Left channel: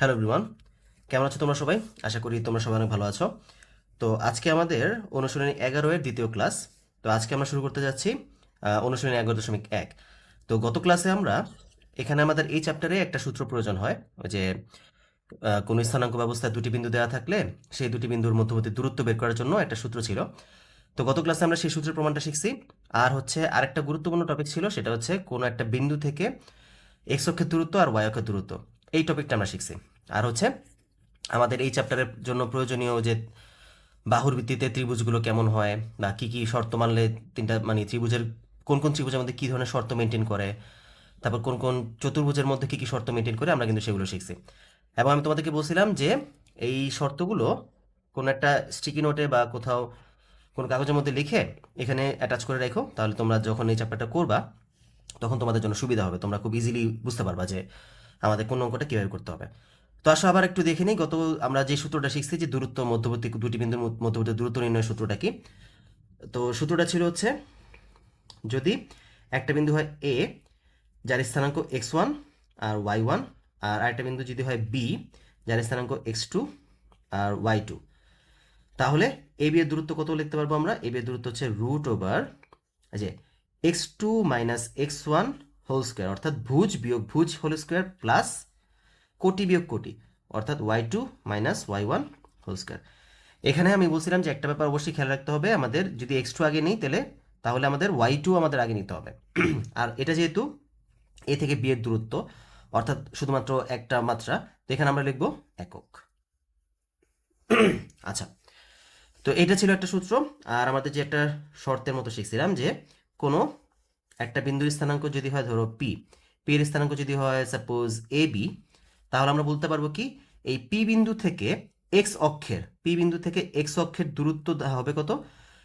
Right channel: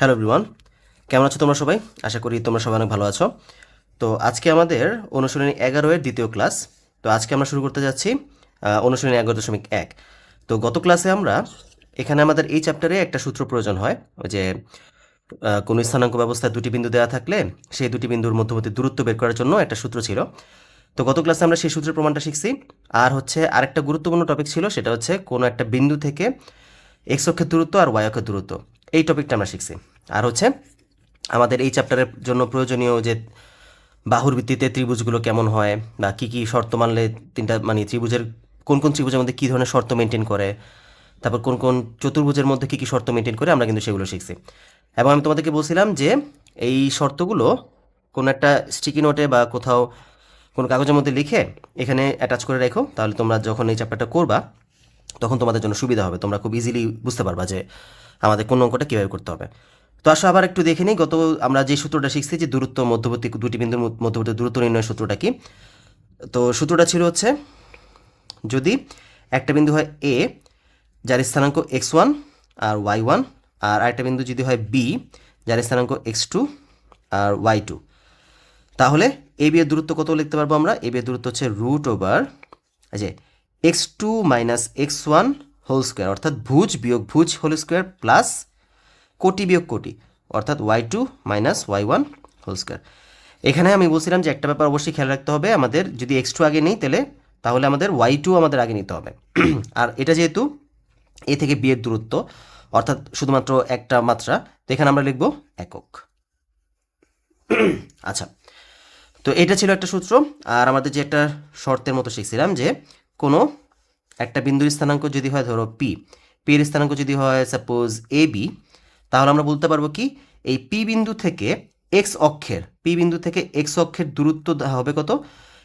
Hello everyone, কেমন আছো তোমরা সবাই? আশা করি তোমরা সবাই অনেক ভালো আছো। তো আজকে আমাদের অনুশীলনী 11 এর দ্বিতীয় ক্লাস। তো আজকে আমরা শুরু করতে যাচ্ছি অনুশীলনী 11.1। তো গত ক্লাসে আমরা এখানে আমাদের এই চ্যাপ্টারে একটা সূত্র প্রয়োজন হয়, ওই যে কোনো স্থানাঙ্ক ব্যবস্থায় দুটি বিন্দু দেওয়া থাকলে সেই দুটি বিন্দুর মধ্যবর্তী দূরত্ব বের করার জন্য একটা সূত্র ছিল। তো গত ক্লাসে আমরা সেই সূত্রের প্রমাণটা শিখছি। আর হচ্ছে আরেকটা গুরুত্বপূর্ণ টপিক ছিল, সেটা হচ্ছে কোনো একটা বিন্দু থেকে এক্স অক্ষের দূরত্ব আর ওয়াই অক্ষের দূরত্ব, এই টপিকটা আমরা শিখছি। আর হচ্ছে আমাদের এই চ্যাপ্টারের জন্য প্রয়োজনীয় যে বাহুর ভিত্তিতে ত্রিভুজগুলো কেমন হয়, বা কী কী শর্ত মানলে তিনটা মানে ত্রিভুজের কোন কোন ত্রিভুজের মধ্যে কী ধরনের শর্ত মেনটেন করে, তারপর কোন কোন চতুর্ভুজের মধ্যে কী কী শর্ত মেনটেন করে, আমরা কিন্তু সেগুলো শিখছি। এবং আমি তোমাদেরকে বলছিলাম যে এই শর্তগুলো কোনো একটা স্টিকি নোটে বা কোথাও কোনো কাগজের মধ্যে লিখে এখানে অ্যাটাচ করে রেখো, তাহলে তোমরা যখন এই চ্যাপ্টারটা করবা তখন তোমাদের জন্য সুবিধা হবে, তোমরা খুব ইজিলি বুঝতে পারবা যে আমাদের কোন অঙ্কটা কীভাবে করতে হবে। তো আসো আবার একটু দেখে নিই, গত আমরা যে সূত্রটা শিখছি যে দূরত্ব মধ্যবর্তী দুটি বিন্দুর মধ্যবর্তী দূরত্ব নির্ণয় সূত্রটা কি। তো সূত্রটা ছিল হচ্ছে, যদি একটা বিন্দু হয় এ যার স্থানাঙ্ক x1 আর y1, আর আরেকটা বিন্দু যদি হয় বি যার স্থানাঙ্ক x2 আর y2, তাহলে এ বি এর দূরত্ব কত লিখতে পারবো আমরা? এ বি এর দূরত্ব হচ্ছে রুট ওভার যে x2 minus x1 whole square, অর্থাৎ ভুজ বিয়োগ ভুজ হোল স্কোয়ার প্লাস কোটি বিয়োগ কোটি, অর্থাৎ y2 minus y1 whole square. এখানে আমি বলছিলাম যে একটা ব্যাপার অবশ্যই খেয়াল রাখতে হবে, আমাদের যদি x2 আগে নেই তাহলে আমাদের y2 আমাদের আগে নিতে হবে। আর এটা যেহেতু এ থেকে বি এর দূরত্ব, অর্থাৎ শুধুমাত্র একটা মাত্রা, তো এখানে আমরা লিখব একক। আচ্ছা, তো এটা ছিল একটা সূত্র। আর আমাদের যে একটা শর্তের মতো শিখছিলাম যে কোনো একটা বিন্দুর স্থানাঙ্ক যদি হয় ধরো পি, পি এর স্থানাঙ্ক যদি হয় সাপোজ এ বি, তাহলে আমরা বলতে পারবো কি এই পি বিন্দু থেকে পি বিন্দু থেকে এক্স অক্ষের দূরত্ব হবে কত?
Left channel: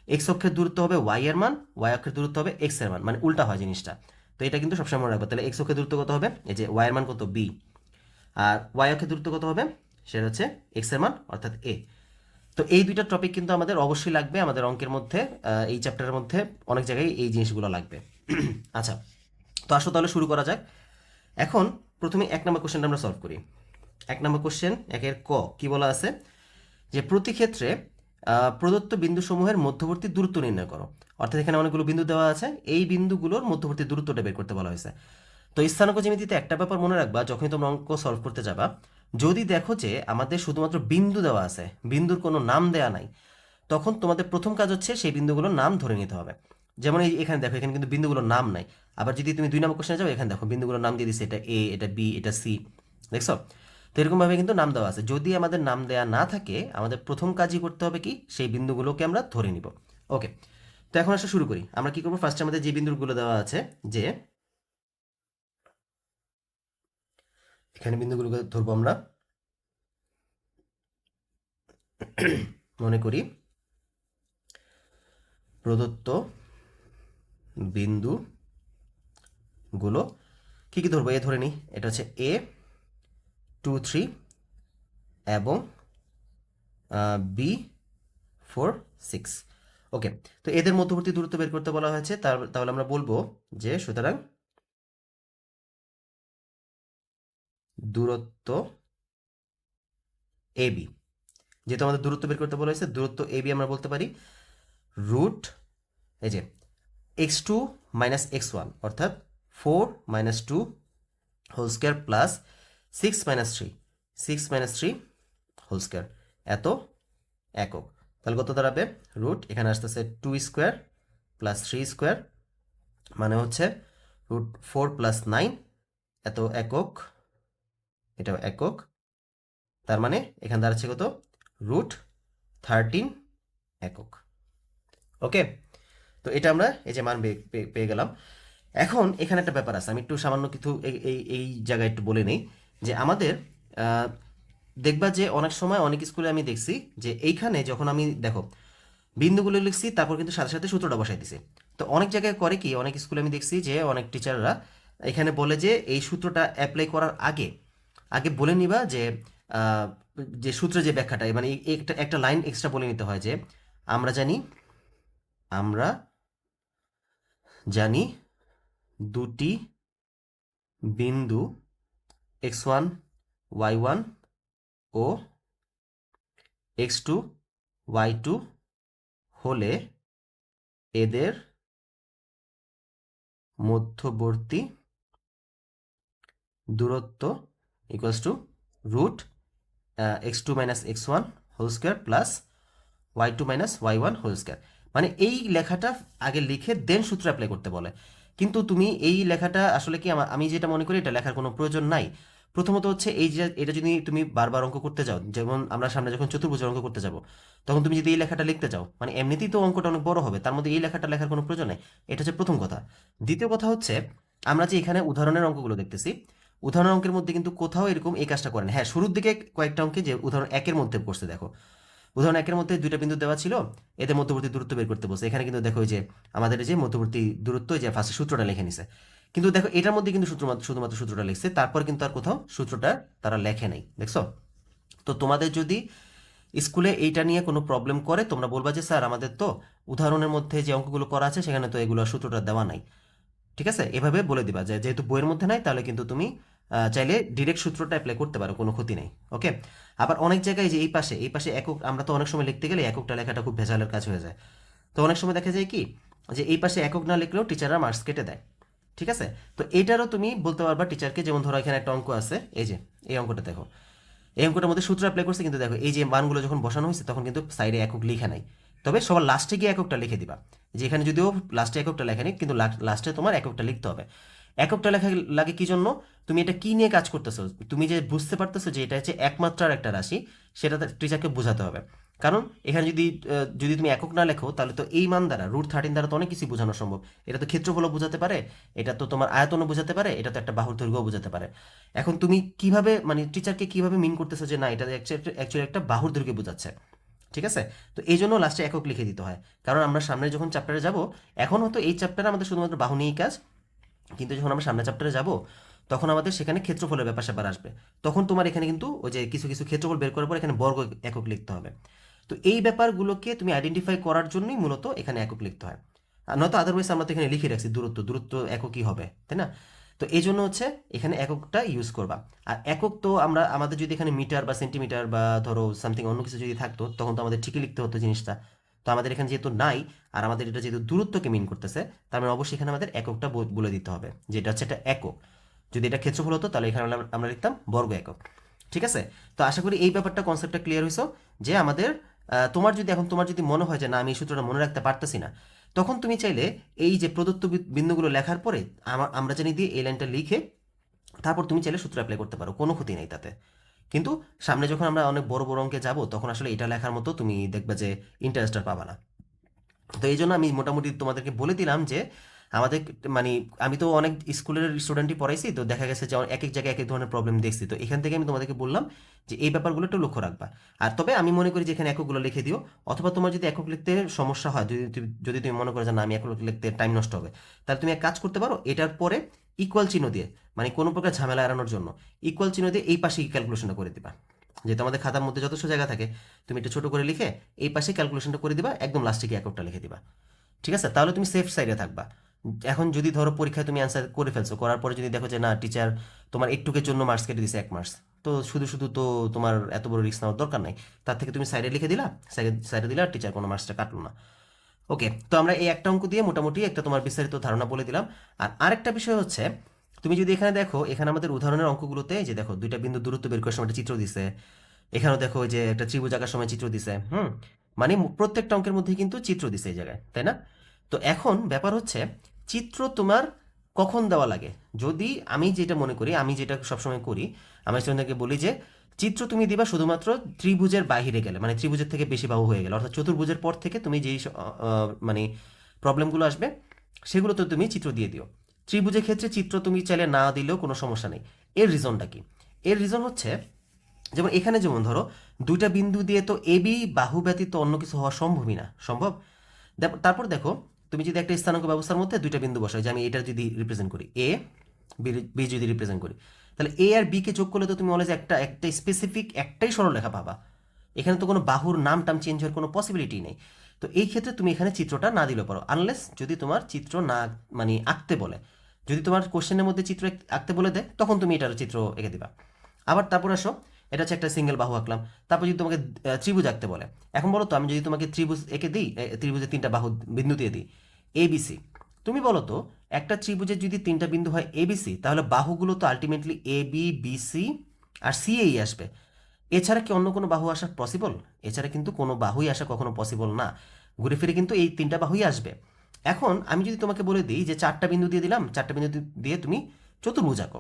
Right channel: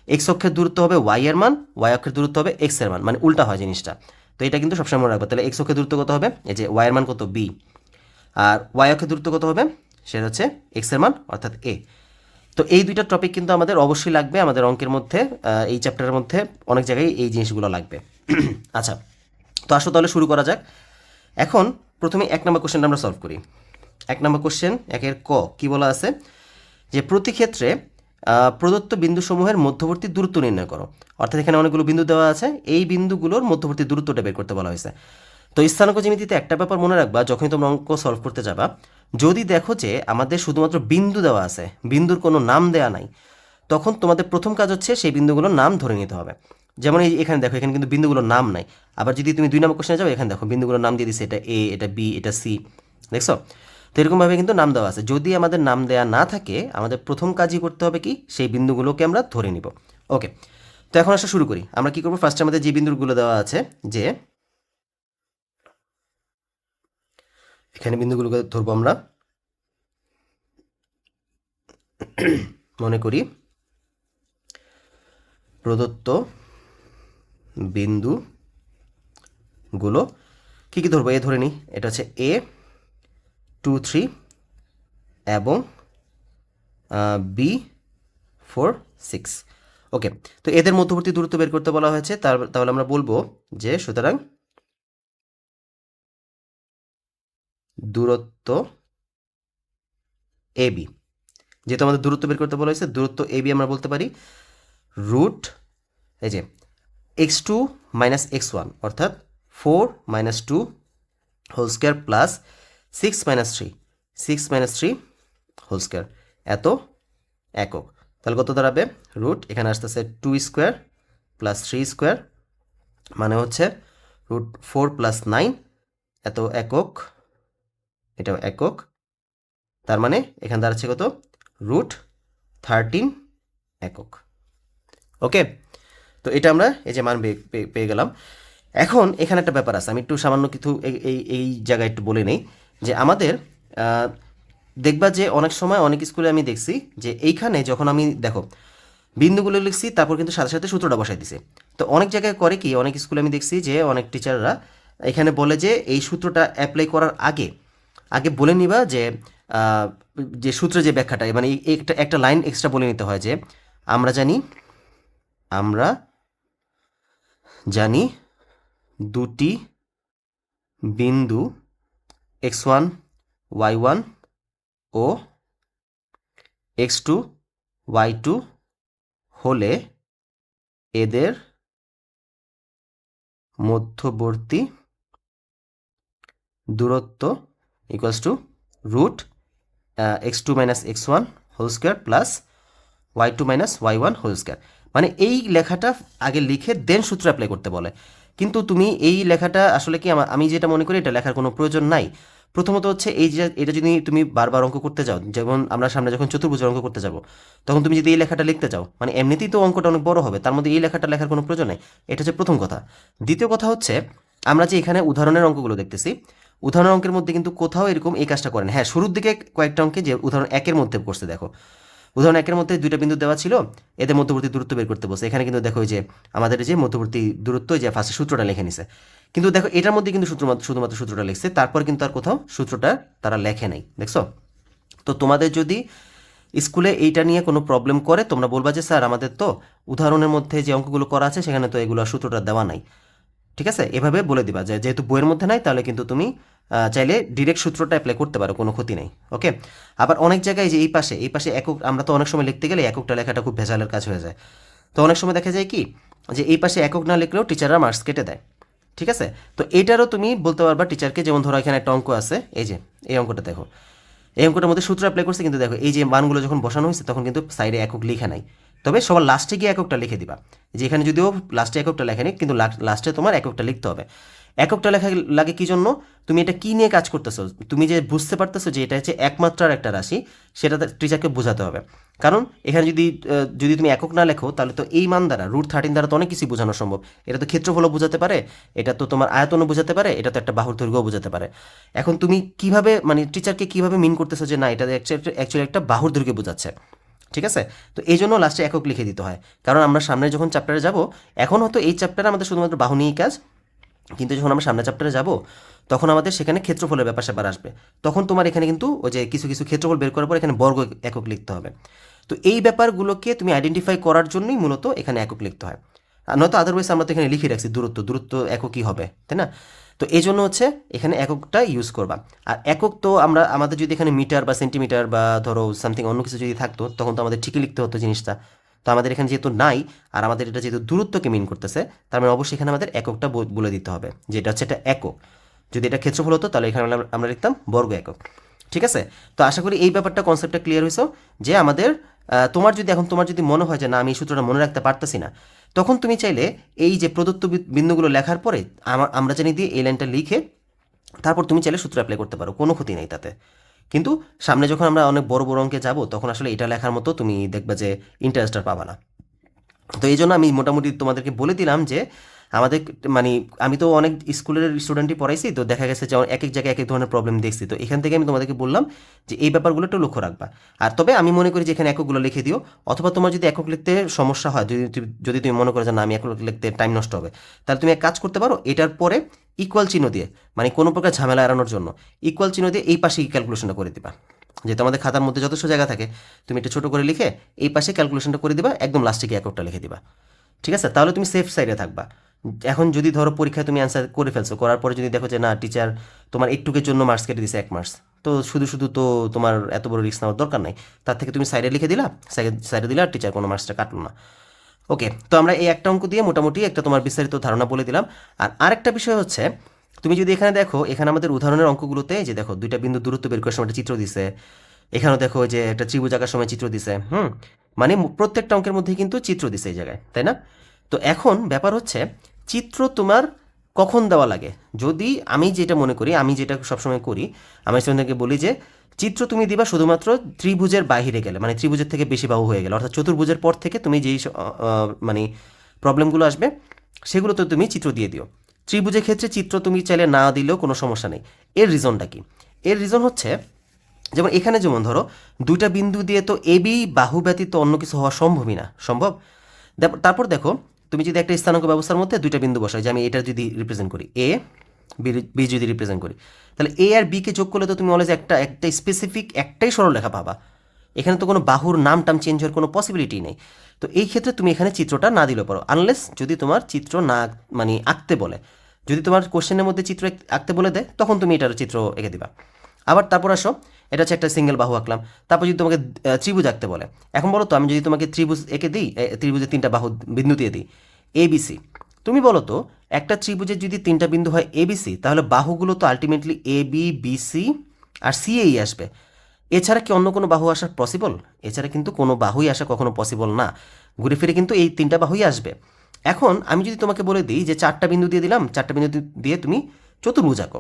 এক্স অক্ষের দূরত্ব হবে ওয়াই এর মান, ওয়াই অক্ষের দূরত্ব হবে এক্স এর মান, মানে উল্টা হয় জিনিসটা। তো এটা কিন্তু সবসময় মনে রাখবো। তাহলে এক্স অক্ষের দূরত্ব কত হবে? এই যে ওয়াই এর মান কত বি, আর ওয়াই অক্ষের দূরত্ব কত হবে? সেটা হচ্ছে এক্স এর মান অর্থাৎ এ। তো এই দুইটা টপিক কিন্তু আমাদের অবশ্যই লাগবে আমাদের অঙ্কের মধ্যে, এই চ্যাপ্টারের মধ্যে অনেক জায়গায় এই জিনিসগুলো লাগবে। আচ্ছা, তো আসো তাহলে শুরু করা যাক। এখন প্রথমে 1 নম্বর কোশ্চেনটা আমরা সলভ করি। 1 নম্বর কোশ্চেন 1-এর ক কি বলা আছে যে প্রতি ক্ষেত্রে প্রদত্ত বিন্দুসমূহের মধ্যবর্তী দূরত্ব নির্ণয় করো। অর্থাৎ এখানে অনেকগুলো বিন্দু দেওয়া আছে, এই বিন্দুগুলোর মধ্যবর্তী দূরত্বটা বের করতে বলা হয়েছে। তো স্থানাঙ্ক জ্যামিতিতে একটা ব্যাপার মনে রাখবা, যখনই তোমরা অঙ্ক সলভ করতে যাবা, যদি দেখো যে আমাদের শুধুমাত্র বিন্দু দেওয়া আছে, বিন্দুর কোনো নাম দেওয়া নাই, তখন তোমাদের প্রথম কাজ হচ্ছে সেই বিন্দুগুলোর নাম ধরে নিতে হবে। যেমন এই এখানে দেখো, এখানে কিন্তু বিন্দুগুলোর নাম নাই। আবার যদি তুমি 2 নম্বর কোশ্চেনে যাও, এখানে দেখো বিন্দুগুলোর নাম দিয়ে দিচ্ছে, এটা এ, এটা বি, এটা সি, দেখছো? তো এরকমভাবে কিন্তু নাম দেওয়া আছে। যদি আমাদের নাম দেওয়া না থাকে, আমাদের প্রথম কাজই করতে হবে কি, সেই বিন্দুগুলোকে আমরা ধরে নিব। ওকে, তো এখন আসা শুরু করি। আমরা কি করবো, ফার্স্টে আমাদের যে বিন্দুগুলো দেওয়া আছে, যে এখানে বিন্দুগুলোকে ধরবো আমরা। মনে করি প্রদত্ত বিন্দুগুলো কী কী ধরবো? এ ধরে নিই, এটা হচ্ছে এ 2 3 এবং বি 4 6। ওকে, তো এদের মধ্যবর্তী দূরত্ব বের করতে বলা হয়েছে। তাহলে আমরা বলবো যে সুতরাং দূরত্ব এ বি, যেহেতু আমাদের দূরত্ব বের করতে বলা হয়েছে, দূরত্ব এ বি আমরা বলতে পারি রুট, এই যে x2 মাইনাস x1, অর্থাৎ 4 minus 2 whole square plus 6 minus three whole square, এত একক। তাহলে কত দাঁড়াবে? রুট এখানে আসতেছে 2 স্কোয়ার প্লাস 3 স্কোয়ার, মানে হচ্ছে রুট 4 প্লাস 9, এত একক, এটাও একক। তার মানে এখানে দাঁড়াচ্ছে কত? রুট 13 একক। ওকে, তো এটা আমরা এই যে মান পেয়ে গেলাম। এখন এখানে একটা ব্যাপার আছে, আমি একটু সামান্য কিছু এই জায়গায় একটু বলে নেই যে আমাদের দেখবা যে অনেক সময় অনেক স্কুলে আমি দেখছি যে এইখানে যখন আমি দেখো বিন্দুগুলো লিখছি, তারপর কিন্তু সাথে সাথে সূত্রটা বসাই দিছে। তো অনেক জায়গায় করে কি, অনেক স্কুলে আমি দেখছি যে অনেক টিচাররা এখানে বলে যে এই সূত্রটা অ্যাপ্লাই করার আগে আগে বলে নিবা যে আহ, যে সূত্রে যে ব্যাখ্যাটা, মানে একটা একটা লাইন এক্সট্রা বলে নিতে হয় যে আমরা জানি আমরা জানি দুটি বিন্দু x1 y1 ও x2 y2 হলে এদের মধ্যবর্তী দূরত্ব equals to root x2 minus x1 whole square plus y2 minus y1 whole square. মানে এই লেখাটা আগে লিখে দেন সূত্র অ্যাপ্লাই করতে বলে, কিন্তু তুমি এই লেখাটা আসলে কি আমি যেটা মনে করি এটা লেখার কোনো প্রয়োজন নাই। প্রথমত হচ্ছে এই যে এটা যদি তুমি বারবার অঙ্ক করতে যাও, যেমন আমরা সামনে যখন চতুর্ভুজের অঙ্ক করতে যাব তখন তুমি যদি এই লেখাটা লিখতে যাও মানে এমনিতেই তো অঙ্কটা অনেক বড় হবে, তার মধ্যে এই লেখাটা লেখার কোনো প্রয়োজন নেই। এটা হচ্ছে প্রথম কথা। দ্বিতীয় কথা হচ্ছে আমরা যে এখানে উদাহরণের অঙ্কগুলো দেখতেছি, উদাহরণ অঙ্কের মধ্যে কিন্তু কোথাও এরকম এই কাজটা করেন। হ্যাঁ, শুরুর দিকে কয়েকটা অঙ্কে যে উদাহরণ একের মধ্যে করছে, দেখো উদাহরণ একের মধ্যে দুইটা বিন্দু দেওয়া ছিল, এদের মধ্যবর্তী দূরত্ব বের করতে বলছে। এখানে কিন্তু দেখো যে আমাদের যে মধ্যবর্তী দূরত্ব যে ফার্স্টে সূত্রটা লিখে নিছে, কিন্তু দেখো এটার মধ্যে কিন্তু শুধুমাত্র সূত্রটা লিখছে, তারপর কিন্তু আর কোথাও সূত্রটা তারা লেখে নাই, দেখছো? তো তোমাদের যদি স্কুলে এইটা নিয়ে কোনো প্রবলেম করে তোমরা বলবা যে স্যার আমাদের তো উদাহরণের মধ্যে যে অঙ্কগুলো করা আছে সেখানে তো এগুলো সূত্রটা দেওয়া নাই। ঠিক আছে, এভাবে বলে দিবা যে যেহেতু বইয়ের মধ্যে নাই তাহলে কিন্তু তুমি চাইলে ডিরেক্ট সূত্রটা অ্যাপ্লাই করতে পারো, কোনো ক্ষতি নেই। ওকে, আবার অনেক জায়গায় যে এই পাশে একক, আমরা তো অনেক সময় লিখতে গেলে এককটা লেখাটা খুব ভেজালের কাজ হয়ে যায়। তো অনেক সময় দেখা যায় কি যে এই পাশে একক না লিখলেও টিচাররা মার্কস কেটে দেয়। ঠিক আছে, তো এটারও তুমি বলতে পারবা টিচারকে, যেমন ধরো এখানে একটা অঙ্ক আছে, এই যে এই অঙ্কটা দেখো, এই অঙ্কটার মধ্যে সূত্র অ্যাপ্লাই করছে, কিন্তু দেখো এই যে মানগুলো যখন বসানো হয়েছে তখন কিন্তু সাইডে একক লেখা নাই, তবে সবার লাস্টে গিয়ে এককটা লিখে দিবা। যে এখানে যদিও লাস্টে এককটা লেখা নেই, কিন্তু লাস্টে তোমার এককটা লিখতে হবে। এককটা লেখা লাগে কি জন্য? তুমি এটা কি নিয়ে কাজ করতেছো, তুমি যে বুঝতে পারতেছো যে এটা হচ্ছে একমাত্রার একটা রাশি, সেটা টিচারকে বোঝাতে হবে। কারণ এখানে যদি তুমি একক না লেখো তাহলে তো এই মান দ্বারা √13 দ্বারা তো অনেক কিছু বোঝানো সম্ভব। এটা তো ক্ষেত্রফলও বোঝাতে পারে, এটা তো তোমার আয়তনও বোঝাতে পারে, এটা তো একটা বাহুর দৈর্ঘ্যও বোঝাতে পারে। এখন তুমি কিভাবে মানে টিচারকে কিভাবে মিন করতেছো যে না এটা অ্যাকচুয়ালি একটা বাহুর দৈর্ঘ্য বোঝাচ্ছে? ঠিক আছে, তো এই জন্য লাস্টে একক লিখে দিতে হয়, কারণ আমরা সামনে যখন চ্যাপ্টারে যাব, এখন হয়তো এই চ্যাপ্টারে আমাদের শুধুমাত্র বাহু নিয়েই কাজ, কিন্তু যখন আমরা সামনে চ্যাপ্টারে যাব তখন আমাদের সেখানে ক্ষেত্রফলের ব্যাপার স্যাপার আসবে। তখন তোমার এখানে কিন্তু ওই যে কিছু কিছু ক্ষেত্রফল বের করার পর এখানে বর্গ একক লিখতে হবে। তো এই ব্যাপারগুলোকে তুমি আইডেন্টিফাই করার জন্যই মূলত এখানে একক লিখতে হয়। আর নয়তো আদারওয়াইজ আমরা তো এখানে লিখে রাখছি দূরত্ব এককই হবে, তাই না? তো এই জন্য হচ্ছে এখানে এককটা ইউজ করবা। আর একক তো আমাদের যদি এখানে মিটার বা সেন্টিমিটার বা ধরো সামথিং অন্য কিছু যদি থাকতো তখন তো আমাদের ঠিকই লিখতে হতো জিনিসটা। তো আমাদের এখানে যেহেতু নাই, আর আমাদের এটা যেহেতু দূরত্বকে মিন করতেছে, তার মানে অবশ্যই এখানে আমাদের এককটা বলে দিতে হবে, যেটা হচ্ছে এটা একক। যদি এটা ক্ষেত্রফল হতো তাহলে এখানে আমরা লিখতাম বর্গ একক। ঠিক আছে, তো আশা করি এই ব্যাপারটা কনসেপ্টটা ক্লিয়ার হয়েছে যে আমাদের তোমার যদি মনে হয় যে না আমি এই সূত্রটা মনে রাখতে পারতেছি না, তখন তুমি চাইলে এই যে প্রদত্ত বিন্দুগুলো লেখার পরে আমরা জানি দিয়ে এই লাইনটা লিখে তারপর তুমি চাইলে সূত্র অ্যাপ্লাই করতে পারো, কোনো ক্ষতি নেই তাতে। কিন্তু সামনে যখন আমরা অনেক বড় বড় অঙ্কে যাব তখন আসলে এটা লেখার মতো তুমি দেখবে যে ইন্টারেস্টটা পাবা না। তো এই জন্য আমি মোটামুটি তোমাদেরকে বলে দিলাম যে আমাদের মানে আমি তো অনেক স্কুলের স্টুডেন্টই পড়াইছি, তো দেখা গেছে যে এক এক জায়গায় এক এক ধরনের প্রবলেম দেখছি, তো এখান থেকে আমি তোমাদেরকে বললাম যে এই ব্যাপারগুলো একটু লক্ষ্য রাখবা। আর তবে আমি মনে করি যে এখানে এককগুলো লিখে দিও, অথবা তোমার যদি একক লিখতে সমস্যা হয়, যদি তুমি মনে করো যে না আমি একক লিখতে টাইম নষ্ট হবে, তাহলে তুমি এক কাজ করতে পারো, এটার পরে ইকুয়াল চিহ্ন দিয়ে, মানে কোনো প্রকার ঝামেলা এড়ানোর জন্য ইকুয়াল চিহ্ন দিয়ে এই পাশে ক্যালকুলেশনটা করে দিবা। যেহেতু আমাদের খাতার মধ্যে যথেষ্ট জায়গা থাকে, তুমি এটা ছোট করে লিখে এই পাশে ক্যালকুলেশনটা করে দিবা, একদম লাস্টে গিয়ে এককটা লিখে দিবা। ঠিক আছে, তাহলে তুমি সেফ সাইডে থাকবা। এখন যদি ধরো পরীক্ষায় তুমি অ্যান্সার করে ফেলছো, করার পরে যদি দেখো যে না টিচার তোমার একটুকের জন্য মার্কস কেটে দিছে 1 মার্কস, তো শুধু শুধু তো তোমার এত বড় রিস্ক নেওয়ার দরকার নাই। তার থেকে তুমি সাইডে লিখে দিলা, সাইডে দিলে আর টিচার কোনো মার্কসটা কাটলো না। ওকে, তো আমরা এই একটা অঙ্ক দিয়ে মোটামুটি একটা তোমার বিস্তারিত ধারণা বলে দিলাম। আর আরেকটা বিষয় হচ্ছে, তুমি যদি এখানে দেখো, এখানে আমাদের উদাহরণের অঙ্কগুলোতে যে দেখো দুইটা বিন্দু দূরত্ব বের করার সময় একটা চিত্র দিছে, এখানেও দেখো যে একটা ত্রিভুজ আঁকার সময় চিত্র দিছে। মানে প্রত্যেকটা অঙ্কের মধ্যেই কিন্তু চিত্র দিছে এই জায়গায়, তাই না? তো এখন ব্যাপার হচ্ছে চিত্র তোমার কখন দেওয়া লাগে। যদি আমি যেটা মনে করি, আমি যেটা সবসময় করি, আমি স্টুডেন্টদেরকে বলি যে চিত্র তুমি দিবা শুধুমাত্র ত্রিভুজের বাইরে গেলে, মানে ত্রিভুজের থেকে বেশি বাহু হয়ে গেলে, অর্থাৎ চতুর্ভুজের পর থেকে তুমি যেই মানে প্রবলেমগুলো আসবে সেগুলো তো তুমি চিত্র দিয়ে দিও। ত্রিভুজের ক্ষেত্রে চিত্র তুমি চাইলে না দিলেও কোনো সমস্যা নেই। এর রিজনটা কি? এর রিজন হচ্ছে, যেমন এখানে যেমন ধরো দুইটা বিন্দু দিয়ে তো এবি বাহু ব্যতীত অন্য কিছু হওয়া সম্ভবই না, সম্ভব। তারপর দেখো তুমি যদি একটা স্থানাঙ্ক ব্যবস্থার মধ্যে দুইটা বিন্দু বসাই, যে আমি এটা যদি রিপ্রেজেন্ট করি এ, বি যদি রিপ্রেজেন্ট করি, তাহলে এ আর বিকে যোগ করলে তো তুমি অলওয়েজ একটা একটা স্পেসিফিক একটাই সরলরেখা পাবা। এখানে তো কোনো বাহুর নাম টাম চেঞ্জ হওয়ার কোনো পসিবিলিটি নেই। তো এই ক্ষেত্রে তুমি এখানে চিত্রটা না দিলেও পারো, আনলেস যদি তোমার চিত্র না মানে আঁকতে বলে। যদি তোমার কোশ্চেনের মধ্যে চিত্র আঁকতে বলে দেয় তখন তুমি এটার চিত্র এঁকে দিবা। আবার তারপর আসো, এটা হচ্ছে একটা সিঙ্গেল বাহু আঁকলাম। তারপর যদি তোমাকে ত্রিভুজ আঁকতে বলে, এখন বলো তো আমি যদি তোমাকে ত্রিভুজ এঁকে দিই, ত্রিভুজের তিনটা বাহু বিন্দু দিয়ে দিই এবিসি, তুমি বলো তো একটা ত্রিভুজের যদি তিনটা বিন্দু হয় এবিসি, তাহলে বাহুগুলো তো ultimately A B BC R C এই আসবে। এছাড়া কি অন্য কোনো বাহু আসা পসিবল? এছাড়া কিন্তু কোনো বাহুই আসা কখনো পসিবল না। ঘুরে ফিরে কিন্তু এই তিনটা বাহুই আসবে। এখন আমি যদি তোমাকে বলে দিই যে চারটা বিন্দু দিয়ে দিলাম, চারটা বিন্দু দিয়ে তুমি চতুর্ভুজ আঁকো।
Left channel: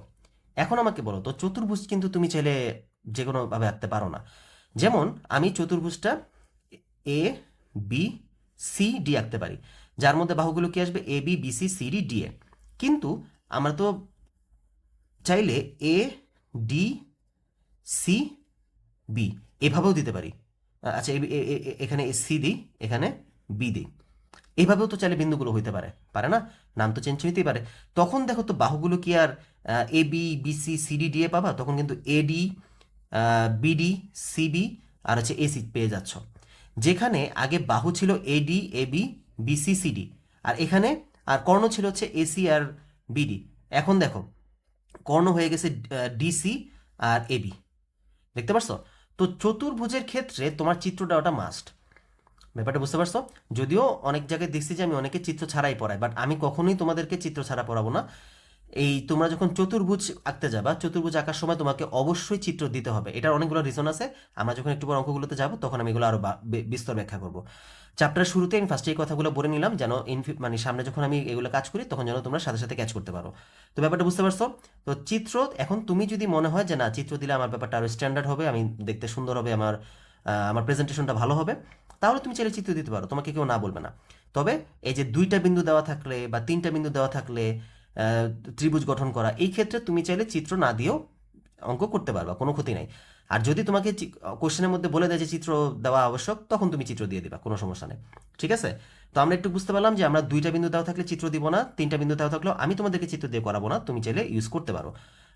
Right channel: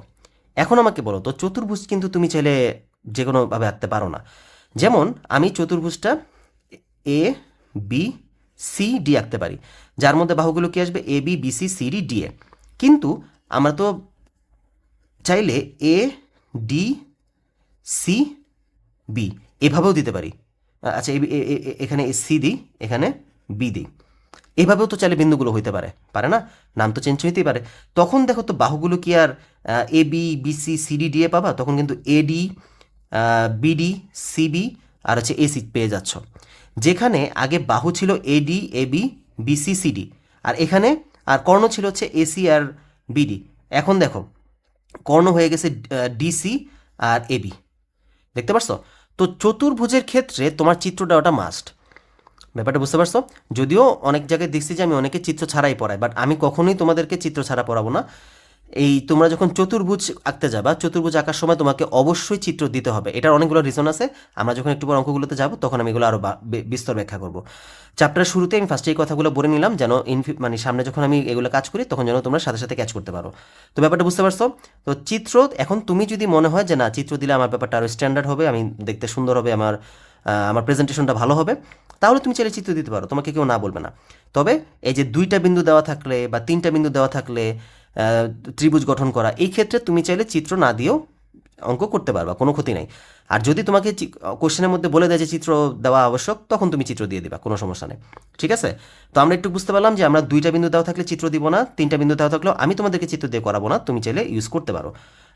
এখন আমাকে বলো তো চতুর্ভুজ কিন্তু তুমি চাইলে যে কোনোভাবে আঁকতে পারো না। যেমন আমি চতুর্ভুজটা এ বি সি ডি আঁকতে পারি, যার মধ্যে বাহুগুলো কি আসবে A B B C C D D A. কিন্তু আমরা তো চাইলে এ ডি সি বি এভাবেও দিতে পারি। আচ্ছা এখানে সি দিই, এখানে বি দিই, এভাবেও তো চাইলে বিন্দুগুলো হইতে পারে, পারে না? নাম তো চেঞ্জ হইতেই পারে। তখন দেখো তো বাহুগুলো কি আর এ বি বিসি সিডি দিয়ে পাবা? তখন কিন্তু এডি বিডি সিবি আর হচ্ছে এসি পেয়ে যাচ্ছ। যেখানে আগে বাহু ছিল এডি এবি বিসি সিডি, আর এখানে আর কর্ণ ছিল হচ্ছে এসি আর বিডি। এখন দেখো কর্ণ হয়ে গেছে ডিসি আর এবি। দেখতে পারছো? তো চতুর্ভুজের ক্ষেত্রে তোমার চিত্র দেওয়াটা মাস্ট। ব্যাপারটা বুঝতে পারছো? যদিও অনেক জায়গায় দেখছি যে আমি অনেকে চিত্র ছাড়াই পড়াই, বাট আমি কখনোই তোমাদেরকে চিত্র ছাড়া পড়াবো না। এই তোমরা যখন চতুর্ভুজ আঁকতে যাবা, চতুর্ভুজ আঁকার সময় তোমাকে অবশ্যই চিত্র দিতে হবে। এটার অনেকগুলো রিজন আছে, আমরা যখন একটু পর অঙ্কগুলোতে যাবো তখন আমি এগুলো আরও বিস্তর ব্যাখ্যা করবো। চ্যাপ্টারের শুরুতে আমি ফার্স্টে এই কথাগুলো বলে নিলাম, যেন মানে সামনে যখন আমি এগুলো কাজ করি তখন যেন তোমরা সাথে সাথে ক্যাচ করতে পারো। তো ব্যাপারটা বুঝতে পারছো? তো চিত্র এখন তুমি যদি মনে হয় যে না চিত্র দিলে আমার ব্যাপারটা আরও স্ট্যান্ডার্ড হবে, আমি দেখতে সুন্দর হবে, আমার প্রেজেন্টেশনটা ভালো হবে, তাহলে তুমি চাইলে চিত্র দিতে পারো, তোমাকে কেউ না বলবে না। তবে এই যে দুইটা বিন্দু দেওয়া থাকলে বা তিনটা বিন্দু দেওয়া থাকলে ত্রিভুজ গঠন করা, এই ক্ষেত্রে তুমি চাইলে চিত্র না দিয়েও অঙ্ক করতে পারবা, কোনো ক্ষতি নাই। আর যদি তোমাকে কোশ্চেনের মধ্যে বলে দেয় যে চিত্র দেওয়া আবশ্যক, তখন তুমি চিত্র দিয়ে দিবা, কোনো সমস্যা নেই। ঠিক আছে? তো আমরা একটু বুঝতে পারলাম যে আমরা দুইটা বিন্দু দেওয়া থাকলে চিত্র দিব না, তিনটা বিন্দু দেওয়া থাকলেও আমি তোমাদেরকে চিত্র দিয়ে করাবো না, তুমি চাইলে ইউজ করতে পারো।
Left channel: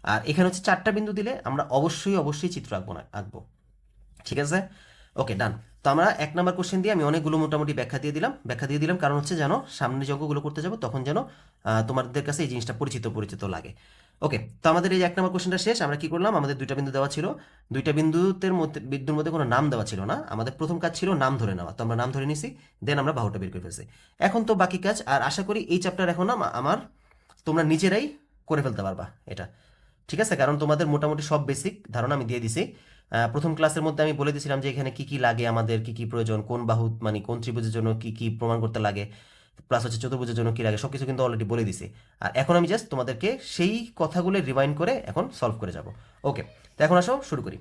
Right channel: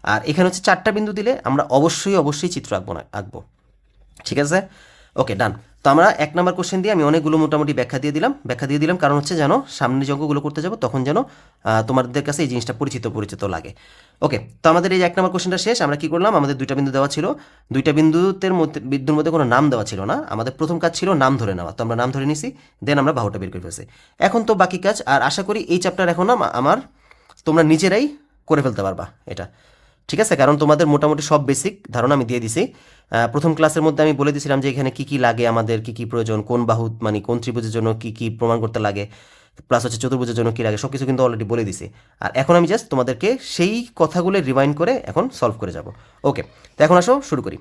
আর এখানে হচ্ছে চারটা বিন্দু দিলে আমরা অবশ্যই অবশ্যই চিত্র আঁকবো। ঠিক আছে? ওকে, ডান। তো আমরা 1 নম্বর কোশ্চেন দিয়ে আমি অনেকগুলো মোটামুটি ব্যাখ্যা দিয়ে দিলাম কারণ হচ্ছে যেন সামনে যে অঙ্কগুলো করতে যাবো তখন যেন তোমাদের কাছে এই জিনিসটা পরিচিত পরিচিত লাগে। ওকে, তো আমাদের এই 1 নম্বর কোশ্চেনটা শেষ। আমরা কি করলাম, আমাদের দুইটা বিন্দু দেওয়া ছিল, দুইটা বিন্দুর মধ্যে কোনো নাম দেওয়া ছিল না। আমাদের প্রথম কাজ ছিল নাম ধরে নেওয়া, তো আমরা নাম ধরে নিছি, দেন আমরা বাহুটা বের করে ফেলছি। এখন তো বাকি কাজ, আর আশা করি এই চ্যাপ্টার এখন আমার তোমরা নিজেরাই করে ফেলতে পারবা এটা। ঠিক আছে? কারণ তোমাদের মোটামুটি সব বেসিক ধারণা আমি দিয়ে দিছি। প্রথম ক্লাসের মধ্যে আমি বলে দিয়েছিলাম যে এখানে কি কি লাগে, আমাদের কি কি প্রয়োজন, কোন বাহু মানে কোন ত্রিভুজের জন্য কি কি প্রমাণ করতে লাগে, প্লাস হচ্ছে চতুর্ভুজের জন্য কি লাগে, সব কিছু কিন্তু অলরেডি বলে দিছি। আর এখন আমি জাস্ট তোমাদেরকে সেই কথাগুলো রিমাইন্ড করে এখন সলভ করে যাব। ওকে, তো এখন আসো শুরু করি।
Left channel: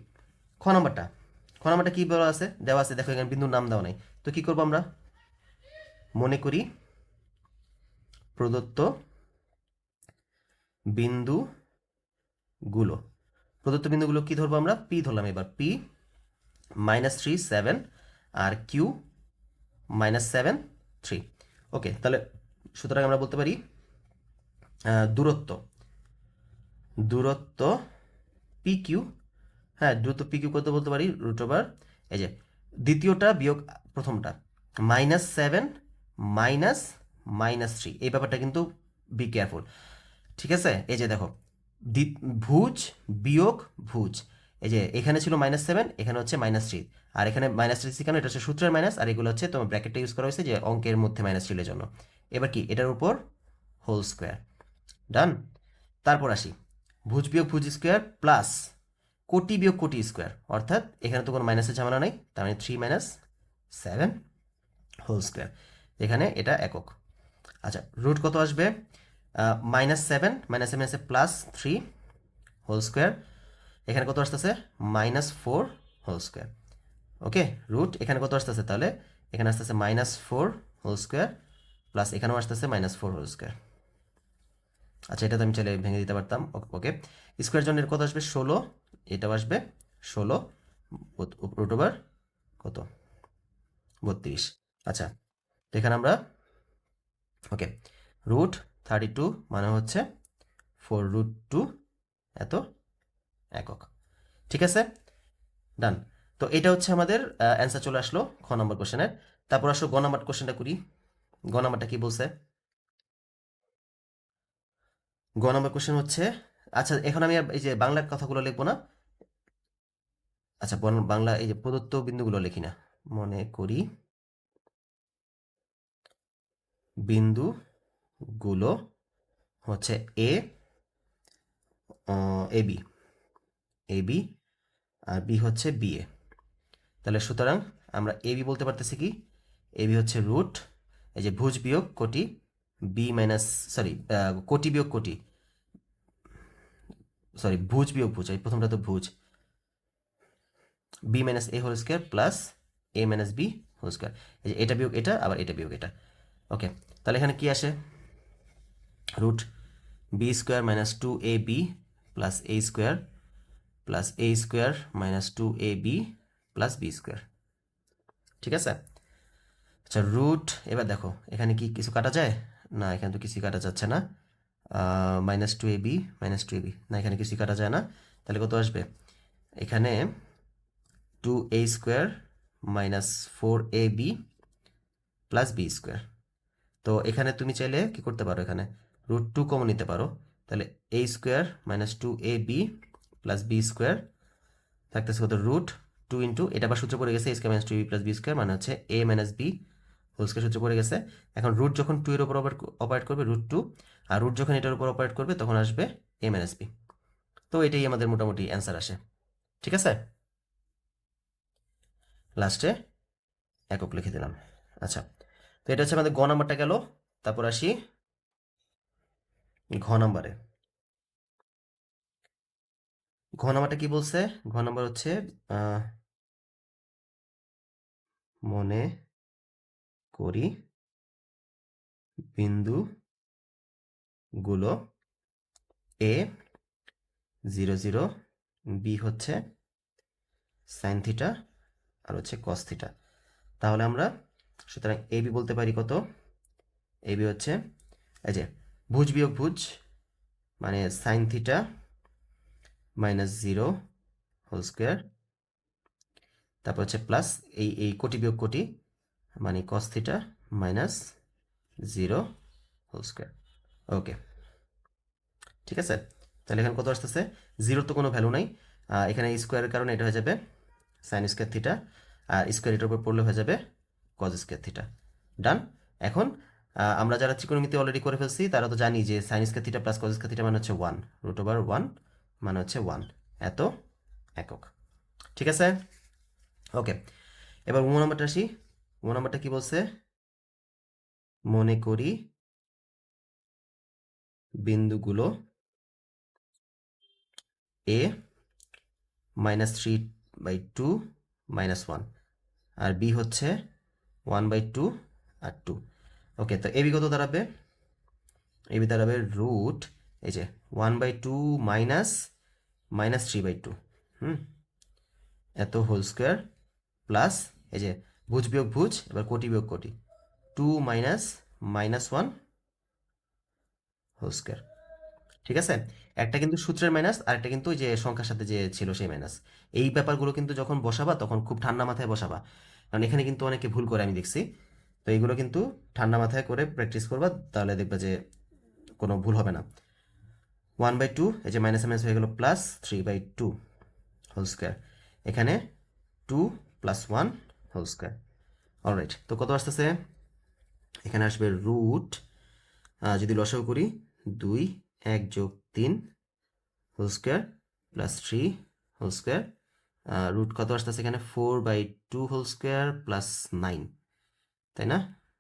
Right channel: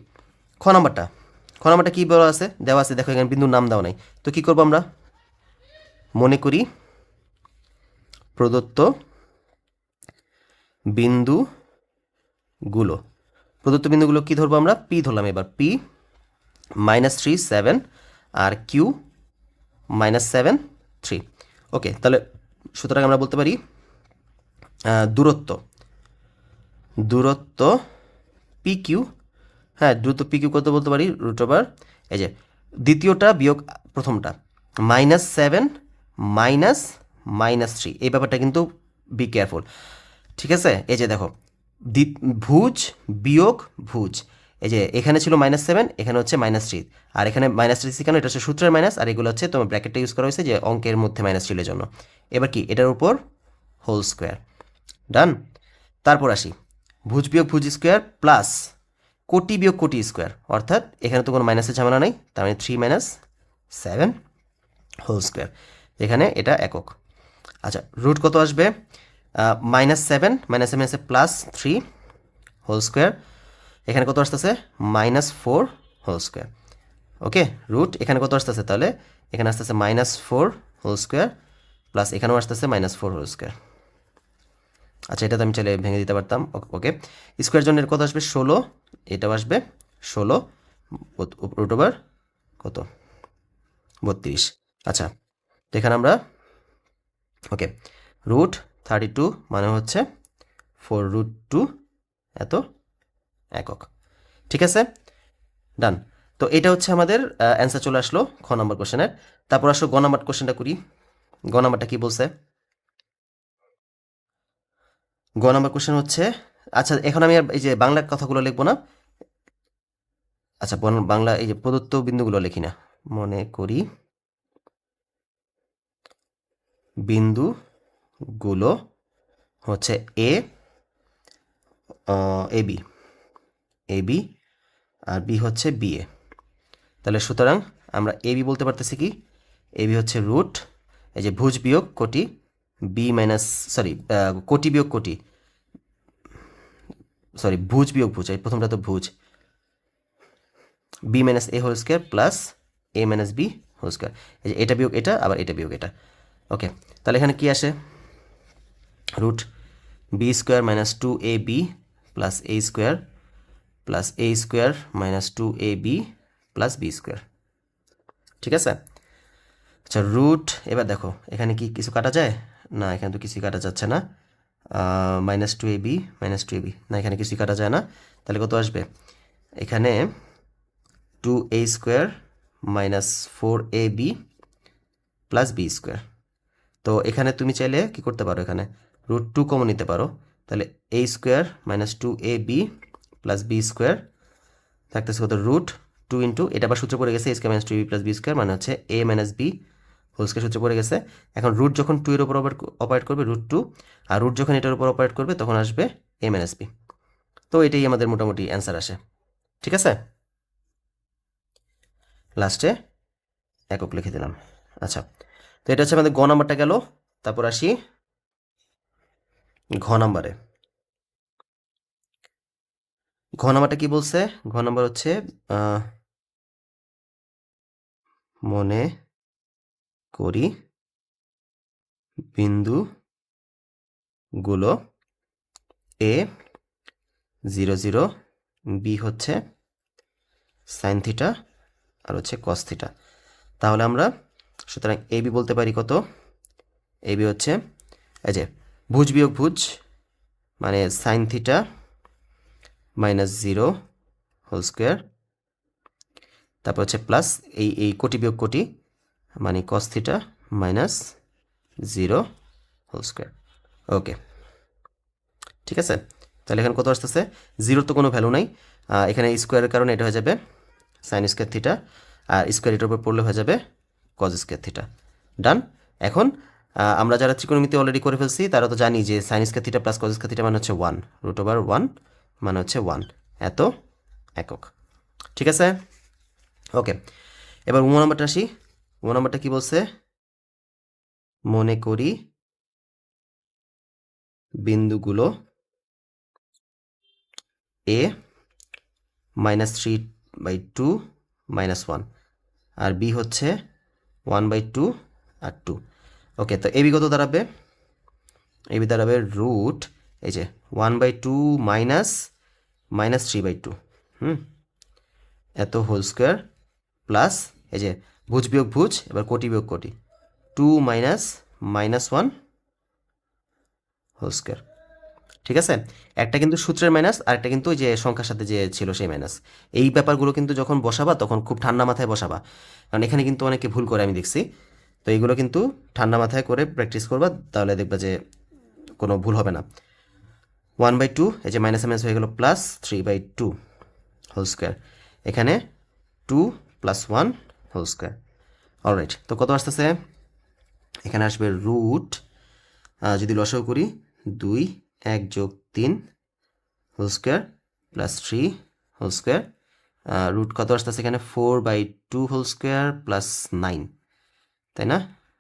খ নাম্বারটা কি বলা আছে, দেওয়া আছে দেখো, এখানে বিন্দুর নাম দেওয়া নাই। তো কি করবো আমরা, মনে করি প্রদত্ত বিন্দুগুলো, কি ধরবো আমরা, পি ধরলাম, এবার পি -3 7 আর কিউ -7 3। ওকে, তাহলে সুতরাং আমরা বলতে পারি দূরত্ব দূরত্ব পি কিউ। হ্যাঁ, দূরত্ব পি কিউ কত বলতে পারি, √, এই যে দ্বিতীয়টা বিয়োগ প্রথমটা, -7 -3, এই ব্যাপারটা কিন্তু বি কেয়ারফুল। ঠিক আছে? এই যে দেখো ভুজ বিয়োগ ভুজ, এই যে এখানে ছিল -7, এখানে হচ্ছে -3, আর এখানে -3 কেন, এটা হচ্ছে সূত্রের মাইনাস, আর এগুলো হচ্ছে তোমার ব্র্যাকেটটা ইউজ করা হয়েছে যে অঙ্কের মধ্যে মাইনাস ছিল জন্য। এবার কি এটার উপর হোল স্কোয়ার, ডান। তারপর আসি ভুজ বিয়োগ ভুজ স্কোয়ার প্লাস কোটি বিয়োগ কোটি স্কোয়ার, অর্থাৎ এখানে তো কোনো মাইনাসের ঝামেলা নেই, তার মানে 3 - 7 হোল স্কোয়ার, এখানে এটা একক। আচ্ছা, রুট কত আসবে, -7 আছে +3 হোল স্কোয়ার, এখানে কত আসতেছে -4 হোল স্কোয়ার। ওকে, রুট এখানে কত আসতেছে, তাহলে এখানে আসতেছে -4 হোল স্কোয়ার প্লাস এখানেও আসতেছে -4 হোল স্কোয়ার। আচ্ছা, এটা তো আমি চাইলে ভেঙে দিতে পারতাম। ওকে, স্কোয়ার জন্য কত আসবে 16, এটাও আসবে 16, √, কত 32। আচ্ছা, তো এখানে আমরা ওকে √32 মানে হচ্ছে 4√2 এত একক। ঠিক আছে, ডান। তো এটা হচ্ছে আমাদের অ্যান্সার চলে আসলো খ নম্বর কোশ্চেনের। তারপর আসো গ নম্বর কোশ্চেনটা করি। গ নম্বরটা কি বলছে, গ নম্বর কোশ্চেন হচ্ছে, আচ্ছা এখন আমি আর এই যে বাংলা কথাগুলো লিখবো না, আচ্ছা বাংলা এই যে প্রদত্ত বিন্দুগুলো লিখি না, মনে করি বিন্দুগুলো হচ্ছে A B, A B, R B হচ্ছে বি এ। তাহলে সুতরাং আমরা এ বি বলতে পারতেছি কি, এ বি হচ্ছে রুট এই যে ভুজ বিয়োগ কোটি, বি মাইনাস সরি কোটি বিয়োগ কোটি, সরি ভুজ বিয়োগ ভুজ, এই প্রথমটা তো ভুজ, বি মাইনাস এ হোল স্কোয়ার প্লাস এ মাইনাস বি হোল স্কোয়ার। এই যে এটা বিয়োগ এটা, আবার এটা বিয়োগ এটা। ওকে, তাহলে এখানে কি আসে, root b square minus two a B plus a square minus two a B plus b square. ঠিক আছে, আচ্ছা রুট, এবার দেখো এখানে কি কিছু কাটা যায় না, এখানে তো কিছুই কাটা যাচ্ছে না, মাইনাস টু এ বি না, এখানে কিছুই কাটা যায় না, তাহলে কত আসবে এখানে, two A square minus four A B plus b square. তো এখানে তুমি চাইলে কি করতে পারো, এখানে রুট টু কমন নিতে পারো, তাহলে এ square minus two a B plus b square থাকতেছে কত, রুট টু ইন্টু, এটা আবার সূত্র পড়ে গেছে, a square minus two b plus b square মানে হচ্ছে a minus b whole square সূত্র পড়ে গেছে। এখন রুট যখন টু এর উপর অপারেট করবে রুট টু, আর রুট যখন এটার উপর অপারেট করবে তখন আসবে এ মাইনাস বি। তো এটাই আমাদের মোটামুটি অ্যান্সার আসে। ঠিক আছে, লাস্টে একক লিখে দিলাম। আচ্ছা, তো এটা হচ্ছে আমাদের গ নাম্বারটা গেল, তারপর আসি ঘ নাম্বারে। ঘ নাম্বারটা কি বলছে, ঘ নাম্বার হচ্ছে মনে করি বিন্দুগুলো এ 0 0, বি হচ্ছে সাইন থিটা আর হচ্ছে কস থিটা। তাহলে আমরা সুতরাং এ বি বলতে পারি কত, এ বি হচ্ছে এই যে ভুজ বিয়োগ ভুজ মানে sine theta minus 0 whole square, তারপর হচ্ছে প্লাস এই কোটি বিয়োগ কোটি মানে cos theta minus 0 whole square. Okay, ঠিক আছে, তাহলে এখানে কত আসতেছে, জিরোর তো কোনো ভ্যালু নাই, এখানে স্কোয়ারের কারণে এটা হয়ে যাবে সাইন স্কোয়ার থিটা, আর স্কোয়ার এটার উপর পড়লে হয়ে যাবে কজ স্কোয়ার থিটা। ডান। এখন আমরা যারা ত্রিকোণমিতি অলরেডি করে ফেলছি তারা তো জানি যে sine square theta plus cos square theta মানে হচ্ছে 1, রুট ওভার 1 মানে হচ্ছে 1 এত একক। ঠিক আছে, ওকে, এবার উম নাম্বারটা আসি। উম নাম্বারটা কি বলছে, মনে করি বিন্দুগুলো এ -3/2 -1 আর বি হচ্ছে 1/2 আর 2। ওকে, তো এবি কত দাঁড়াবে, এবি দাঁড়াবে রুট এই যে 1/2 মাইনাস -3/2 এত হোল স্কোয়ার প্লাস এই যে ভুজ বিয়োগ ভুজ, এবার কোটি বিয়োগ কোটি, 2 মাইনাস -1 হোল স্কোয়ার। ঠিক আছে, একটা কিন্তু সূত্রের মাইনাস আর একটা কিন্তু ওই যে সংখ্যার সাথে যে ছিল সেই মাইনাস। এই ব্যাপারগুলো কিন্তু যখন বসাবা তখন খুব ঠান্ডা মাথায় বসাবা, কারণ এখানে কিন্তু অনেকে ভুল করে আমি দেখছি। তো এইগুলো কিন্তু ঠান্ডা মাথায় করে প্র্যাকটিস করবা, তাহলে দেখবা যে কোনো ভুল হবে না। 1/2 এই যে মাইনাস মাইনাস হয়ে গেল প্লাস 3/2 হোল স্কোয়ার, এখানে 2 + 1 হোল স্কোয়ার। অলরাইট, তো কত আসতেছে, এখানে আসবে রুট, যদি লসাগু করি 2 1 + 3 whole square plus 3 whole square, root কত আসতেছে এখানে 4/2 হোল স্কোয়ার প্লাস 9, তাই না,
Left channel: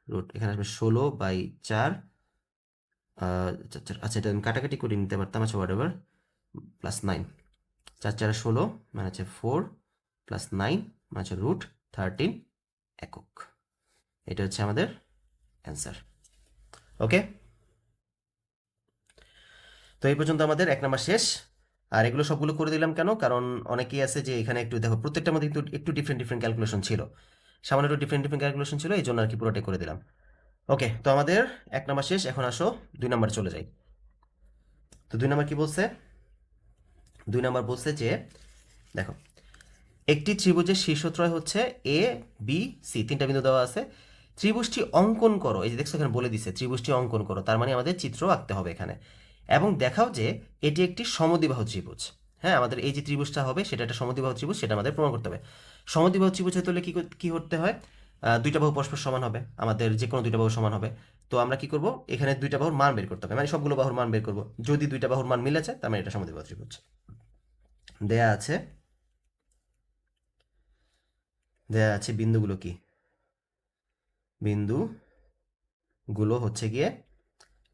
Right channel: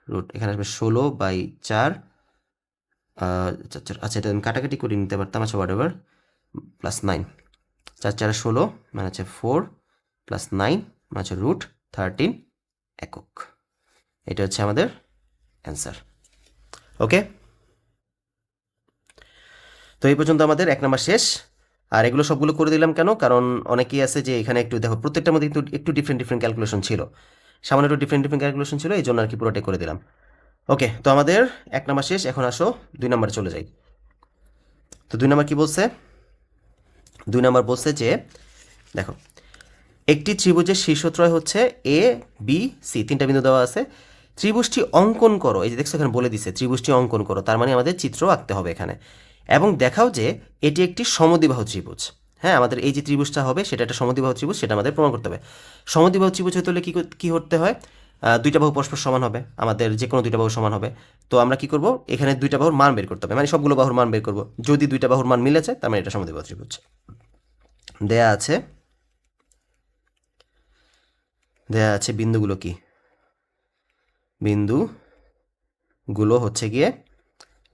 রুট এখানে আসবে 16/4, আচ্ছা এটা আমি কাটাকাটি করে নিতে পারতাম, আচ্ছা হোয়াট এভার, প্লাস 9, 4 4 16 মানে হচ্ছে 4 প্লাস 9 মানে হচ্ছে রুট 13 একক। এটা হচ্ছে আমাদের অ্যান্সার। ওকে, তো এই পর্যন্ত আমাদের 1 নাম্বার শেষ। আর এগুলো সবগুলো করে দিলাম কেন, কারণ অনেকেই আছে যে এখানে একটু দেখো প্রত্যেকটার মধ্যে কিন্তু একটু ডিফারেন্ট ক্যালকুলেশন ছিল, সামান্য একটু ডিফারেন্ট ক্যালকুলেশন ছিল, এই জন্য আর কি পুরোটাই করে দিলাম। ওকে, তো আমাদের 1 নাম্বার শেষ, এখন আসো 2 নাম্বার চলে যাই। তো 2 নাম্বার কি বলছে, 2 নাম্বার বলছে যে দেখো একটি ত্রিভুজের শীর্ষত্রয় হচ্ছে এ বি সি, 3টা বিন্দু দেওয়া আছে, ত্রিভুজটি অঙ্কন করো, এই যে দেখছো এখানে বলে দিছে ত্রিভুজটি অঙ্কন করো, তার মানে আমাদের চিত্র আঁকতে হবে এখানে, এবং দেখাও যে এটি একটি সমদ্বিবাহু ত্রিভুজ। হ্যাঁ, আমাদের এই যে ত্রিভুজটা হবে সেটা একটা সমদ্বিবাহু ত্রিভুজ, সেটা আমাদের প্রমাণ করতে হবে। সমদ্বিবাহু ত্রিভুজ হতে হলে কী করতে হয়? দুইটা বাহু পরস্পর সমান হবে, আমাদের যে কোনো দুইটা বাহু সমান হবে। তো আমরা কি করব, এখানে দুইটা বাহুর মান বের করতে হবে, মানে সবগুলো বাহুর মান বের করব। যদি দুইটা বাহুর মান মিলেছে তার মানে এটা সমদ্বিবাহু ত্রিভুজ। দেয়া আছে বিন্দুগুলো কি? বিন্দুগুলো হচ্ছে গিয়ে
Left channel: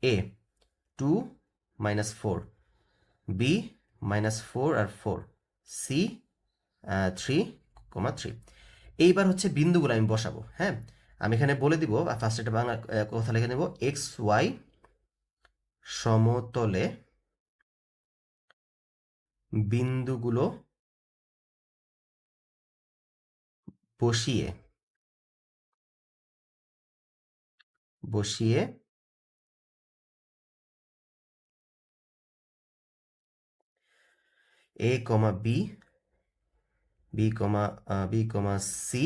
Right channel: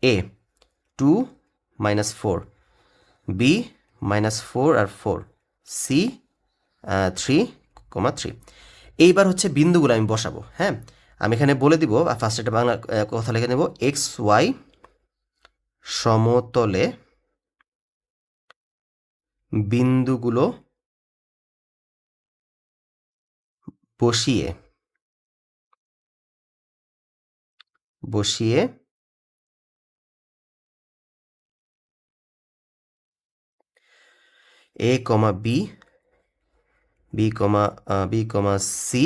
এ 2 -4, বি -4 আর 4, সি 3,3। এইবার হচ্ছে বিন্দুগুলো আমি বসাবো। হ্যাঁ, আমি এখানে বলে দিব, ফার্স্ট একটা বাংলা কথা লিখে নেব, এক্স ওয়াই সমতলে বিন্দুগুলো বসিয়ে এ কমা বি, বি কমা সি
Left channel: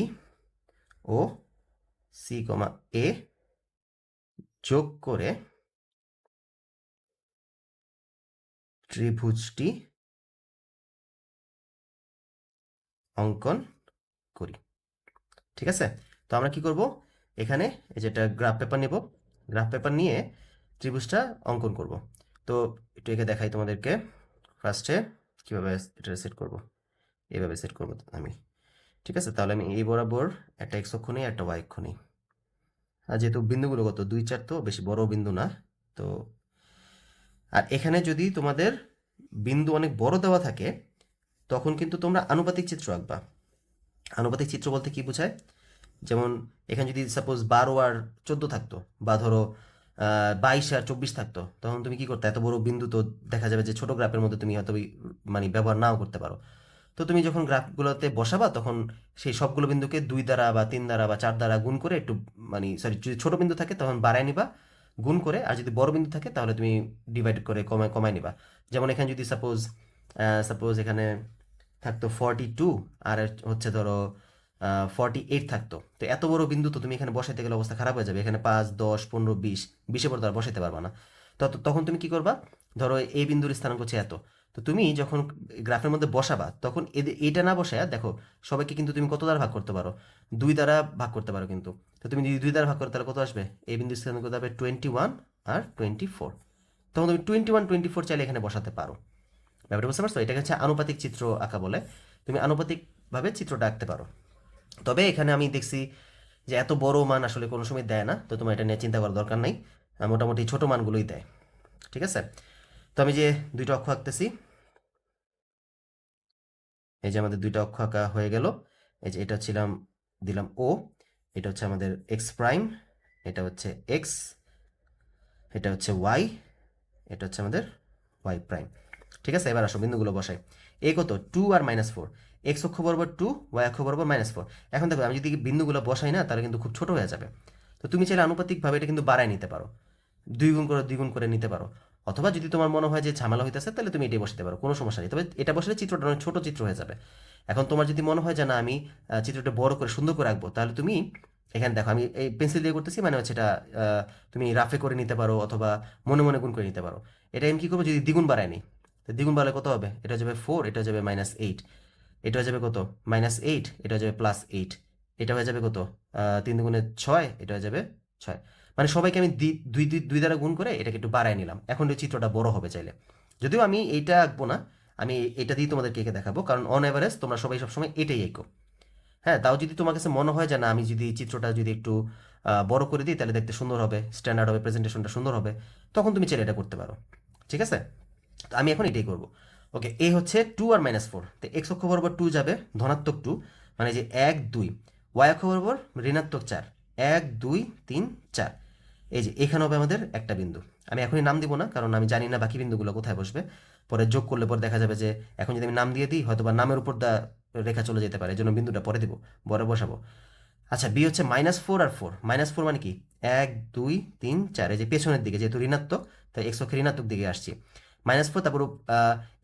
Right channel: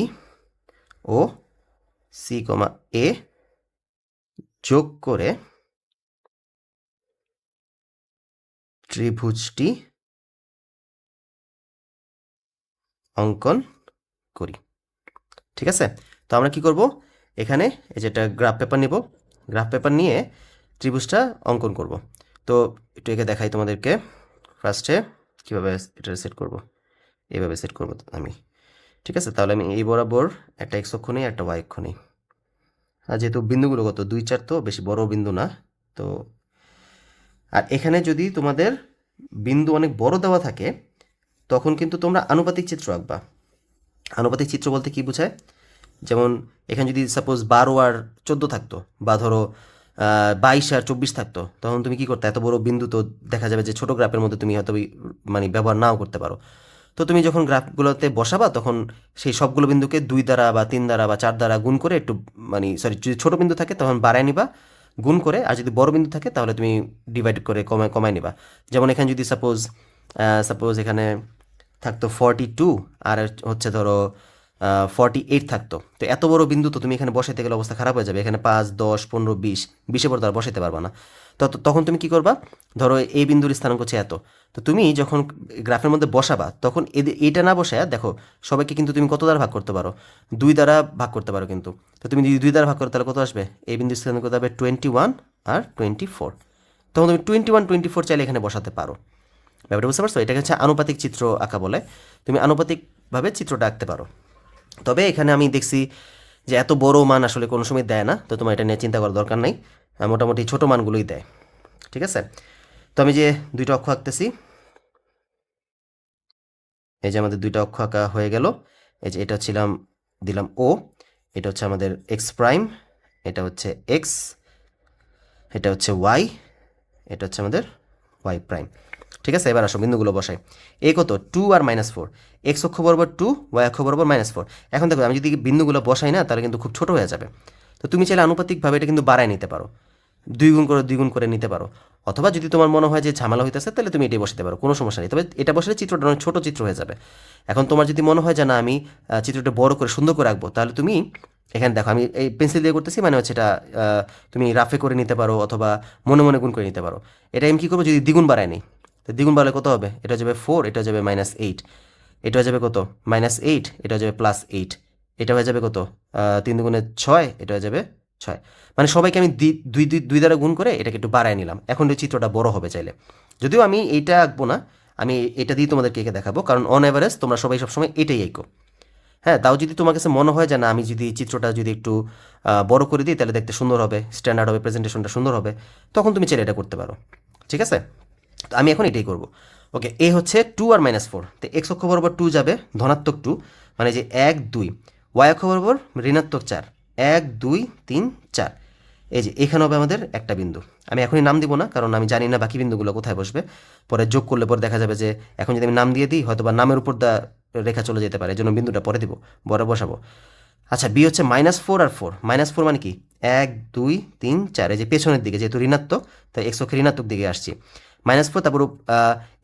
ও সি কমা এ যোগ করে ত্রিভুজটি অঙ্কন করি। ঠিক আছে, তো আমরা কি করব, এখানে এই যেটা গ্রাফ পেপার নিব, গ্রাফ পেপার নিয়ে ত্রিভুজটা অঙ্কন করব। তো একটু একে দেখাই তোমাদেরকে। ফার্স্টে কীভাবে এটা সেট করব, এইভাবে সেট করব আমি। ঠিক আছে, তাহলে আমি এই বরাবর একটা এক্স অক্ষ নিই, একটা ওয়াই অক্ষ নিই। আর যেহেতু বিন্দুগুলো কত 2, 4, তো বেশি বড় বিন্দু না। তো আর এখানে যদি তোমাদের বিন্দু অনেক বড় দেওয়া থাকে তখন কিন্তু তোমরা আনুপাতিক চিত্র আঁকবা। আনুপাতিক চিত্র বলতে কি বোঝায়? যেমন এখানে যদি সাপোজ 12 আর 14 থাকতো, বা ধরো 22 আর 24 থাকতো, তখন তুমি কি করতে, এত বড় বিন্দু তো দেখা যাবে যে ছোট গ্রাফের মধ্যে তুমি হয়তো মানে ব্যবহার নাও করতে পারো। তো তুমি যখন গ্রাফগুলোতে বসাবা তখন সেই সবগুলো বিন্দুকে 2 দ্বারা বা 3 দ্বারা বা 4 দ্বারা গুণ করে একটু, মানে সরি, যদি ছোট বিন্দু থাকে তখন বাড়ায় নিবা গুণ করে, আর যদি বড় বিন্দু থাকে তাহলে তুমি ডিভাইড করে কমায় নিবা। যেমন এখানে যদি সাপোজ এখানে থাকতো 42 আর হচ্ছে ধরো 48 থাকতো, তো এত বড় বিন্দু তো তুমি এখানে বসাইতে গেলে অবস্থা খারাপ হয়ে যাবে। এখানে 5, 10, 15, 20 পর তো আর বসাইতে পারবা না। তখন তুমি কি করবা, ধরো এই বিন্দুর স্থানাঙ্ক হচ্ছে এত, তো তুমি যখন গ্রাফের মধ্যে বসাবা তখন এইটা না বসায় দেখো সবাইকে কিন্তু তুমি কত দ্বারা ভাগ করতে পারো, 2 দ্বারা ভাগ করতে পারো কিন্তু। তো তুমি যদি 2 দ্বারা ভাগ করো তাহলে কত আসবে, এই বিন্দুর স্থানাঙ্ক কত হবে, 21 আর 24। তখন তুমি 21, 24 চাইলে এখানে বসাতে পারো। ব্যাপারটা বুঝতে পারছো? এটাকে হচ্ছে আনুপাতিক চিত্র আঁকা বলে। তুমি আনুপাতিকভাবে চিত্রটা আঁকতে পারো। তবে এখানে আমি দেখছি যে এত বড় মান আসলে কোনো সময় দেয় না, তো তোমার এটা নিয়ে চিন্তা করার দরকার নাই। মোটামুটি ছোট মানগুলোই দেয়। ঠিক আছে, তো আমি যে দুইটা অক্ষ আঁকতেছি, এই যে আমাদের দুইটা অক্ষ আঁকা হয়ে গেল। এই যে এটা দিলাম ও, এটা হচ্ছে আমাদের এক্স প্রাইম, এটা হচ্ছে এক্স, এটা হচ্ছে ওয়াই, এটা হচ্ছে আমাদের ওয়াই প্রাইম। ঠিক আছে, এবার আসো বিন্দুগুলো বসাই। এ কত, 2 আর -4, এক্স অক্ষ বরাবর 2, ওয়াই অক্ষ বরাবর -4। এখন দেখো আমি যদি বিন্দুগুলো বসাই না তাহলে কিন্তু খুব ছোট হয়ে যাবে। তো তুমি চাইলে আনুপাতিকভাবে এটা কিন্তু বাড়ায় নিতে পারো, 2 গুণ করে নিতে পারো। অথবা যদি তোমার মনে হয় যে ঝামেলা হইতেছে তাহলে তুমি এটাই বসাতে পারো, কোনো সমস্যা নেই। তবে এটা বসালে চিত্রটা অনেক ছোট চিত্র হয়ে যাবে। এখন তোমার যদি মনে হয় যে না আমি চিত্রটা বড় করে সুন্দর করে আঁকবো, তাহলে তুমি এখানে দেখো আমি এই পেন্সিল দিয়ে করতেছি, মানে হচ্ছে এটা তুমি রাফে করে নিতে পারো অথবা মনে মনে গুণ করে নিতে পারো। এটা আমি কী করবো, যদি দ্বিগুণ বাড়ায় নিই, তো দ্বিগুণ বাড়ালে কত হবে, এটা যাবে 4, এটা যাবে -8, এটা হয়ে যাবে কত, -8, এটা হয়ে যাবে +8, এটা হয়ে যাবে কত, 3 দুগুণে 6, এটা হয়ে যাবে 6। মানে সবাইকে আমি দুই দ্বারা গুণ করে এটাকে একটু বাড়ায় নিলাম। এখন এই চিত্রটা বড় হবে চাইলে, যদিও আমি এইটা আঁকবো না, আমি এটা দিয়ে তোমাদেরকে এঁকে দেখাবো, কারণ অন অ্যাভারেজ তোমরা সবাই সবসময় এটাই এঁকো। হ্যাঁ, তাও যদি তোমার কাছে মনে হয় যে না আমি যদি চিত্রটা যদি একটু বড় করে দিই তাহলে দেখতে সুন্দর হবে, স্ট্যান্ডার্ড হবে, প্রেজেন্টেশনটা সুন্দর হবে, তখন তুমি চাইলে এটা করতে পারো। ঠিক আছে, তো আমি এখন এটাই করব। ওকে, এ হচ্ছে 2 আর -4, তো এক্স অক্ষ বরাবর 2 যাবে, ধনাত্মক 2, মানে যে 1, 2, ওয়াই অক্ষ বরাবর ঋণাত্মক 4, 1, 2, 3, 4। এই যে এখানে হবে আমাদের একটা বিন্দু। আমি এখনই নাম দিব না, কারণ আমি জানি না বাকি বিন্দুগুলো কোথায় বসবে। পরে যোগ করলে পরে দেখা যাবে যে এখন যদি আমি নাম দিয়ে দিই হয়তো বা নামের উপর রেখা চলে যেতে পারে, এই জন্য বিন্দুটা পরে দিব, পরে বসাবো। আচ্ছা, বি হচ্ছে -4 আর 4, -4 মানে কি, 1, 2, 3, 4, এই যে পেছনের দিকে যেহেতু ঋণাত্মক তাই এক্স অক্ষের ঋণাত্মক দিকে আসছি, -4, তারপর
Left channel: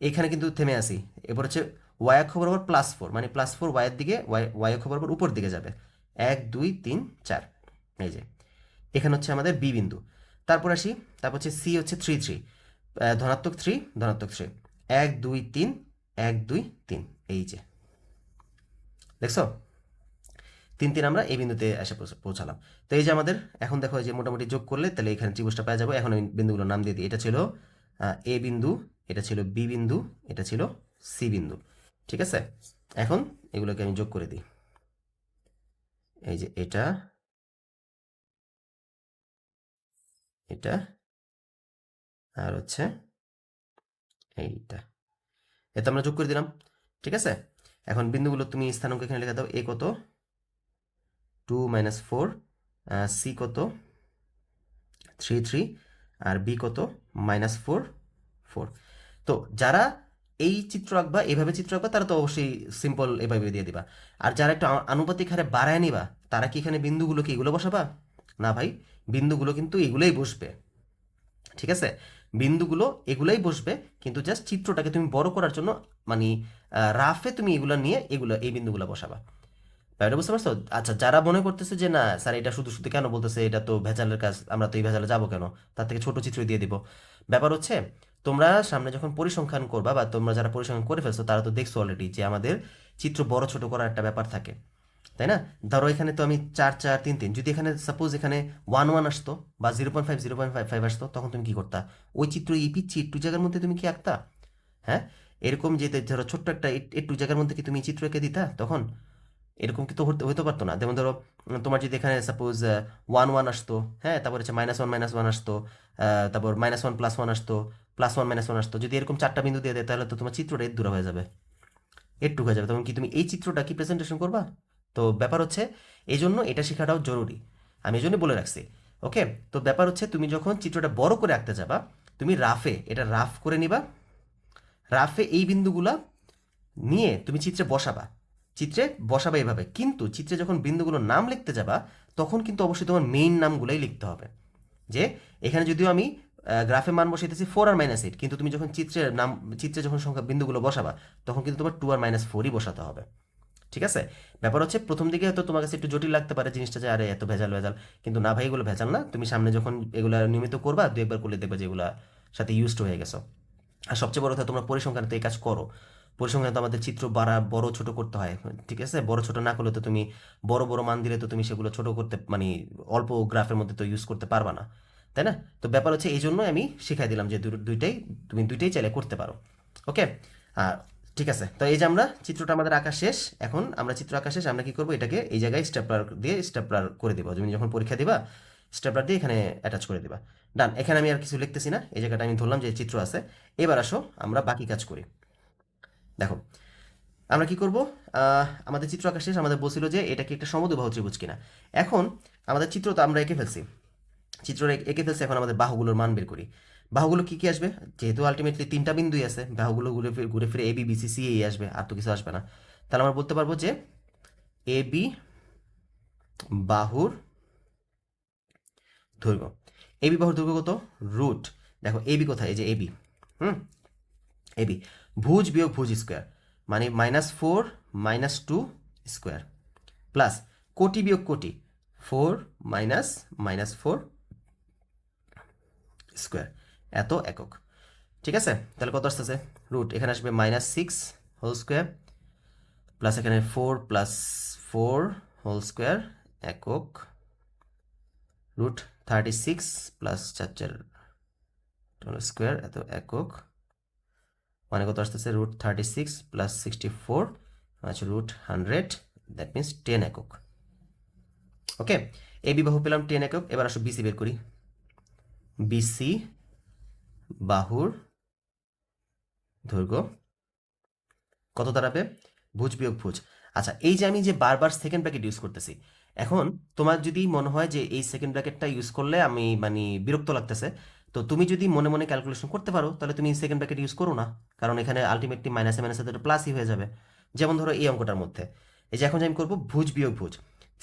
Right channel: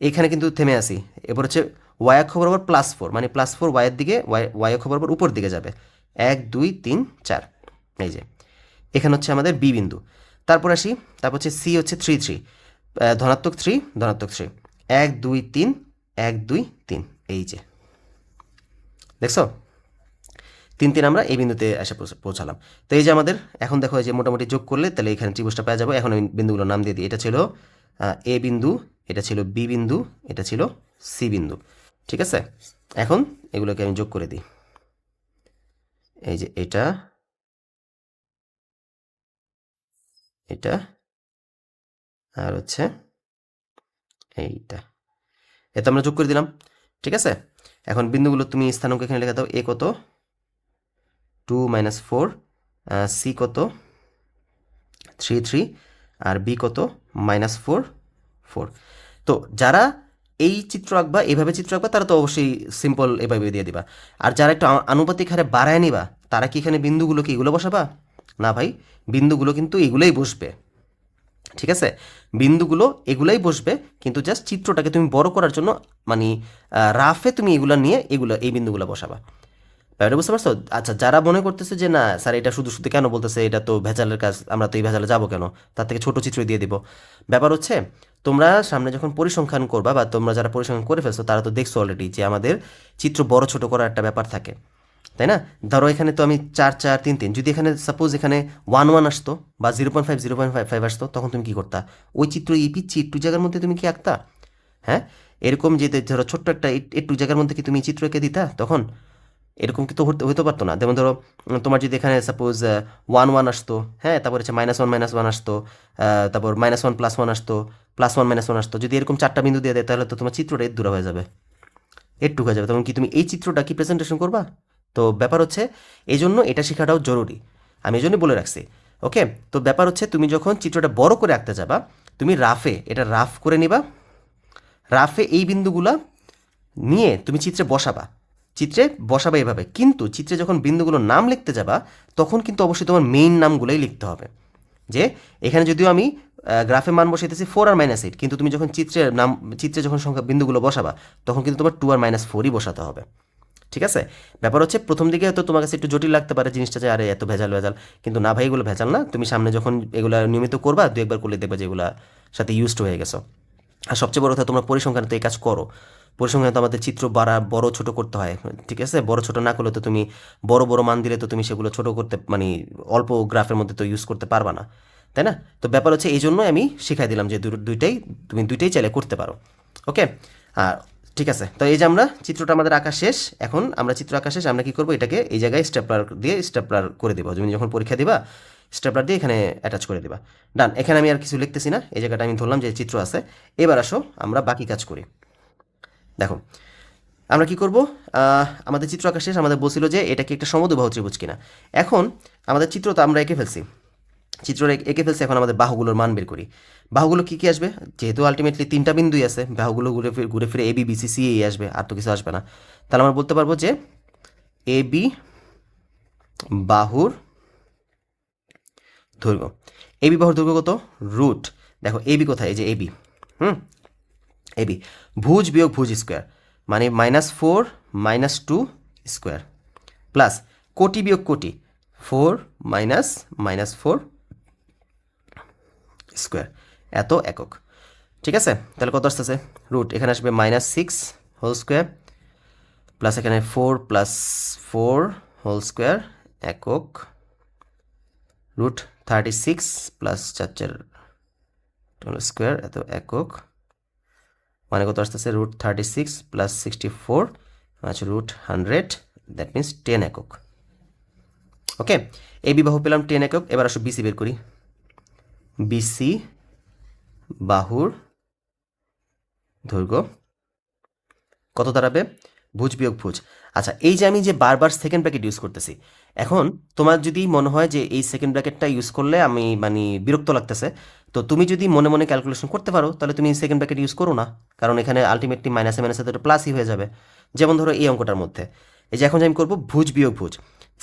এইখানে কিন্তু থেমে আসি। এরপর হচ্ছে ওয়াই অক্ষ বরাবর +4, মানে +4 ওয়াইয়ের দিকে, ওয়াই অক্ষ বরাবর উপর দিকে যাবে, 1, 2, 3, 4। এই যে এখানে হচ্ছে আমাদের বি বিন্দু। তারপর আসি, তারপর হচ্ছে সি হচ্ছে 3, 3, ধনাত্মক 3, ধনাত্মক 3, 1, 2, 3, 1 2 3, এই যে দেখছো 3 3 আমরা এই বিন্দুতে এসে পৌঁছালাম। তো এই যে আমাদের এখন দেখো এই যে মোটামুটি যোগ করলে তাহলে এখানে ত্রিভুজটা পেয়ে যাবো। এখন আমি বিন্দুগুলোর নাম দিয়ে দিই। এটা ছিল এ বিন্দু, এটা ছিল বি বিন্দু, এটা ছিল সি বিন্দু। ঠিক আছে, এখন এগুলোকে আমি যোগ করে দিই। এই যে এটা, এটা আর হচ্ছে এইটা, এতে আমরা যোগ করে দিলাম। ঠিক আছে, এখন বিন্দুগুলো তুমি স্থানাঙ্ক এখানে লিখে দাও। এ কত 2 - 4, সি কত 3 3, আর বি কত -4 4। তো যারা এই চিত্র আঁকবা, এইভাবে চিত্র আঁকবা, তারা তো অবশ্যই সিম্পল এভাবে দিয়ে দিবা। আর যারা একটু আনুপাতিক হারে বাড়ায় নিবা, তারা কি এখানে বিন্দুগুলো কি এগুলো বসাবা? না ভাই, বিন্দুগুলো কিন্তু এগুলোই বসবে। ঠিক আছে, বিন্দুগুলো এগুলাই বসবে, কিন্তু জাস্ট চিত্রটাকে তুমি বড় করার জন্য মানে রাফে তুমি এগুলো নিয়ে এগুলো এই বিন্দুগুলো বসাবা। ব্যাপারটা বুঝতে পারছো? আচ্ছা, যারা মনে করতেছে যে না স্যার এটা শুধু শুধু কেন বলতেছে, এটা তো ভেজালের কাজ, আমরা তো এই ভেজালে যাবো কেন, তার থেকে ছোট চিত্র দিয়ে দিব। ব্যাপার হচ্ছে তোমরা সামনে যখন পরিসংখ্যান করবা, বা তোমরা যারা পরিসংখ্যান করে ফেলছো তারা তো দেখছো অলরেডি যে আমাদের চিত্র বড় ছোট করার একটা ব্যাপার থাকে, তাই না? ধরো এখানে তো আমি 4 4 3 3, যদি এখানে সাপোজ এখানে 1 1 আসতো বা 0.5 0.5 আসতো, তখন তুমি কি করতা? ওই চিত্র এই পিচ্ছি একটু জায়গার মধ্যে তুমি কি আঁকতা? হ্যাঁ, এরকম যে ধরো ছোট্ট একটা একটু জায়গার মধ্যে কি তুমি চিত্র এঁকে দিতা তখন? এরকম কিন্তু হতে পারতো না। যেমন ধরো তোমার যদি এখানে সাপোজ 1 1 আসতো, হ্যাঁ, তারপর হচ্ছে -1 -1 আসতো, তারপর -1 +1 আসতো, +1 -1 আসতো, যদি এরকম 4টা বিন্দু দিয়ে দেয়, তাহলে তো তোমার চিত্রটা দূর হয়ে যাবে, একটু হয়ে যাবে। তখন কি তুমি এই চিত্রটা কি প্রেজেন্টেশন করবা? তো ব্যাপার হচ্ছে এই জন্য এটা শেখাটাও জরুরি, আমি এই জন্য বলে রাখছি। ওকে, তো ব্যাপার হচ্ছে তুমি যখন চিত্রটা বড় করে আঁকতে যাবা, তুমি রাফে এটা রাফ করে নিবা। রাফে এই বিন্দুগুলা নিয়ে তুমি চিত্রে বসাবা, চিত্রে বসাবা এভাবে। কিন্তু চিত্রে যখন বিন্দুগুলোর নাম লিখতে যাবা, তখন কিন্তু অবশ্যই তোমার মেইন নামগুলোই লিখতে হবে। যে এখানে যদিও আমি গ্রাফে মান বসাইতেছি 4 আর -8, কিন্তু তুমি যখন চিত্রের নাম, চিত্রে যখন সংখ্যা বিন্দুগুলো বসাবা, তখন কিন্তু তোমার 2 আর -4ই বসাতে হবে। ঠিক আছে, ব্যাপার হচ্ছে প্রথম দিকে হয়তো তোমার কাছে একটু জটিল লাগতে পারে জিনিসটা, যে আরে এত ভেজাল ভেজাল, কিন্তু না ভাই, এগুলো ভেজাল না। তুমি সামনে যখন এগুলো নিয়মিত করবা, 2 একবার করলে দেখবে যে এগুলা সাথে ইউজড হয়ে গেছো। আর সবচেয়ে বড় কথা, তোমরা পরিসংখ্যানে তো এই কাজ করো। পরিসংখ্যানে তো আমাদের চিত্র বড় ছোট করতে হয়। ঠিক আছে, বড় ছোট না করলে তো তুমি বড় বড় মান দিলে তো তুমি সেগুলো ছোট করতে মানে অল্প গ্রাফের মধ্যে তো ইউজ করতে পারবা না, তাই না? তো ব্যাপার হচ্ছে এই জন্যই আমি শিখাই দিলাম যে দুইটাই তুমি দুইটাই চাইলে করতে পারো। ওকে, আর ঠিক আছে, তো এই যে আমরা চিত্রটা আমাদের আঁকা শেষ। এখন আমরা চিত্র আঁকা শেষ, আমরা কি করবো, এটাকে এই জায়গায় স্টেপলার দিয়ে স্টেপলার করে দেবো। তুমি যখন পরীক্ষা দিবা, স্টেপলার দিয়ে এখানে অ্যাটাচ করে দিবা। ডান, এখানে আমি আর কিছু লিখতেছি না, এই জায়গাটা আমি ধরলাম যে চিত্র আছে। এবার আসো আমরা বাকি কাজ করি। দেখো আমরা কি করব, আমাদের চিত্র আঁকা শেষ। আমাদের বলছিল যে এটা কি একটা সমদ্বিবাহু ত্রিভুজ কিনা। এখন আমাদের চিত্র তো আমরা এঁকে ফেলছি, চিত্র এঁকে ফেলছি। এখন আমাদের বাহুগুলোর মান বের করি। বাহুগুলো কি কি আসবে? যেহেতু আলটিমেটলি 3টা বিন্দুই আছে, বাহুগুলো ঘুরে ফিরে এবি বিসি সি এই আসবে, আর তো কিছু আসবে না। তাহলে আমরা বলতে পারবো যে এবি বাহুর দৈর্ঘ্য, এবি বাহুর দৈর্ঘ্য কত? রুট, দেখো এবি কোথায়, এই যে এবি, এবি ভুজ বিয়োগ ভুজ স্কোয়ার, মানে -4 -2 স্কোয়ার, প্লাস কোটি বিয়োগ কোটি 4 -4 স্কোয়ার, এত একক। ঠিক আছে, তাহলে কত আসতেছে? রুট এখানে আসবে -6 হোল স্কোয়ার, প্লাস এখানে 4 + 4 হোল স্কোয়ার একক, রুট 36 প্লাস 4 4 হোল স্কোয়ার এত একক, মানে কত আসতেছে? রুট 36 প্লাস 64, আচ্ছা রুট 100, দ্যাট মিনস 10 একক। ওকে, এই বাহু পেলাম 10 একক। এবার আসো বিসি বের করি। বিসি বাহুর দৈর্ঘ্য কত দাঁড়াবে? ভুজ বিয়োগ ভুজ। আচ্ছা, এই যে আমি যে বারবার সেকেন্ড ব্র্যাকেট ইউজ করতেছি, এখন তোমার যদি মনে হয় যে এই সেকেন্ড ব্র্যাকেটটা ইউজ করলে আমি মানে বিরক্ত লাগতেছে, তো তুমি যদি মনে মনে ক্যালকুলেশন করতে পারো, তাহলে তুমি সেকেন্ড ব্র্যাকেট ইউজ করো না, কারণ এখানে আলটিমেটলি মাইনাসে মাইনাসে তো প্লাসই হয়ে যাবে। যেমন ধরো এই অঙ্কটার মধ্যে, এই যে এখন যে আমি করবো ভুজ বিয়োগ ভুজ,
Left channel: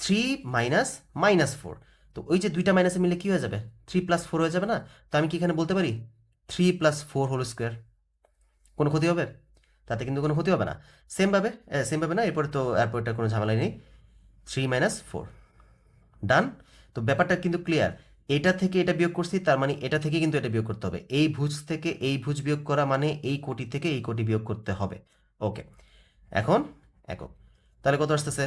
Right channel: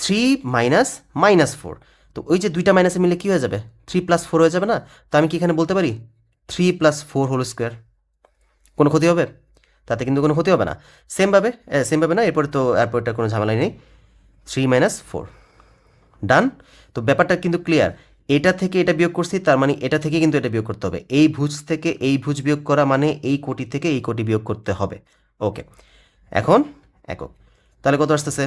3 -4, তো ওই যে দুইটা মাইনাসে মিলে কি হয়ে যাবে? 3 + 4 হয়ে যাবে না? তো আমি কি এখানে বলতে পারি 3 + 4 হোল স্কোয়ার? কোনো ক্ষতি হবে? তাতে কিন্তু কোনো ক্ষতি হবে না। সেমভাবে না, এরপরটা কোনো ঝামেলাই নেই। 3 - 4, ডান। তো ব্যাপারটা কিন্তু ক্লিয়ার। এটা থেকে এটা বিয়োগ করছি, তার মানে এটা থেকে কিন্তু এটা বিয়োগ করতে হবে। এই ভুজ থেকে এই ভুজ বিয়োগ করা মানে এই কোটি থেকে এই কোটি বিয়োগ করতে হবে। ওকে, এখন একক, তাহলে কত আসতেছে?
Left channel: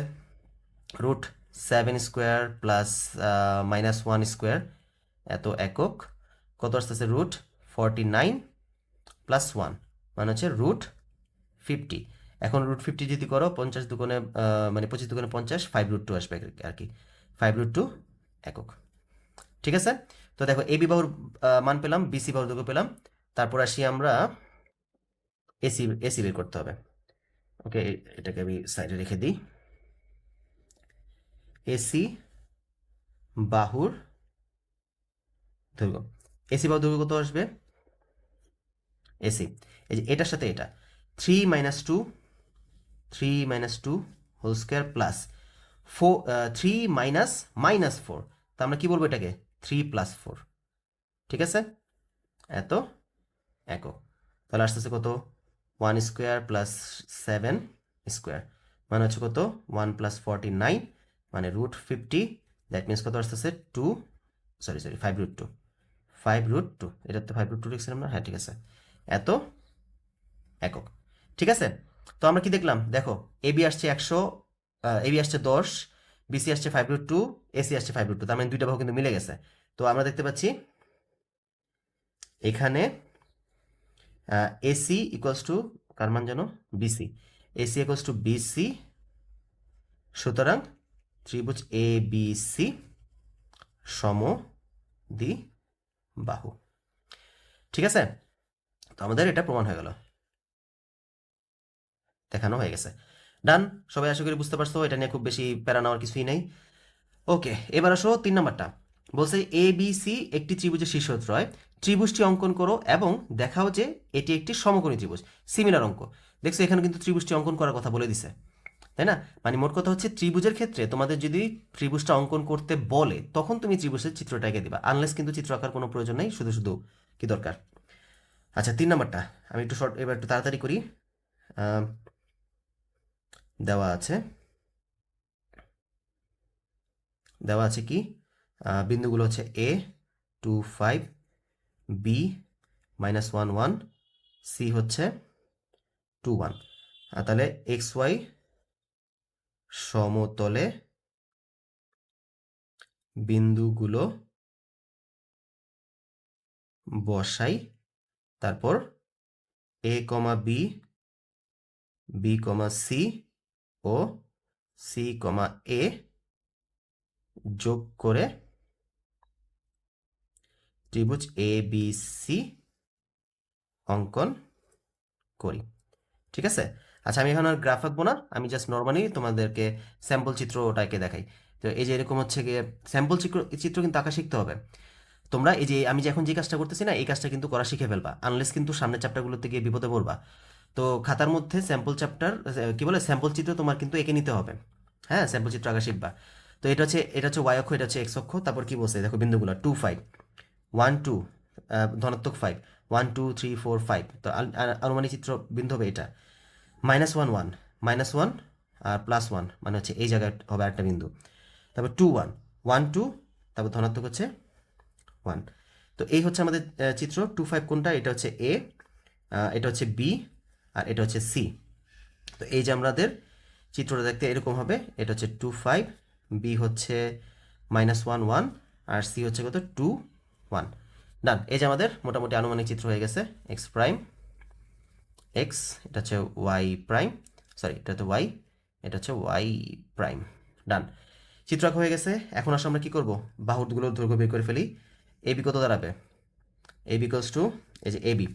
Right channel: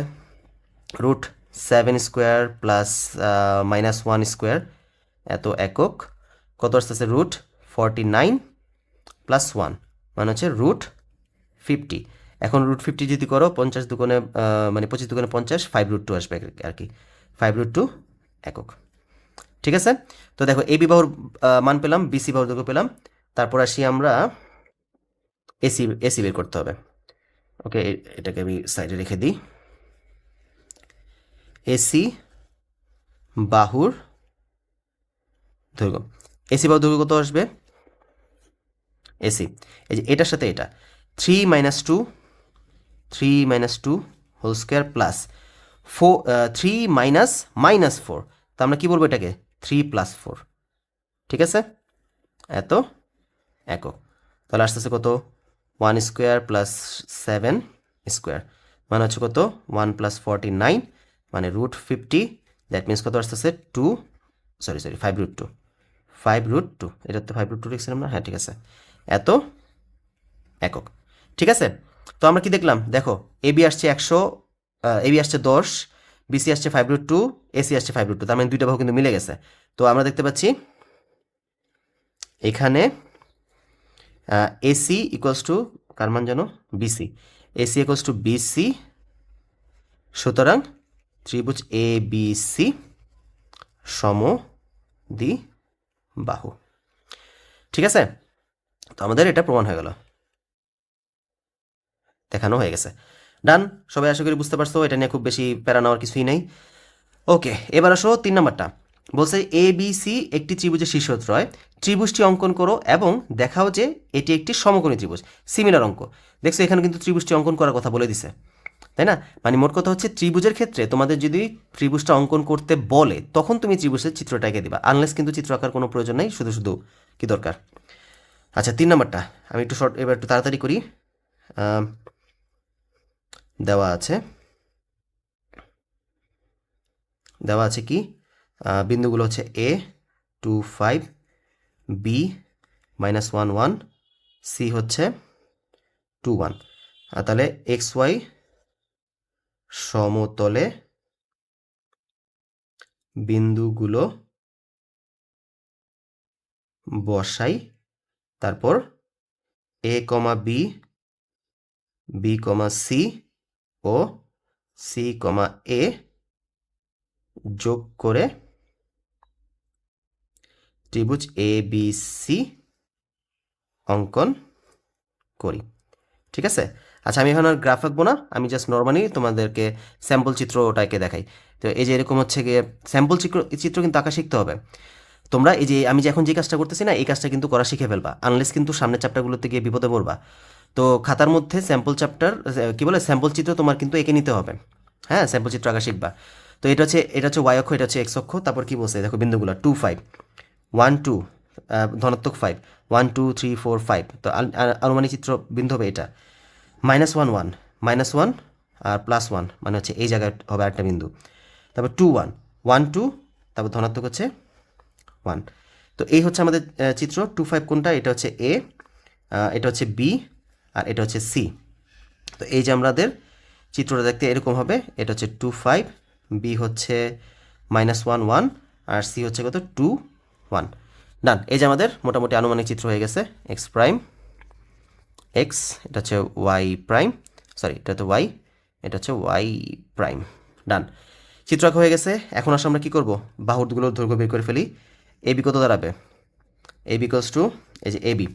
রুট 7 স্কোয়ার প্লাস -1 স্কোয়ার, এত একক। কত আসতেছে? রুট 49 প্লাস 1 মানে হচ্ছে রুট 50। এখন রুট 50 যদি করো 50 দুগুণে মানে 25 দুগুণে 50, 5√2 আসবে আর কি, 5√2 একক। ঠিক আছে, তো দেখো এবি বাহুর মান পেলাম, বিসি বাহুর দৈর্ঘ্য পেলাম। তারপর আসি আমরা এসি, এসি বের করতে হবে। ওকে, এটাকে আমি সাইডে রেখে দিই। এসি বাহুর দৈর্ঘ্য, এসি বাহুর দৈর্ঘ্য কত আসবে? এসি, এই যে এটার সাথে এটা 3 - 2, 3 - 2 হোল স্কোয়ার প্লাস 4, 3 - -4, তো আমরা কি বলবো এটাকে? 3 + 4। ঠিক আছে, এত একক। তাহলে আসতেছে কত? 1 স্কোয়ার প্লাস 7 স্কোয়ার মানে হচ্ছে কত? 1 + 49 মানে রুট 50। দ্যাট মিনস কত আসতেছে? 2, সরি 5√2, 5√2, এটা তো 5√2 লিখছিলাম না? হ্যাঁ ঠিক আছে, এত একক। ঠিক আছে, তো আমরা কি দেখলাম? দেখো এবি আসছে 100, এবি আসছে 10, বিসি আসছে 5√2, এসি আসছে 5√2, তার মানে দুইটা বাহু কিন্তু মিলে গেছে। তো আমরা দেখতে পাচ্ছি এখানে এসি ইকুয়ালস টু কার মান জানো? BC. AC equals to BC, সুতরাং ত্রিভুজ এ বি সি সমদ্বিবাহু। ঠিক আছে, তো আমাদের এটা প্রমাণ হয়ে গেল, দেখানো হয়ে গেছে। ডান, সবাই আশা করি বুঝতে পারছো, এটা নিয়ে খুব বেশি প্যারা নেওয়ার কিছুই নেই। ওকে, এবার আসো 3 নাম্বারটা। বলছে এ বি সি একটি ত্রিভুজের শীর্ষত্রয়, ত্রিভুজটি অঙ্কন করো এবং দেখাও যে এটি একটি সমকোণী ত্রিভুজ। সিমিলার অঙ্ক। দেখছো এখানে কিন্তু ত্রিভুজটি অঙ্কন করার কথা বলে দিছে, তাই না? মানে মোট কথা হচ্ছে ত্রিভুজের ক্ষেত্রে তোমাদের যদি ত্রিভুজটা অঙ্কন করতে বলে তখন তুমি ত্রিভুজের চিত্রটা এঁকে দিবা, আনলেস কিন্তু চিত্র আঁকার কোনো প্রয়োজন নেই, শুধু শুধু কি দরকার। আচ্ছা, 3 নাম্বারটা আমি একটু শর্ট, এবার একটু তাড়াতাড়ি করি। দেওয়া আছে, দেওয়া আছে কি? বিন্দুগুলো হচ্ছে এ 2 5, বি -1 1, সি হচ্ছে 2 1। তাহলে এক্স ওয়াই সমতলে বিন্দুগুলো বসাই, তারপর এ কমা বি, বি কমা সি ও সি কমা এ যোগ করে ত্রিভুজ এ বি সি অঙ্কন করি। ঠিক আছে, আচ্ছা আমি এখন আর গ্রাফ আঁকবো না, আমি জাস্ট নর্মালি তোমাদেরকে স্যাম্পল চিত্র ওটাকে দেখাই। তো এই যে এরকম হচ্ছে গিয়ে স্যাম্পল চিত্র, চিত্র কিন্তু আঁকা শিখতে হবে। তোমরা এই যে আমি যে এখন যে কাজটা করতেছি না, এই কাজটা কিন্তু করা শিখে ফেলবা, আনলেস কিন্তু সামনের চ্যাপ্টারগুলোতে গিয়ে বিপদে পড়বা। তো খাতার মধ্যে স্যাম্পল চ্যাপ্টার, কি বলে, স্যাম্পল চিত্র তোমার কিন্তু এঁকে নিতে হবে। হ্যাঁ, স্যাম্পল চিত্র আঁকা শিখবা। তো এটা হচ্ছে ওয়াই অক্ষ, এটা হচ্ছে এক্স অক্ষ। তারপর কি বলছে দেখো, বিন্দুগুলো 2 5, 1 2, ধনাত্মক 5, 1 2 3 4 5। তো আনুমানিক চিত্র বিন্দু হবে এটা -1 1, -1 আর +1 মানে হচ্ছে এই জায়গায় হবে একটা বিন্দু। তারপর 2 1, 1 2, তারপর ধনাত্মক হচ্ছে 1। তো এই হচ্ছে আমাদের চিত্র। 2 5 কোনটা? এটা হচ্ছে এ, এটা হচ্ছে বি, আর এটা হচ্ছে সি। তো এই যে আমাদের চিত্রটা দেখতে এরকম হবে। এটা হচ্ছে 2 5, বি হচ্ছে -1 1, আর সি হচ্ছে কত? 2 1। ডান, এই যে আমাদের মোটামুটি আনুমানিক চিত্র হয়ে গেছে। এক্স প্রাইম এক্স, এটা হচ্ছে ওয়াই প্রাইম, সরি এটা তো ওয়াই, এটা হচ্ছে ওয়াই প্রাইম। ডান, চিত্র আঁকা হয়ে গেছে। এখন আসলে আমরা কী করব? বাহুগুলোর দৈর্ঘ্য বের করে ফেলি। এবি কত দাঁড়াবে? এ বিকলস টু, এই যে এবি,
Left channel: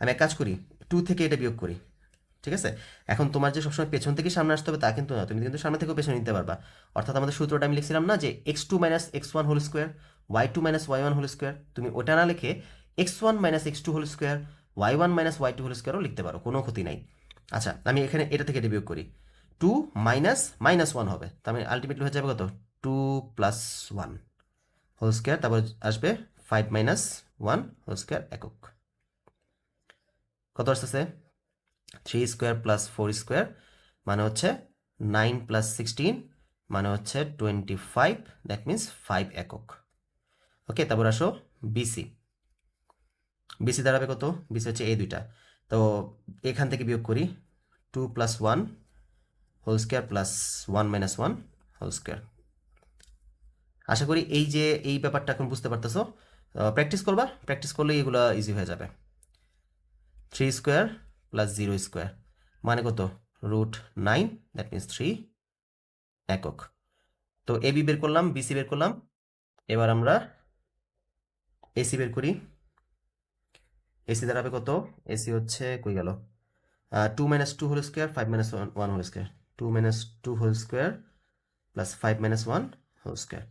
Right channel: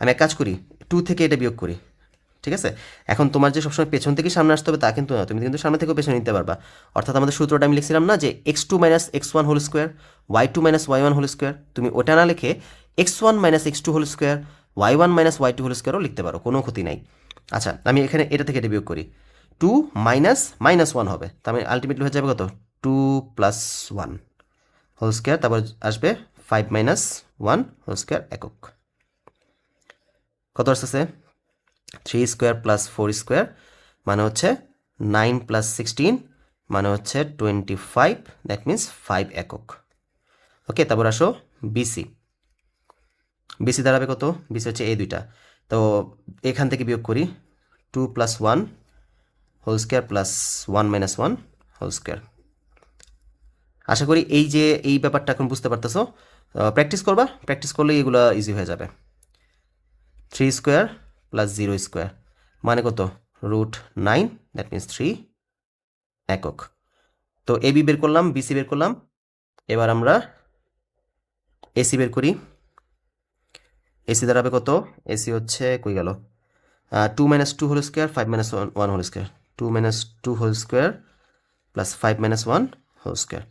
আমি এক কাজ করি, 2 থেকে এটা বিয়োগ করি। ঠিক আছে, এখন তোমার যে সবসময় পেছন থেকে সামনে আসতে হবে তা কিন্তু না, তুমি কিন্তু সামনে থেকেও পেছনে নিতে পারবা। অর্থাৎ আমাদের সূত্রটা আমি লিখছিলাম না যে x2 - x1 whole square, y2 - y1 whole square, তুমি ওটা না লিখে x1 - x2 whole square, y1 - y2 whole স্কোয়ারও লিখতে পারো, কোনো ক্ষতি নাই। আচ্ছা, আমি এখানে এটা থেকে এটা বিয়োগ করি, 2 -1 হবে, তার মানে আলটিমেটলি হয়ে যাবে কত? 2 + 1 হোল স্কোয়ার, তারপর আসবে 5 - 1 হোল স্কোয়ার একক। কত আসতেছে? 3 স্কোয়ার প্লাস 4 স্কোয়ার মানে হচ্ছে 9 + 16 মানে হচ্ছে 25, দ্যাট মিন্স 5 একক। ওকে, তারপর আসো বিসি। বিসি দাঁড়াবে কত? বিসি হচ্ছে এই দুইটা, তো এখান থেকে বিয়োগ করি 2 + 1 whole square plus 1 - 1 whole square. আশা করি এই ব্যাপারটা এখন বুঝতে পারতেছো। প্র্যাকটিস করবা, প্র্যাকটিস করলে এগুলো ইজি হয়ে যাবে। 3 স্কোয়ার প্লাস 0 স্কোয়ার মানে কত? √9, দ্যাট মিনস 3 একক। তো এবি বের করলাম, বিসি বের করলাম, এবার আমরা এসি বের করি। এসি দাঁড়াবে কত? এসি হচ্ছে কই গেল, 2 - 2 whole square 5 - 1 whole square, 2 - 2 whole square plus 5 - 1 whole square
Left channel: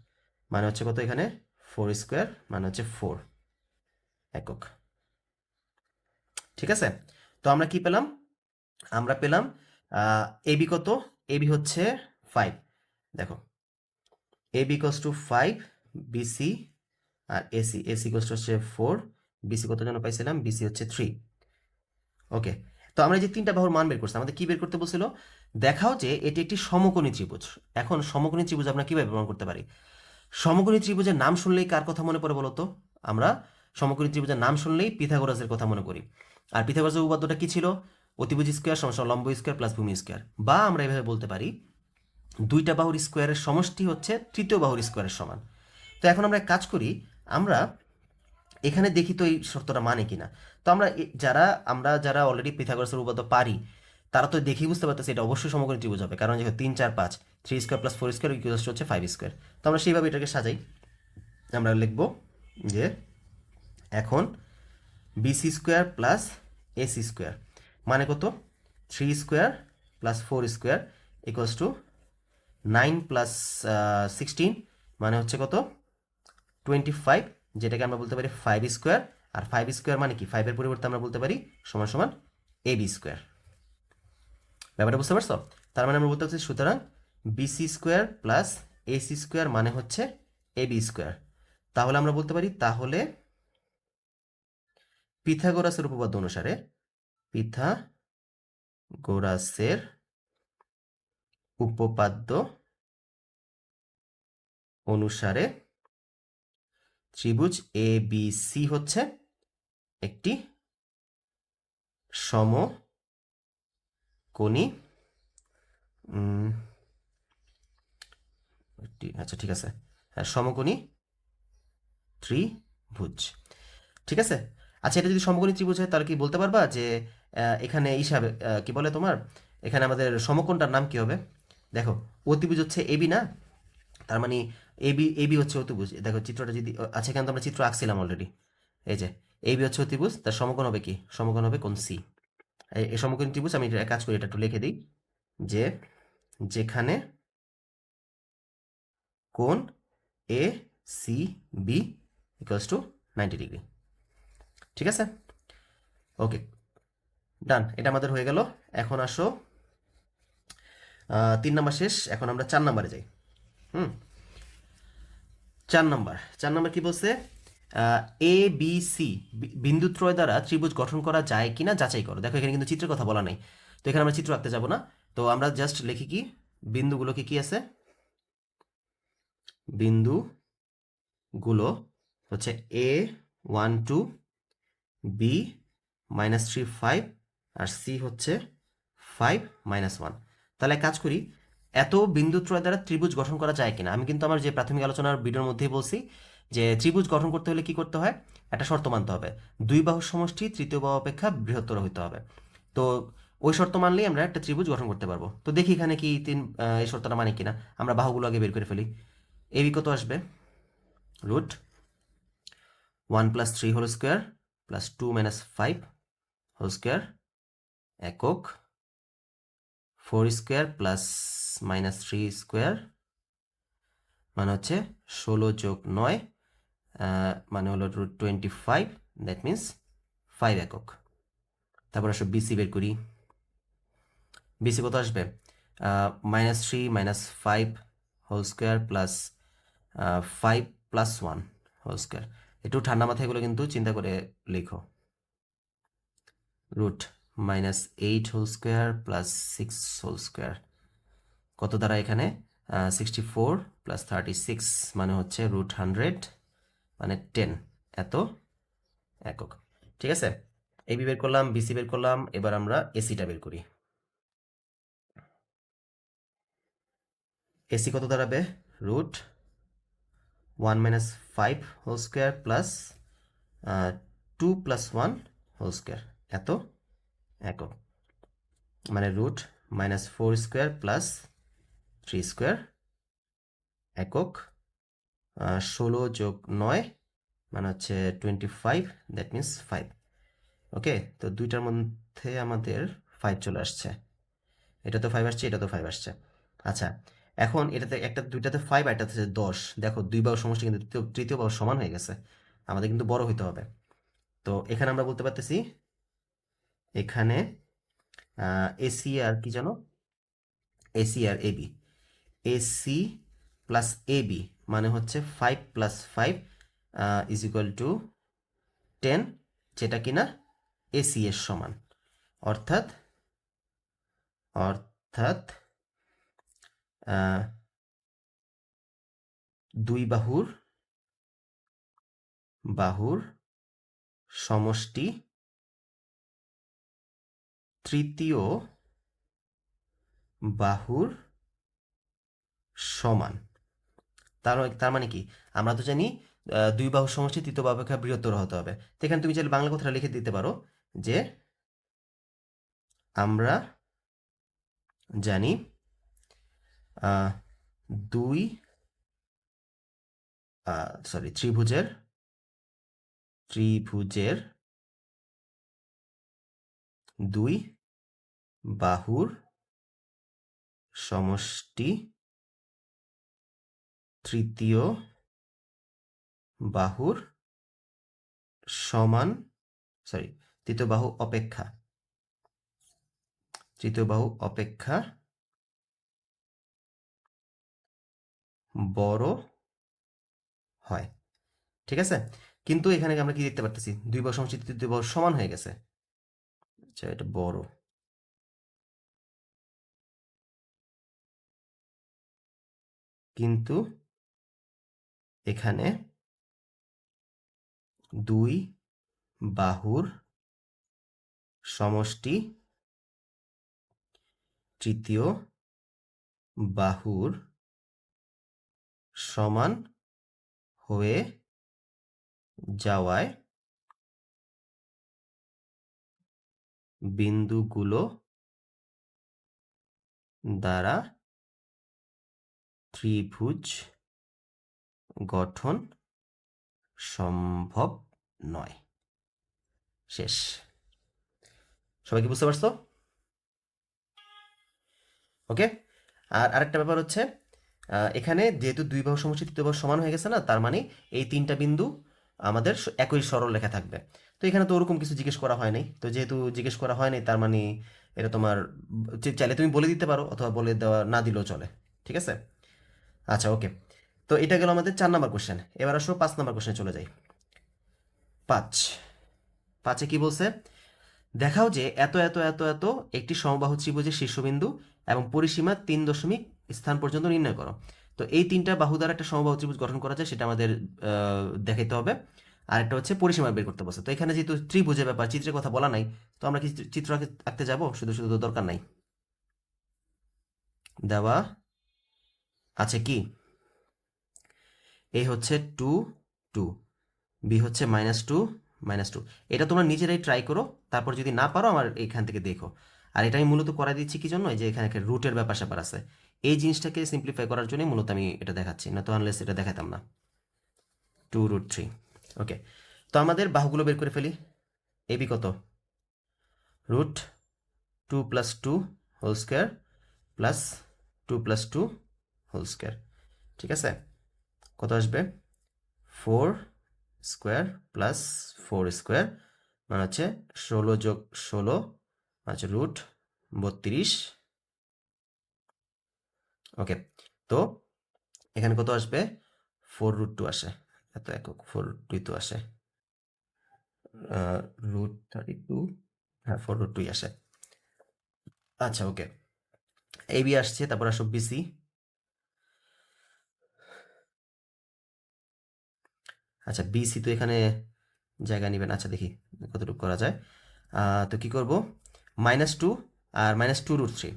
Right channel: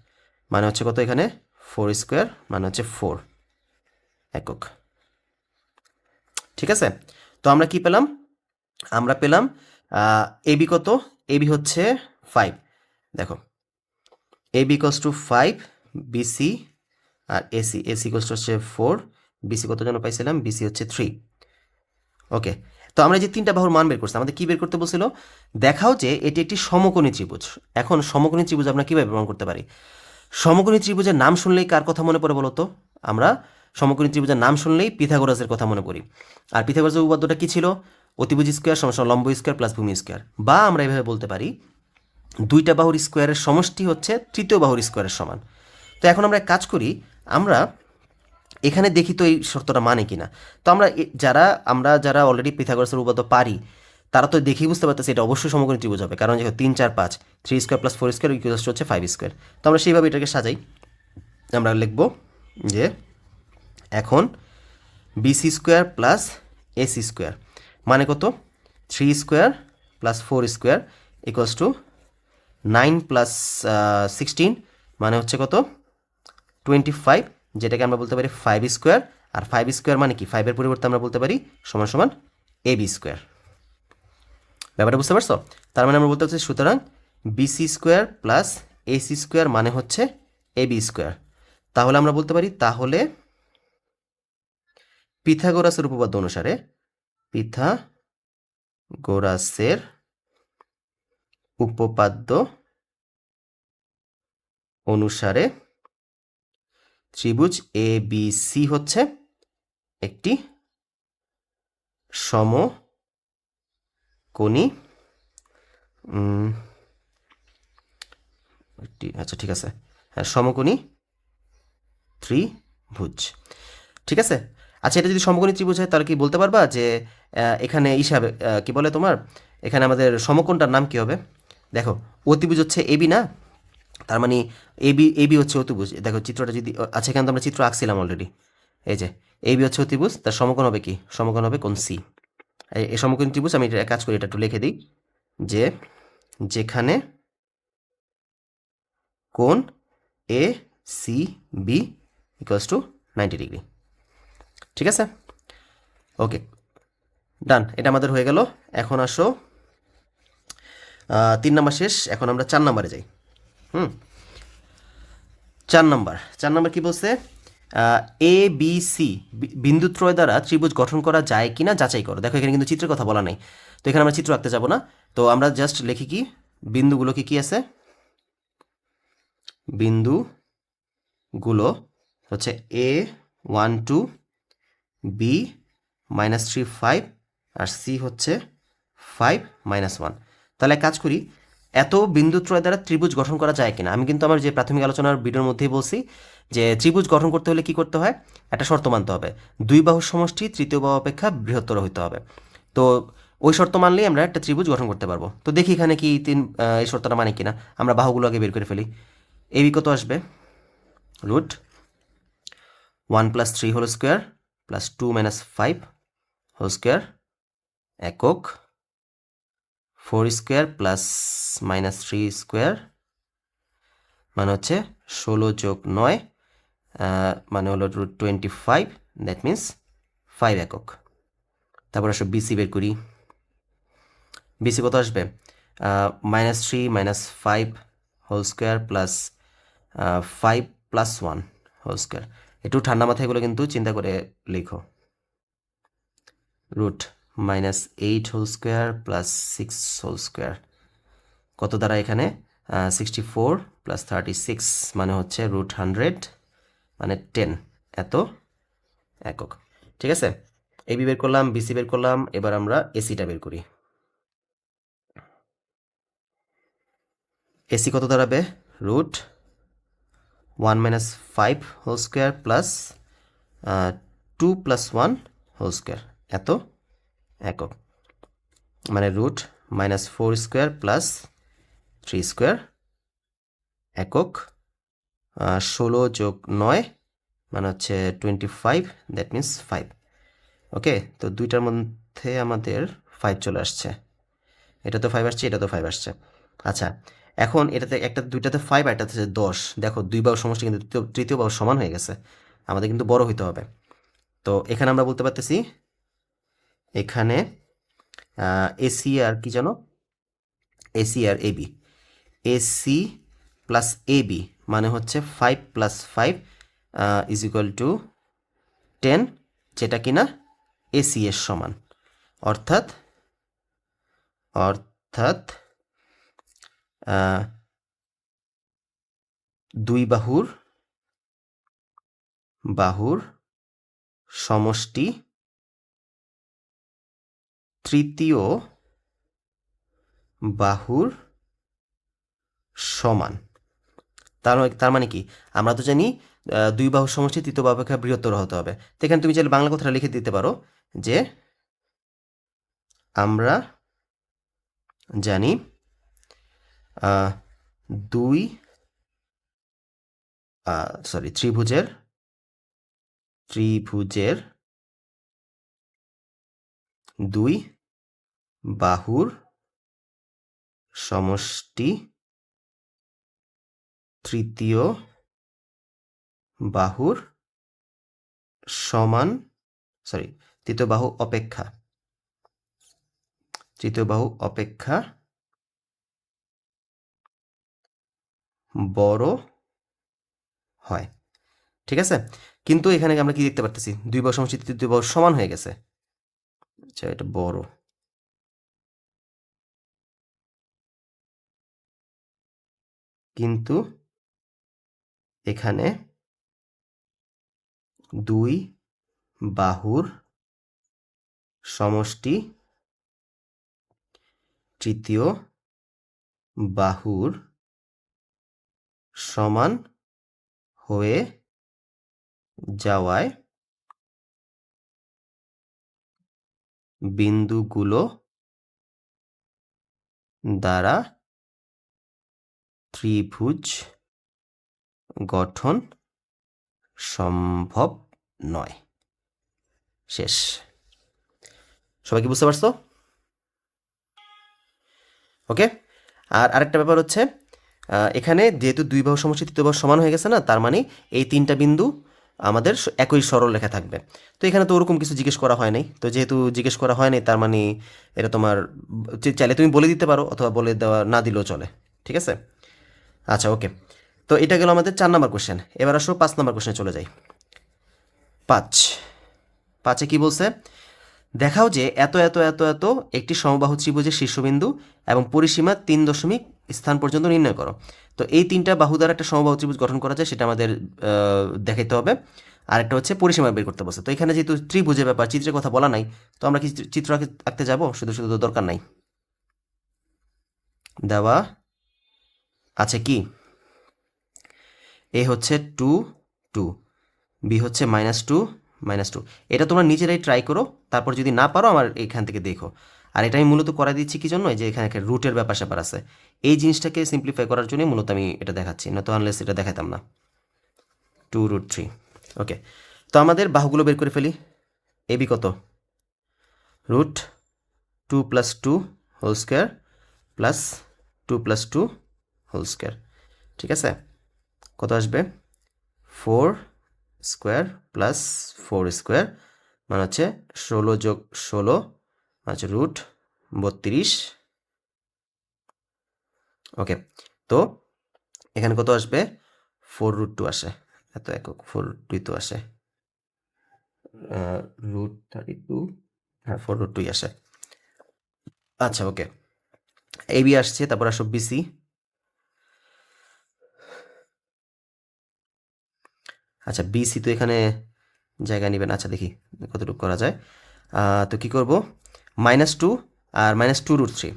মানে হচ্ছে কত? এখানে 4 স্কোয়ার মানে হচ্ছে 4 একক। ঠিক আছে, তো আমরা কি পেলাম? আমরা পেলাম এবি কত? এবি হচ্ছে 5। দেখো এবি ইকোয়ালস টু 5, বিসি আর এসি, এসি ইকোয়ালস টু হচ্ছে 4, বিসি কত জন্য পাইছিলাম? বিসি হচ্ছে 3। ওকে, তো আমরা যে তিনটা বাহুর মান বের করছি, আমাদের কি বের করতে বলছিল? দেখাও যে এটি একটি সমকোণী ত্রিভুজ। এখন সমকোণী ত্রিভুজ আমরা কিভাবে প্রমাণ করতে পারি? সমকোণী ত্রিভুজের নাম শুনলেই কার কথা মনে পড়ে বলো তো? আমরা সমকোণী ত্রিভুজের নাম শুনলেই পিথাগোরাসের কথা মনে করি। আর পিথাগোরাসের উপপাদ্যটা কি ছিল? অতিভুজ স্কোয়ার সমান লম্ব স্কোয়ার প্লাস ভূমি স্কোয়ার। বা আমরা এভাবে বলতে পারি দুইটা বাহুর স্কোয়ারের সমষ্টি হচ্ছে তৃতীয় বাহুর স্কোয়ারের সমান। তো এখন আমরা এক কাজ করি, আমরা এখানে দেখি তো এই শর্তটা মানে কিনা। তো যারা অলরেডি পিথাগোরাসের উপপাদ্য পারি, তারা তো দেখেই বুঝতে পারতেছে এটা অবশ্যই সমকোণী ত্রিভুজ হবে, কারণ যেহেতু 3 4 5, 3 স্কোয়ার প্লাস 4 স্কোয়ার ইকুয়ালস হচ্ছে 5 স্কোয়ার। তো আমরা সেইভাবে এটাকে সাজাই। আমরা লিখব যে এখন BC square plus AC square মানে কত? 3 square plus 4 square equals to 9 plus 16 মানে হচ্ছে কত? 25, যেটাকে আমরা বলতে পারি 5 স্কোয়ার। আর 5 স্কোয়ার মানে কি? 5-এর পরিবর্তে আমরা বলতে পারি সমান সমান এবি স্কোয়ার। ব্যাপারটা বুঝতে পারছো? তার মানে আমরা বলতে পারছি সুতরাং BC square plus AC square মানে হচ্ছে এবি স্কোয়ার। তাহলে আমরা বলতে পারি তাহলে পিথাগোরাসের উপপাদ্য অনুসারে, পিথাগোরাসের উপপাদ্য অনুসারে ত্রিভুজ এ বি সি হচ্ছে একটি সমকোণী আচ্ছা ঠিক আছে, হ্যাঁ সমকোণী ত্রিভুজ। ঠিক আছে, আচ্ছা এটা যদি সমকোণী ত্রিভুজ হয় তাহলে কি বলতে পারবা যে এখানে হিসাবে কি বলে তোমার, এখানে আমাদের সমকোণটার নাম কি হবে? দেখো অতিভুজ হচ্ছে এবি না, তার মানে এবি এবি হচ্ছে অতিভুজ। দেখো চিত্রটা যদি, আচ্ছা এখানে তো আমরা চিত্র আঁকছিলাম অলরেডি। এই যে এবি হচ্ছে অতিভুজ, তার সমকোণ হবে কি? সমকোণ হবে কোণ সি। এই সমকোণী ত্রিভুজ, আমি এটা কাজ করি, এটা একটু লিখে দিই যে যেখানে কোণ A C B equals to 90 degree. ঠিক আছে, ওকে ডান, এটা আমাদের হয়ে গেল। এখন আসো 3 নাম্বার শেষ, এখন আমরা 4 নাম্বারে যাই। 4 নাম্বার কি বলছে? এ বি সি বিন্দুত্রয় দ্বারা ত্রিভুজ গঠন করা যায় কিনা যাচাই করো। দেখো এখানে কিন্তু চিত্রের কথা বলা নেই, তো এখানে আমরা চিত্র আঁকতে যাব না। তো আমরা জাস্ট লিখি কি বিন্দুগুলো কি কি আছে? বিন্দুগুলো হচ্ছে এ 1 2, বি -3 5, আর সি হচ্ছে 5 -1। তাহলে কাজ করি, এত বিন্দুত্রয় দ্বারা ত্রিভুজ গঠন করা যায় কিনা। আমি কিন্তু আমার যে প্রাথমিক আলোচনার ভিডিওর মধ্যেই বলছি যে ত্রিভুজ গঠন করতে হলে কি করতে হয়? একটা শর্ত মানতে হবে, দুই বাহুর সমষ্টি তৃতীয় বাহু অপেক্ষা বৃহত্তর হইতে হবে। তো ওই শর্ত মানলেই আমরা একটা ত্রিভুজ গঠন করতে পারবো। তো দেখি এখানে কি এই শর্তটা মানে কিনা। আমরা বাহুগুলো আগে বের করে ফেলি। এবি কত আসবে? √1 + 3 whole square plus 2 - 5 whole square একক, 4 স্কোয়ার প্লাস -3 স্কোয়ার মানে হচ্ছে 16 + 9 মানে হলো √25, দ্যাট মিন্স 5 একক। তারপর আসো বিসি বের করি। বিসি কত আসবে? -3 - 5 whole square plus 5 + 1 whole square. একটু ঠান্ডা মাথায় এগুলো কিন্তু চিন্তা করে লিখো। √-8 whole square plus 6 whole square কত দ্বারা এখানে 64 + 36 মানে হচ্ছে √100 মানে 10 এত একক। ঠিক আছে, এবি বের করলাম, বিসি বের করলাম, এবার আমরা এসিটা বের করি। এসি কত দাঁড়াবে? Root 1 - 5 whole square plus 2 + 1 whole square, এত একক, মানে রুট -4 স্কোয়ার প্লাস 3 স্কোয়ার একক, 16 + 9 মানে হচ্ছে 25, দ্যাট মিন্স 5। ওকে, তো দুইটার মধ্যে আমাদের 5 চলে আসছে, এটা তো 5 আসছে, এটা তো 5 আসছে। আচ্ছা, এখন এটাতে একটা দুইটাতে 5 আর এটাতে 10, দেখো দুই বাহুর সমষ্টি কিন্তু তৃতীয় বাহু সমান হয়ে গেছে, আমাদের কিন্তু বড় হইতে হবে। তো এখানে আমরা বলতে পারতেছি এখানে এসি আর কি জানো, এসি আর এবি, এসি প্লাস এবি মানে হচ্ছে 5 + 5 = 10, যেটা কিনা এসি এর সমান, অর্থাৎ অর্থাৎ দুই বাহুর সমষ্টি তৃতীয় বাহুর সমান। তার মানে কি, আমরা তো জানি দুই বাহুর সমষ্টি তৃতীয় বাহু অপেক্ষা বৃহত্তর হতে হবে। তো এখানে তুমি চাইলে বাংলা কথাটা লিখে দিতে পারো যে আমরা জানি দুই ত্রিভুজের দুই বাহুর সমষ্টি তৃতীয় বাহুর সমান, তৃতীয় বাহু অপেক্ষা বড় হয়। ঠিক আছে, কিন্তু এখানে আমরা কি দেখতে পারতেছি, দুই বাহু সমষ্টি তৃতীয় বাহু সমান হয়ে গেছে। আচ্ছা, এটা বড়, কিন্তু এখানে দুই বাহুর সমষ্টি তৃতীয় বাহুর সমান হয়ে যাওয়ায় বিন্দুগুলো দ্বারা ত্রিভুজ গঠন সম্ভব নয়। শেষ। সবাই কি বুঝতে পারছো? ওকে, আর আরেকটা ব্যাপার হচ্ছে এখানে যেহেতু দুই বাহু সমষ্টি তৃতীয় বাহু সমান হয়ে গেছে না, তার মানে এই তিনটা বিন্দু আমাদের একই সরলরেখা থাকবে। তো এখানে তো ওরকম কিছু জিজ্ঞেস করা হয় নাই, তো যেহেতু জিজ্ঞেস করা হয় নাই তার মানে এটা তোমার চাইলে তুমি বলে দিতে পারো, অথবা বলে দেওয়া না দিলেও চলে। ঠিক আছে, আচ্ছা ওকে। তো এটা গেল আমাদের 4 নম্বর কোশ্চেন। এবার আসো 5 নম্বর কোশ্চেনে চলে যাই। 5 কি বলছে? দেখাও যে এত এত এত এত একটি সমবাহু ত্রিভুজের শীর্ষবিন্দু এবং পরিসীমা 3 দশমিক স্থান পর্যন্ত নির্ণয় করো। তো এই তিনটা বাহু দ্বারা একটা সমবাহু ত্রিভুজ গঠন করা যায়, সেটা আমাদের দেখাইতে হবে। আর একটা হচ্ছে পরিসীমা বের করতে বলছে। তো এখানে যেহেতু ত্রিভুজের ব্যাপার, চিত্রের কথা বলা নাই, তো আমরা কি চিত্র আঁকতে যাব? শুধু শুধু তো দরকার নাই। দেওয়া আছে কি, এ হচ্ছে 2 2, বি হচ্ছে -2 -2। এটা তোমরা নিজেরাই ট্রাই করো, তারপর যদি না পারো আমার এখান থেকে দেখো। আর এটা আমি মূলত করা দিচ্ছি কি জন্য, যে এখানে একটা রুটের ব্যাপার স্যাপার আছে, এই জিনিসটাকে সিম্পলিফাই করার জন্য মূলত আমি এটা দেখাচ্ছি, না তো আনলেস এটা দেখাতাম না। 2√3। ওকে, তো আমাদের বাহুগুলো বের করে ফেলি। এবি কত? √2 + 2 whole square plus 2 + 2 whole square. ঠিক আছে, কত আসবে? 4 স্কোয়ার প্লাস 4 স্কোয়ার মানে হচ্ছে 16 + 16 আচ্ছা √32। ওকে, তো এখানে কত আসবে? 4√2 আসে, এত একক 4√2 তো আসে, √32, হ্যাঁ 4√2 আসে। আচ্ছা ওকে, এবি আসছে, তারপর আসো বিসি। আচ্ছা বিসি তো এখানে জায়গা নেবেন, আচ্ছা দেখি কতটুকু করা যায়। তো কী করব, -2 আর -2√3,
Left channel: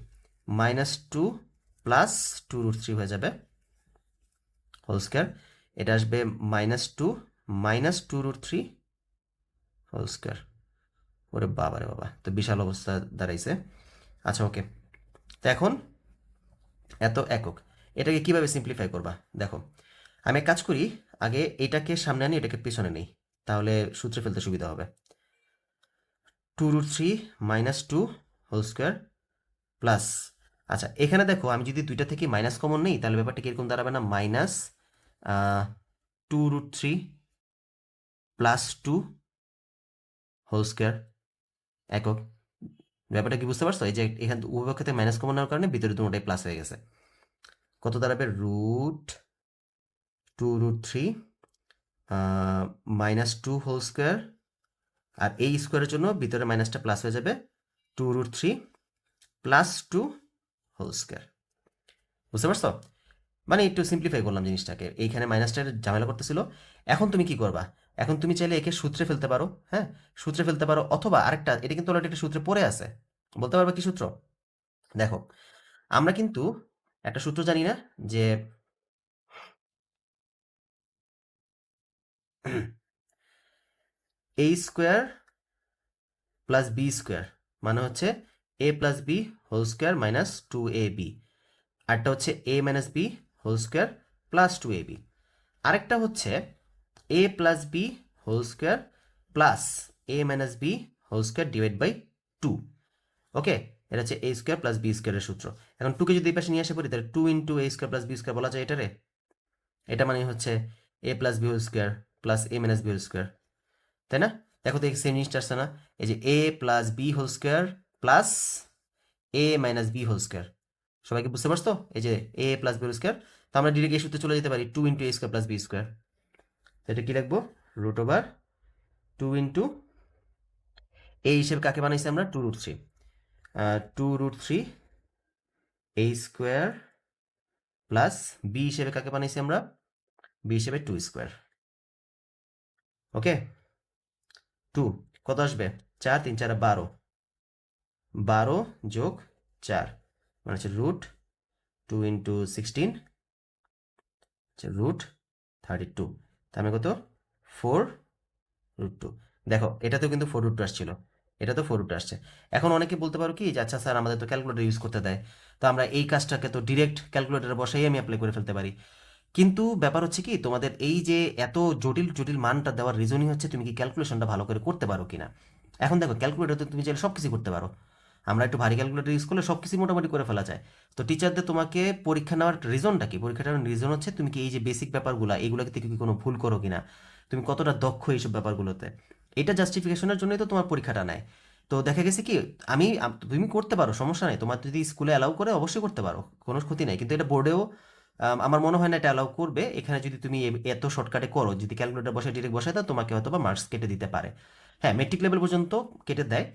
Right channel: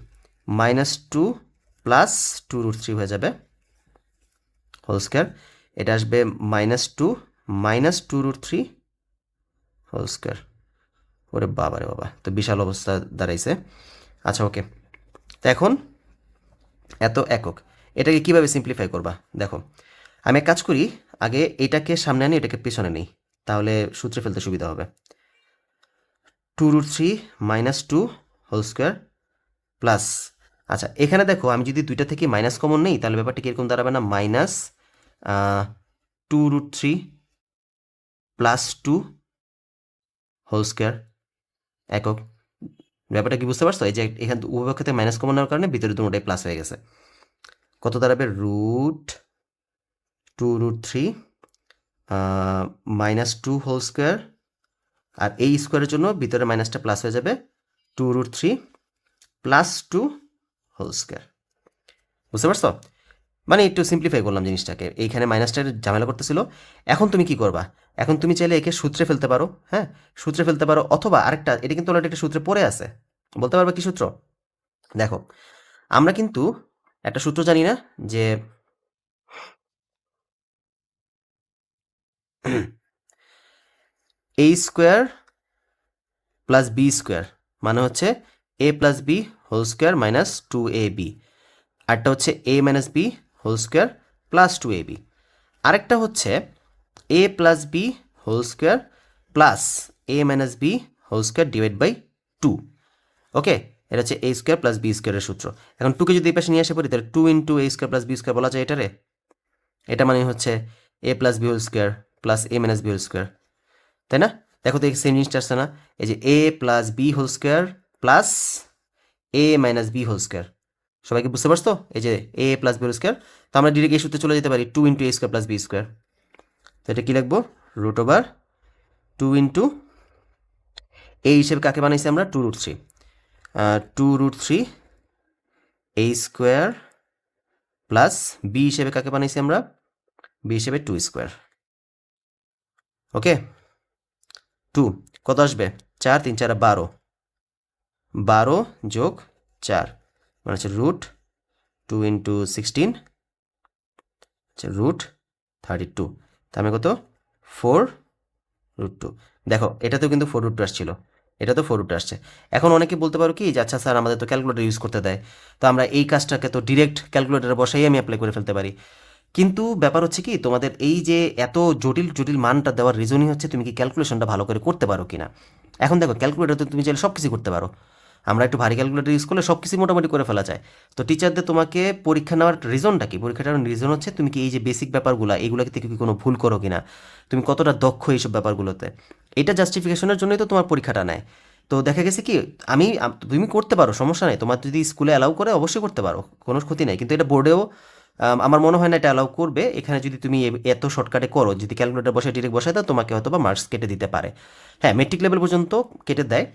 -2 প্লাস 2√3 হয়ে যাবে হোল স্কোয়ার। এটা আসবে -2 -2√3 হোল স্কোয়ার। ওরে বাবা রে বাবা, তো বিশাল অবস্থা দাঁড়াইছে। আচ্ছা ওকে, তো এখন এত একক, এটাকে কিভাবে সিম্পলিফাই করবা দেখো। আমি এক কাজ করি, আগে এটাকে সামনে আনি, এটাকে পিছনে নিই, তাহলে সূত্রে ফেলতে সুবিধা হবে। 2√3 -2 হোল স্কোয়ার প্লাস, আচ্ছা এখানে দেখো আমি যদি দুইটা থেকে মাইনাস কমন নেই তাহলে ব্যাপারটা কীরকম দাঁড়াবে না, -2√3 +2 হোল স্কোয়ার একক। ব্যাপারটা কি বুঝতে পারছো? এই যে এখানে উভয় পক্ষতে মাইনাস কমন নেওয়ার কারণে ভিতরে দুটোটাই প্লাস হয়ে গেছে। কত দাঁড়াবে, √2√3 -2 হোল স্কোয়ার, আর এই স্কোয়ারের জন্য ভিতরে মাইনাসটা প্লাস হয়ে যাবে, 2√3 +2 হোল স্কোয়ার। বুঝতে পারছো? মানে একটু সিম্পলিফাই করলাম জিনিসটাকে, এইখানে মাইনাসটার ঝামেলা করতেছিল। এখন তুমি কি করবা, এখন তুমি চাইলে একে সূত্রে ফেলতে পারো, হ্যাঁ সূত্রে ফেলতে পারো, অথবা আরেকটা, এটা কিন্তু অলরেডি একটা সূত্রে পড়ে আছে, বলতে পারবে কি সূত্র? দেখো আমরা কিন্তু একটা সূত্র জানি না যে a square plus b square মানে হচ্ছে a plus b whole square minus 2ab, আরটা হচ্ছে a minus b whole square plus 2ab, আরেকটা হচ্ছে a plus b whole square plus a minus b whole square divide by 2। Okay, এটা হচ্ছে a square plus B স্কোয়ারের সূত্র। এখন 2কে যদি এই পাশে নিয়ে আসে পড়ি তাহলে 2 × a square plus b square বলা যায় এটারে। এটা মানে হচ্ছে a plus b whole square plus a minus b whole square, তাই না? দেখো তো সেম জিনিসটা আসছে না, এই যে a plus b whole square plus a minus b whole square. সবাইকে বুঝতে পারছো? এই যে a plus b whole square, তো আমরা ডিরেক্ট এই সূত্রে চলে যেতে পারি, 2 × a square plus b square. তো এটা কী লিখবো, √2 × a হিসেবে কাকে বানাইছি আমরা, 2√3, 2√3 a স্কোয়ার প্লাস বি হিসেবে কাকে বানাইছি আমরা, বি হিসেবে 2 স্কোয়ার। ওকে, 2 কত আসবে, 4 3 4 12, 12 যোগ 4 মানে হচ্ছে √2 × 16 হচ্ছে √32, তার মানে কত, 4√2। দেখো এটাতেও কিন্তু 4√2 আসছিল, এটা তো 4√2 আসছে। এখন অনেকে বলতে পারো কি যে আচ্ছা স্যার আমাদের তো ক্যালকুলেটর ইউজ করতে দেয়, তো আমরা এই কাজটাকে তো ডিরেক্ট ক্যালকুলেটরে বসাই আমি অ্যাপ্লাই করে ফেলতে পারি। কিন্তু ব্যাপার হচ্ছে কি, তোমাদের এই যে এত জটিল জটিল মানটা দেওয়ার রিজনই হচ্ছে তুমি কি ক্যালকুলেশনটা ভালো করে করতে পারো কিনা। এখন দেখো ক্যালকুলেটর তুমি চাইলে সব কিছু করতে পারো, আমরা একটু ভারী ক্যালকুলেটর ইউজ করলে সব কিছু মোটামুটি করে ফেলা যায়। তো টিচারদের তোমাকে পরীক্ষা নেওয়ার রিজনটা কি, পরীক্ষাটার রিজন হচ্ছে তুমি কি এই যে বেসিক ব্যাপারগুলো এইগুলোকে থেকে কি কোনো ভুল করো কিনা, তুমি কতটা দক্ষ এইসব ব্যাপারগুলোতে, এটা জাস্টিফিকেশনের জন্যই তো তোমার পরীক্ষাটা নেয়। তো দেখা গেছে কি, তুমি করতে পারো, সমস্যা নেই, তোমার যদি স্কুলে অ্যালাউ করে অবশ্যই করতে পারো, কোনো ক্ষতি নেই, কিন্তু এটা বোর্ডেও আমার মনে হয় না এটা অ্যালাউ করবে। এখানে যদি তুমি এত শর্টকাটে করো, যদি ক্যালকুলেটর বসে ডিরেক্ট বসায় দাও, তোমাকে হয়তো বা মার্কস কেটে দিতে পারে। হ্যাঁ মেট্রিক লেভেল পর্যন্ত কেটে দেয়,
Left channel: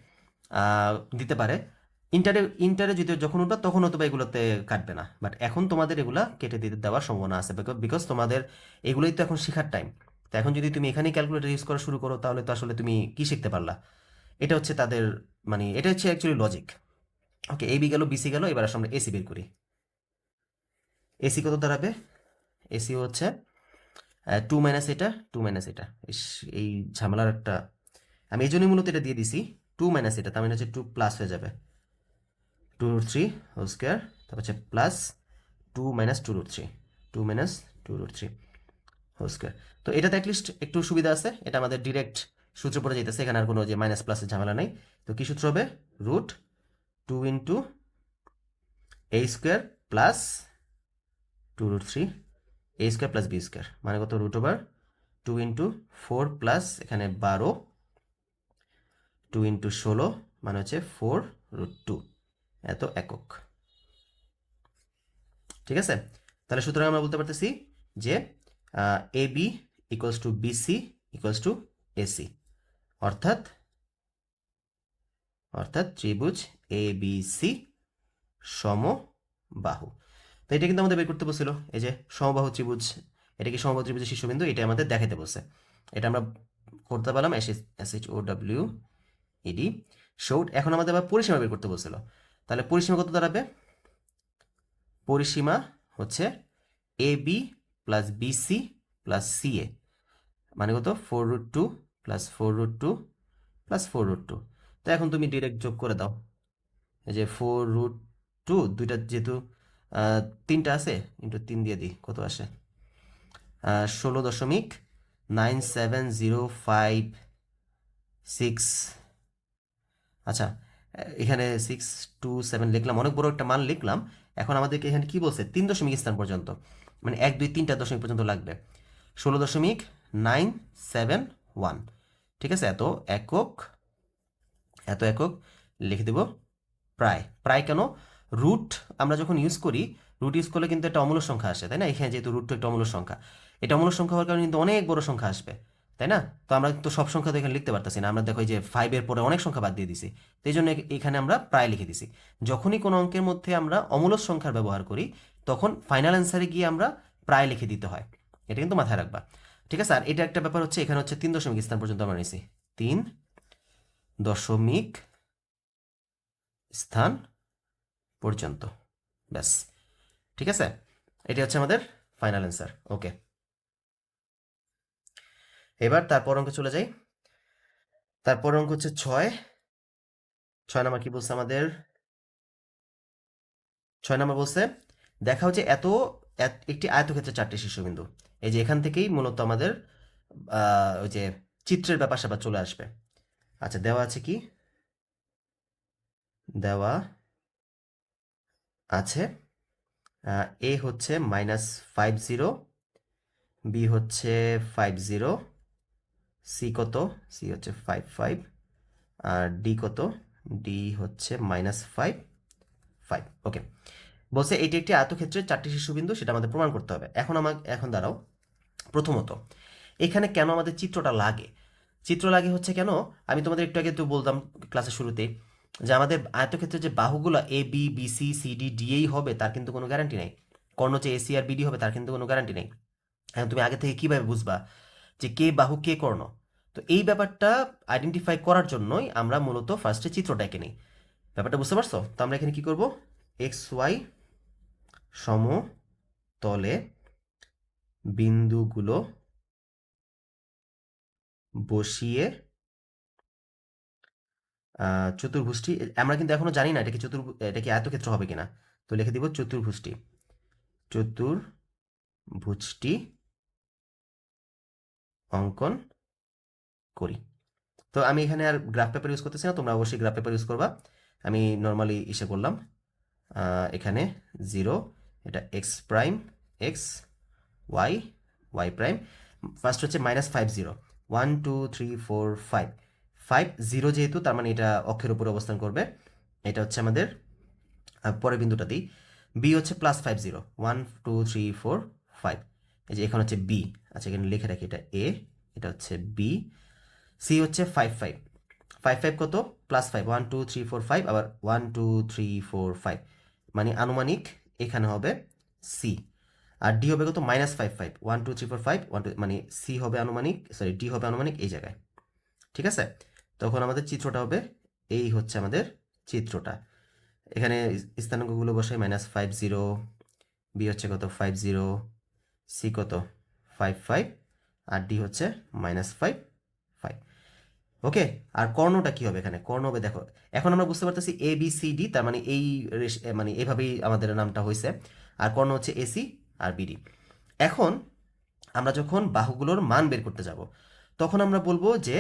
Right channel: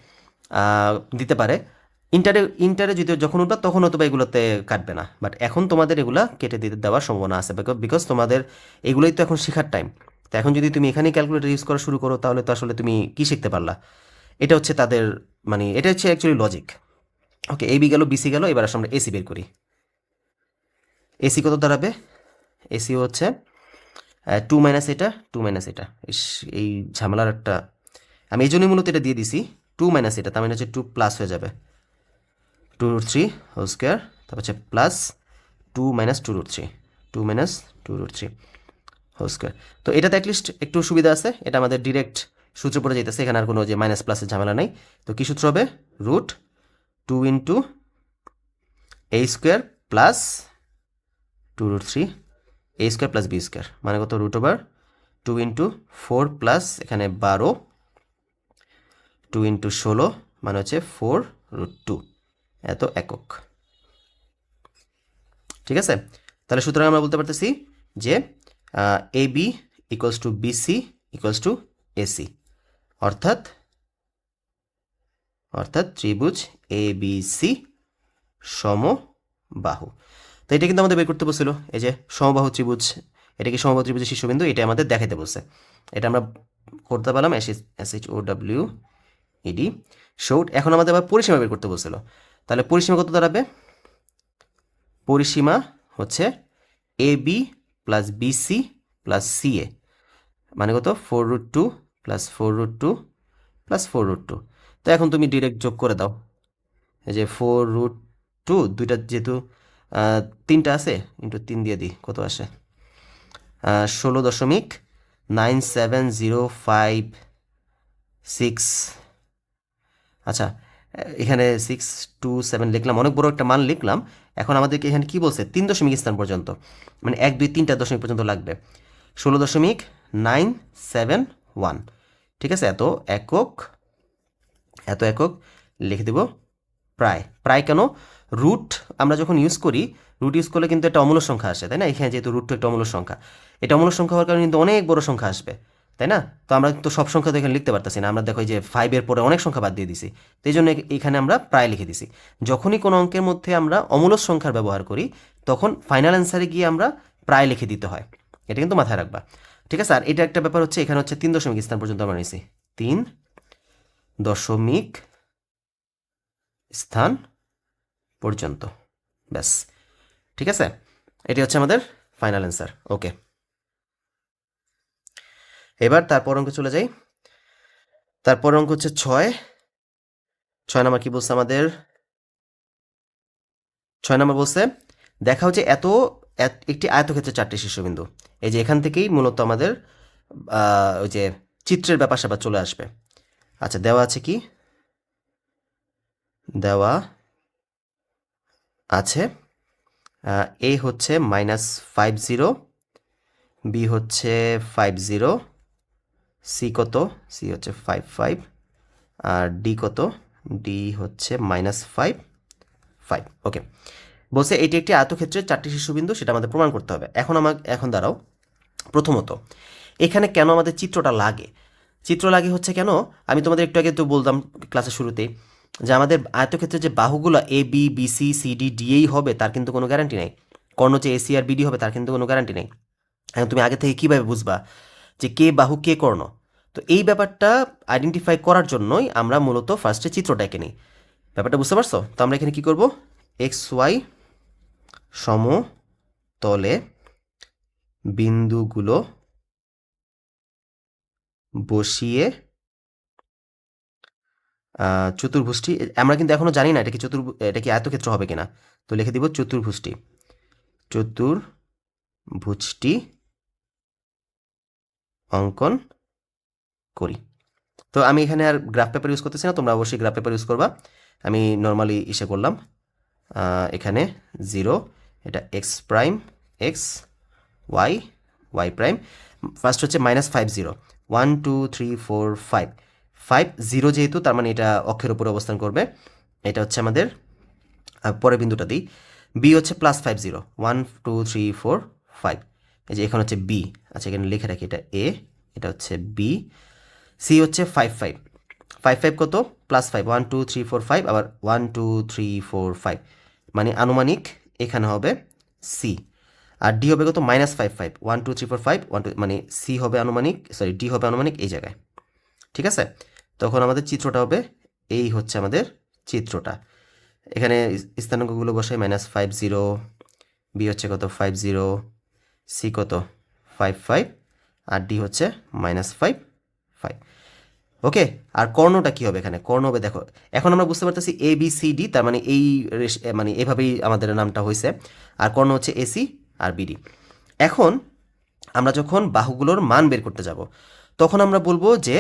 দিতে পারে। ইন্টারে যদি যখন উঠবা তখন হয়তো বা এগুলোতে কাটবে না, বাট এখন তোমাদের এগুলা কেটে দিতে দেওয়ার সম্ভাবনা আছে, বিকজ তোমাদের এগুলোই তো এখন শেখার টাইম। তো এখন যদি তুমি এখানেই ক্যালকুলেটর ইউজ করা শুরু করো তাহলে তো আসলে তুমি কি শিখতে পারলা, এটা হচ্ছে তাদের, মানে এটা হচ্ছে অ্যাকচুয়ালি লজিক। ওকে, এবি গেল বিসি গেল, এবার আসলে আমরা এসি বের করি। এসি কত দাঁড়াবে, এসি হচ্ছে 2 মাইনাস এটা 2 মাইনাস এটা, এই ঝামেলার একটা, আমি এই জন্যই মূলত এটা দিয়ে দিছি, 2 মাইনাস এটা তার মানে হচ্ছে 2 প্লাস হয়ে যাবে 2√3 হোল স্কোয়ার, তারপর হচ্ছে plus 2 minus 2√3, 2 minus 2√3 whole square. তো এটাতে অ্যাটলিস্ট একটু সুবিধা আছে, এটা আমাদের ডিরেক্ট সূত্র পড়ে যেতেছে, এখানে আর কোনো যে মাইনাস প্লাসের ঝামেলা নেই। তো কী সূত্র হবে, √2 × a square plus 2√3 a square plus b square মানে কত, √2 × 4 প্লাস এখানে 12, 2 × 16 মানে হচ্ছে 4√2, এত একক। ঠিক আছে, তাহলে সুতরাং আমরা বলতে পারতেছি যে A B equals to BC equals to AC, অর্থাৎ ত্রিভুজ এ বি সি সমবাহু। তো এটা কিন্তু আমাদের বের করতে বলছিল, এই যে সমবাহু ত্রিভুজ, এটা কি সমবাহু ত্রিভুজের শীর্ষবিন্দু, এটা আমাদের দেখাতে বলছে। এটা আমরা করতে পারলাম SHOW এডি শোড। এখন আমাদের আবার পরিসীমা বের করতে বলছিল, তাহলে পরিসীমা কত দাঁড়াবে? পরিসীমা হচ্ছে A B plus BC plus CA, মানে কত? 4√2 প্লাস 4√2 প্লাস 4√2। তো এখন তুমি ডিরেক্ট যোগ করে দাও, এই যে 4√2 দুইটা যেহেতু 3টা আছে, ইন্টু 3 দিয়ে দিই, কত আসে? 16.97056। আচ্ছা, এখানে 627 লিখলাম, অনেক বড় একটা মান লিখলাম। এখন আমাদেরকে এখানে কি বলছে? 3 দশমিক স্থান পর্যন্ত, মানে 1 2 3টা দশমিক পর্যন্ত লাগবে। 16.971, ঠিক আছে? এত একক লিখে দেব প্রায়। প্রায় কেন? রুট আমরা যখন ইউজ করি, রুট ইউজ করলে কিন্তু একটা অমূলক সংখ্যা আসে, তাই না? এখানে যেহেতু রুট একটা অমূলক সংখ্যা, এটা অমূলক সংখ্যা হওয়ার কারণে কিন্তু অনেক বড় সংখ্যা আসবে, তাই না? তো আমরা কিন্তু সব সংখ্যা তো এখানে লিখতে পারতেছি না, আমরা দেখো যে 5-এর পরে অনেক সংখ্যা বাদ দিয়ে দিছি, তো এই জন্য এখানে আমরা প্রায় লিখে দিছি। যখনই কোনো অঙ্কের মধ্যে আমরা অমূলক সংখ্যার ব্যবহার করি, তখন ফাইনাল অ্যান্সারে গিয়ে আমরা প্রায় লিখে দিতে হয়, এটা কিন্তু মাথায় রাখবা, ঠিক আছে? আর এটা একটা ব্যাপার হচ্ছে, এখানে হচ্ছে 3 দশমিক স্থান পর্যন্ত আমরা নিছি, 3 দশমিক স্থান পর্যন্ত, ব্যাস, ঠিক আছে? এটি হচ্ছে আমাদের ফাইনাল অ্যান্সার। ওকে, এবার তারপর অঙ্ক চলে যাই। তারপর অঙ্ক হচ্ছে 6 নম্বর। কি বলছে আমাদের? 6 নম্বর বলছে, দেখা হচ্ছে একটি আয়তক্ষেত্রে 4টি শীর্ষবিন্দু। এই যে এখান থেকেই মূলত আমাদের ওই যে চিত্রের ব্যাপার স্যাপার চলে আসবে। আচ্ছা, দেওয়া আছে কি? দেওয়া আছে এ হচ্ছে -50, বি হচ্ছে 50, সি কত? সি হচ্ছে 55, আর ডি কত? ডি হচ্ছে -5। ওকে, বলছে এটি একটি আয়তক্ষেত্রের 4টি শীর্ষবিন্দু, সেটা আমাদের প্রমাণ করতে হবে। এখন দাঁড়াও, প্রথমত এখানে কেন আমাদের চিত্রটা লাগে? চিত্র লাগে হচ্ছে কেন, আমি তোমাদের একটু আগে তো বললাম ক্লাসের শুরুতেই, যে আমাদের আয়তক্ষেত্রের যে বাহুগুলো A B B C C D D এই হবে, তার কিন্তু কোনো গ্যারান্টি নেই। কর্ণ যে এসি আর বিডি হবে, তার কিন্তু কোনো গ্যারান্টি নেই। এখন তুমি আগে থেকে কীভাবে বুঝবা যে কে বাহু কে কর্ণ? তো এই ব্যাপারটা আইডেন্টিফাই করার জন্যই আমরা মূলত ফার্স্টে চিত্রটা এঁকে নিই। ব্যাপারটা বুঝতে পারছো? তো আমরা এখানে কি করব? এক্স ওয়াই সমতলে বিন্দুগুলো বসিয়ে চতুর্ভুজটি, আমরা কিন্তু এখনো জানি না এটা কি আয়তক্ষেত্র হবে কিনা, তো লিখে দিব চতুর্ভুজটি অঙ্কন করি। তো আমি এখানে আর গ্রাফ পেপার ইউজ করতেছি না, তোমরা অবশ্যই গ্রাফ পেপার ইউজ করবা। আমি নর্মালি করলাম, এখানে 0, এটা x prime x, y prime, first হচ্ছে -50, 1 2 3 4 5, 0 যেহেতু, তার মানে এটা অক্ষের উপরে অবস্থান করবে। এটা হচ্ছে আমাদের পরের বিন্দুটা দিই, বি হচ্ছে +50, 1 2 3 4 5, এই যে এখানে হচ্ছে বি। আচ্ছা, এখানে লিখে রাখি, এটা এ, এটা হচ্ছে বি। সি হচ্ছে 5 কত? +5, 1 2 3 4 5, আবার 1 2 3 4 5, মানে আনুমানিক এখানে হবে সি। আর ডি হবে কত? -5 1 2 3 4 5 1 2, মানে সি হবে আনুমানিক, সরি ডি হবে আনুমানিক এই জায়গায়, ঠিক আছে? তখন আমাদের চিত্রটা হবে, এই হচ্ছে আমাদের চিত্রটা। এখানে স্থানাঙ্কগুলো বসাই, -50, বি হচ্ছে কত? 50, সি কত? 5, আর ডি হচ্ছে -5। ওকে, আর কর্ণটা কি হবে? এখানে কর্ণ হবে, দেখো এখন আমরা বুঝতে পারতেছি এ বি সি ডি, তার মানে মানে এভাবেই আমাদের নামটা হয়েছে। আর কর্ণ হচ্ছে এসি আর বিডি। এখন আমরা যখন বাহুগুলোর মান বের করতে যাব, তখন আমরা বলবো যে,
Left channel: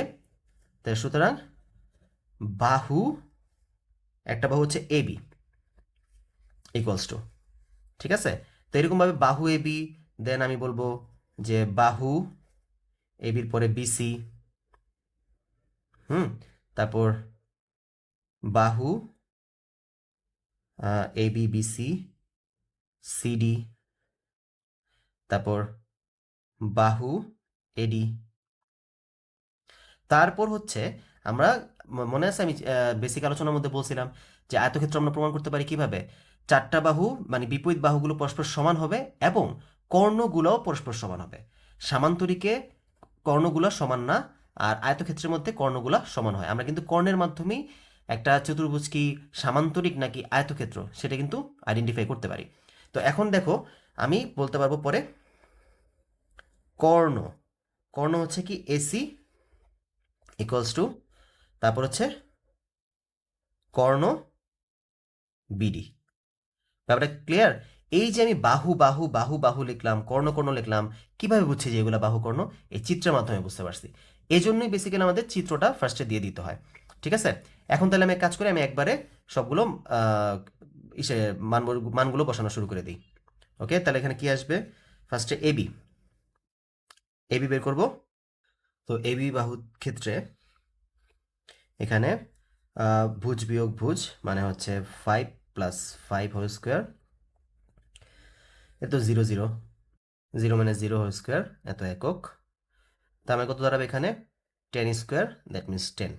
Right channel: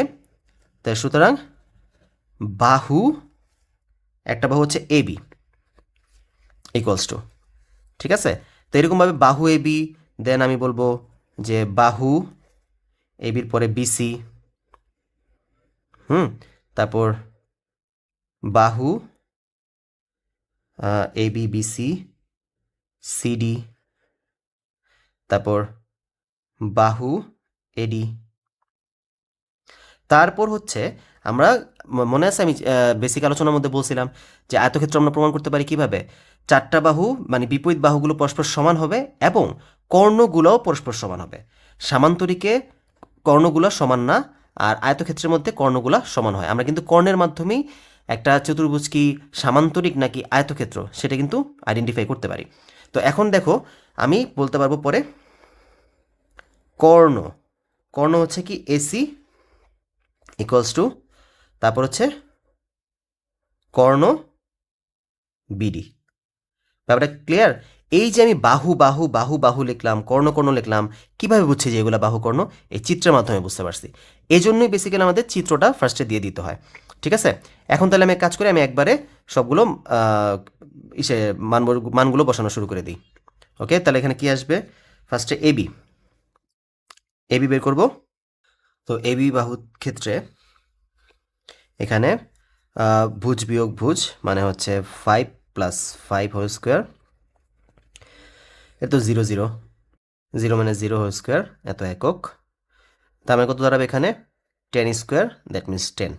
তাই সুতরাং একটা বাহু হচ্ছে এ বি ইকুয়ালস টু, ঠিক আছে? তো এরকমভাবে বাহু এ বি, দেন আমি বলবো যে বাহু এ বির পরে বিসি, তারপর বাহু এ বি বিসি সিডি, তারপর বাহু এডি। তারপর হচ্ছে আমরা, মনে আছে আমি বেসিক আলোচনার মধ্যে বলছিলাম যে আয়তক্ষেত্র আমরা প্রমাণ করতে পারি কিভাবে? 4টা বাহু মানে বিপরীত বাহুগুলো পরস্পর সমান হবে এবং কর্ণগুলোও পরস্পর সমান হবে। সামান্তরিকে কর্ণগুলো সমান না, আর আয়তক্ষেত্রের মধ্যে কর্ণগুলো সমান হয়। আমরা কিন্তু কর্ণের মাধ্যমেই একটা চতুর্ভুজ কি সামান্তরিক নাকি আয়তক্ষেত্র সেটা কিন্তু আইডেন্টিফাই করতে পারি। তো এখন দেখো আমি বলতে পারবো পরে কর্ণ, কর্ণ হচ্ছে কি এসি ইকুয়ালস টু, তারপর হচ্ছে কর্ণ বিডি। ব্যাপারটা ক্লিয়ার? এই যে আমি বাহু বাহু বাহু বাহু লিখলাম, কর্ণ কর্ণ লিখলাম, কিভাবে বুঝছি যে এগুলো বাহু কর্ণ? এই চিত্রের মাধ্যমে বুঝতে পারছি। এই জন্যই বেসিক্যালি আমাদের চিত্রটা ফার্স্টে দিয়ে দিতে হয়। ঠিক আছে, এখন তাহলে আমি এক কাজ করি, আমি একবারে সবগুলো ইসে মানগুলো বসানো শুরু করে দিই। ওকে, তাহলে এখানে কি আসবে? ফার্স্টে এবি, এবি বের করব। তো এবি বাহু ক্ষেত্রে এখানে ভুজ বিয়োগ ভুজ মানে হচ্ছে 5 প্লাস 5 হোল স্কোয়ার, এ তো 0 0, 0 মানে 0 হোল স্কোয়ার, এত একক। তার মানে কত দাঁড়াবে এখানে? 10 স্কোয়ার, দ্যাট মিনস 10।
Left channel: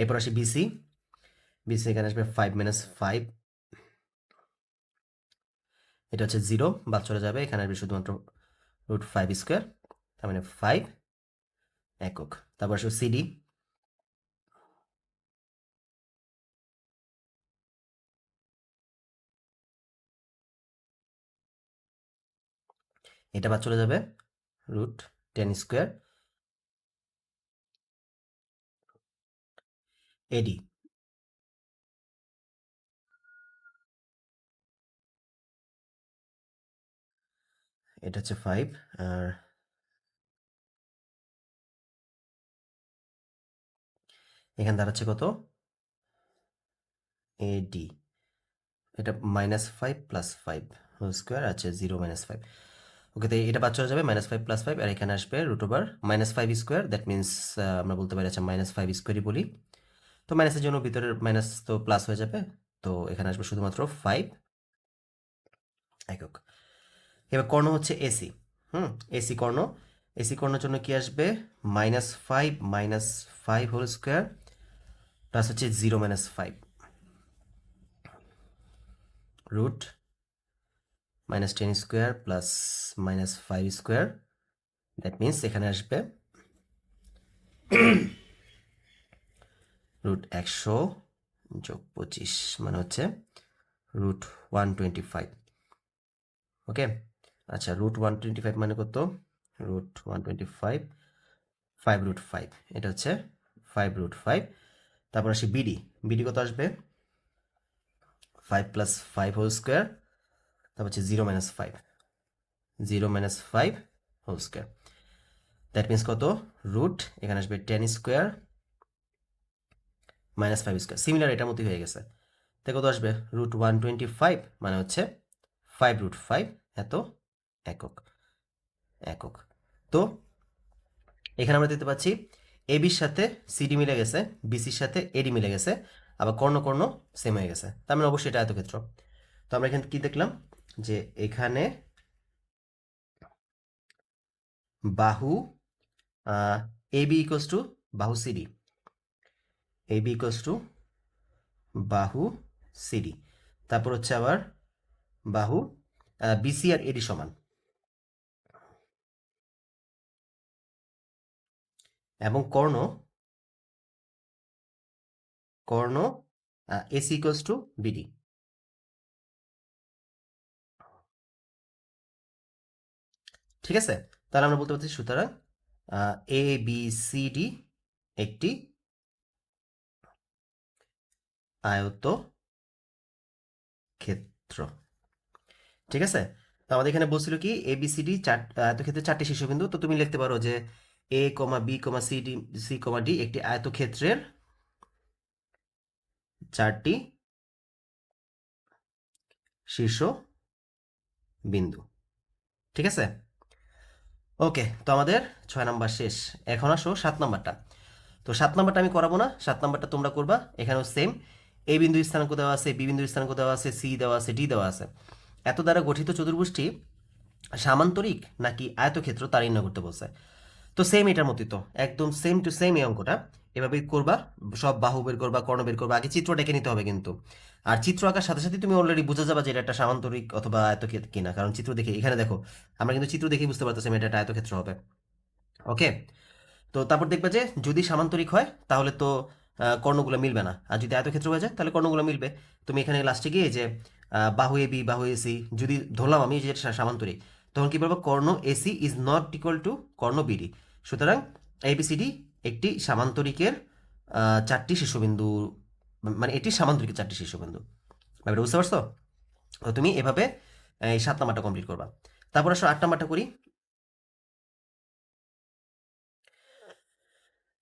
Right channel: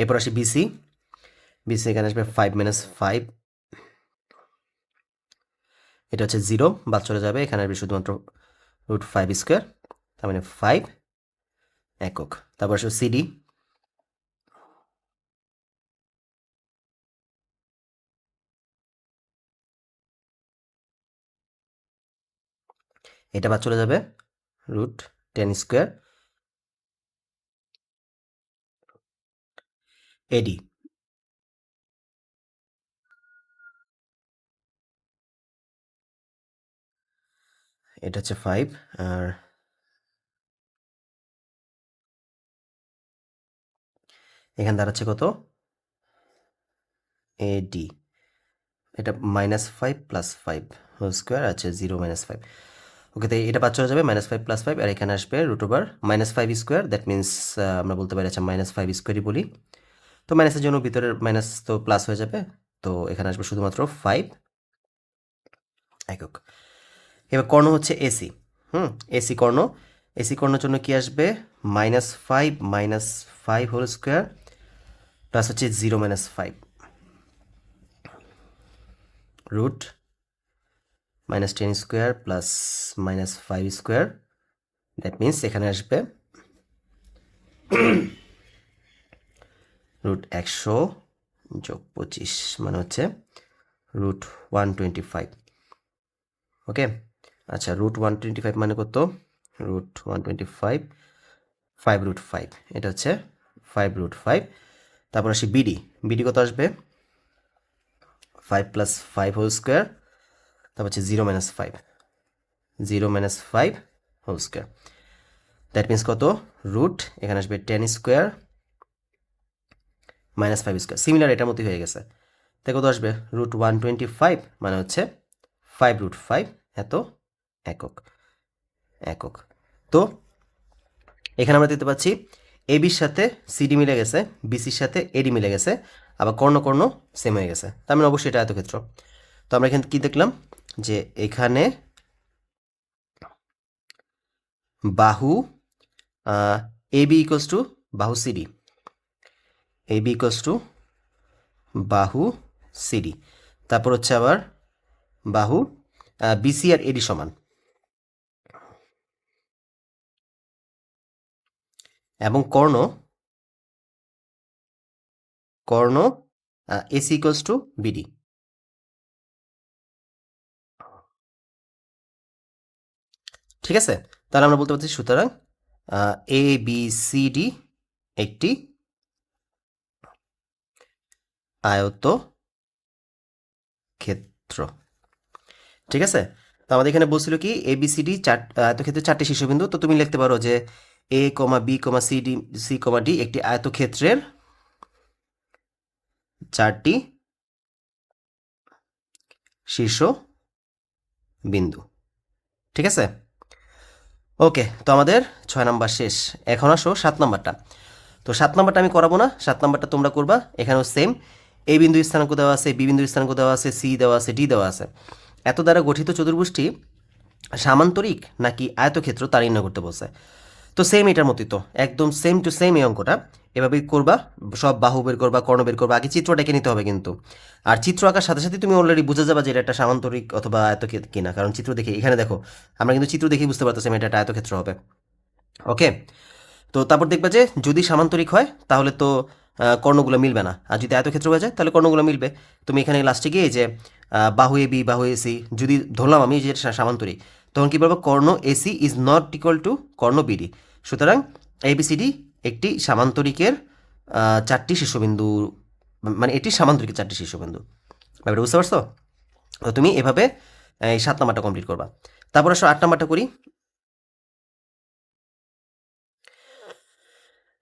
এরপর আসি বিসি, বিসি এখানে আসবে 5 মাইনাস 5, এটা হচ্ছে 0, বাদ চলে যাবে, এখানে আসবে শুধুমাত্র রুট 5 স্কোয়ার, তার মানে 5 একক। তারপর আসবে সিডি, এটা বাদ চলে যাবে, রুট 10 স্কোয়ার। এডি, এটা হচ্ছে 5, আর এখানে দাঁড়াচ্ছে কত? এডি, এটা -5 + 5 হোল স্কোয়ার আছে 0 - 5। ওকে, তো এটা বাদ চলে যাবে, -5 + 5, আর এখানে আসবে root over -5 square, that means আমরা বলতে পারি আচ্ছা -5 স্কোয়ারই বলি। তো মাইনাসের জন্য ভিতরের মাইনাস তো প্লাস হয়ে যাবে, তো এখানে আসবে শুধুমাত্র 5 একক। এবার কর্ণ হচ্ছে এসি, এসি কর্ণ, এসি কর্ণের জন্য কি আসবে? -5 - 5 হোল স্কোয়ার প্লাস হচ্ছে 0 - 5 root -10 square plus -5 square, that means এখানে আসবে রুট 100 যোগ 25 মানে হচ্ছে রুট 125। ওকে, আচ্ছা রুট 125 মানে কত? রুট 125, 5 রুট 5, এটা হচ্ছে 5 রুট 5। তারপর আসি বিডি, বিডি কত আসবে? 5 + 5 হোল স্কোয়ার, তারপর হচ্ছে 0 - 5, 0 - 5 হোল স্কোয়ার, দ্যাট মিনস কত? রুট এখানে আসবে 10 স্কোয়ার -5 স্কোয়ার, সিমিলার এটার মতোই হয়ে গেছে। তাই কত আসবে? রুট 125 মানে হচ্ছে 5 রুট 5 এত একক, একক। তো এখানে আমরা দেখতে পাচ্ছি এবির সাথে সিডি মিলে গেছে, বিসির সাথে এডি মিলে গেছে, আবার কর্ণ কর্ণ সেম হয়ে গেছে, তার মানে অবশ্যই এটা আয়তক্ষেত্র। তো আমরা এখানে কি দেখলাম? যে এখানে বাহু এবি ইকুয়ালস টু বাহু সিডি, এবি ইকুয়ালস টু বাহু সিডি, তারপর হচ্ছে আবার বাহু বিসি আর এডি সমান, এবং কর্ণ, কর্ণ এসি ইকুয়ালস টু বিডি। ঠিক আছে, তাহলে আমরা বলতে পারছি সুতরাং এ বি সি ডি একটি আয়ত ক্ষেত্র। ঠিক আছে, তো আমাদের এখানে বলছিল কি এবিসিডি আয়তক্ষেত্রের 4টি শীর্ষবিন্দু, তো তুমি লিখতে পারো যে এ কমা B comma C D, c comma D একটি আয়তক্ষেত্রের 4টি শীর্ষ বিন্দু। ঠিক আছে, ওকে, তো আমাদের 6 নাম্বার শেষ। এখন আসো 7 নাম্বারটা। তো 7 নাম্বারটা আমি করাবো না, 7 নাম্বারটা তোমরা করবা। এখানেও সেম, এ বিন্দু স্থানাঙ্ক দেওয়া আছে, বি বিন্দু স্থানাঙ্ক দেওয়া আছে, সি দেওয়া আছে, ডি দেওয়া আছে। এত দ্বারা গঠিত চতুর্ভুজটি সামান্তরিক নাকি আয়তক্ষেত্র তা নির্ণয় করতে বলছে। তো সেম এটার মতোই, তো একদম সেম টু সেম এই অঙ্কটা এভাবেই করবা। সব বাহু বের করবা, কর্ণ বের করবা, আগে চিত্রটা এঁকে নিতে হবে কিন্তু। আর চিত্র আঁকার সাথে সাথে তুমি অলরেডি বুঝে যাবা যে এটা একটা সামান্তরিক অথবা আয়তক্ষেত্র কিনা, কারণ চিত্র দেখে, এখানে দেখো আমরা কিন্তু চিত্র দেখেই বুঝতে পারতেছি এটা একটা আয়তক্ষেত্র হবে। ওকে, তো তারপর দেখবে যে যদি সামান্তরিক হয় তাহলে তো কর্ণগুলো মিলবে না, আর যদি আয়তক্ষেত্র হয়ে যায় তাহলে কর্ণগুলো মিলবে। তুমি এখানে লাস্টে গিয়ে যে বাহু এ বি বাহু এ সি যদি ধরলাম আমি যে সামান্তরিক, তখন কী বলবো, কর্ণ AC is not equal to কর্ণ বিডি। সুতরাং এবিসিডি একটি সামান্তরিকের চারটি শীর্ষবিন্দু, মানে এটি সামান্তরিকের চারটি শীর্ষবিন্দু। ব্যাপারটা বুঝতে পারছো? তো তুমি এভাবে এই 7 নাম্বারটা কমপ্লিট করবা। তারপর আসো 8 নাম্বারটা করি।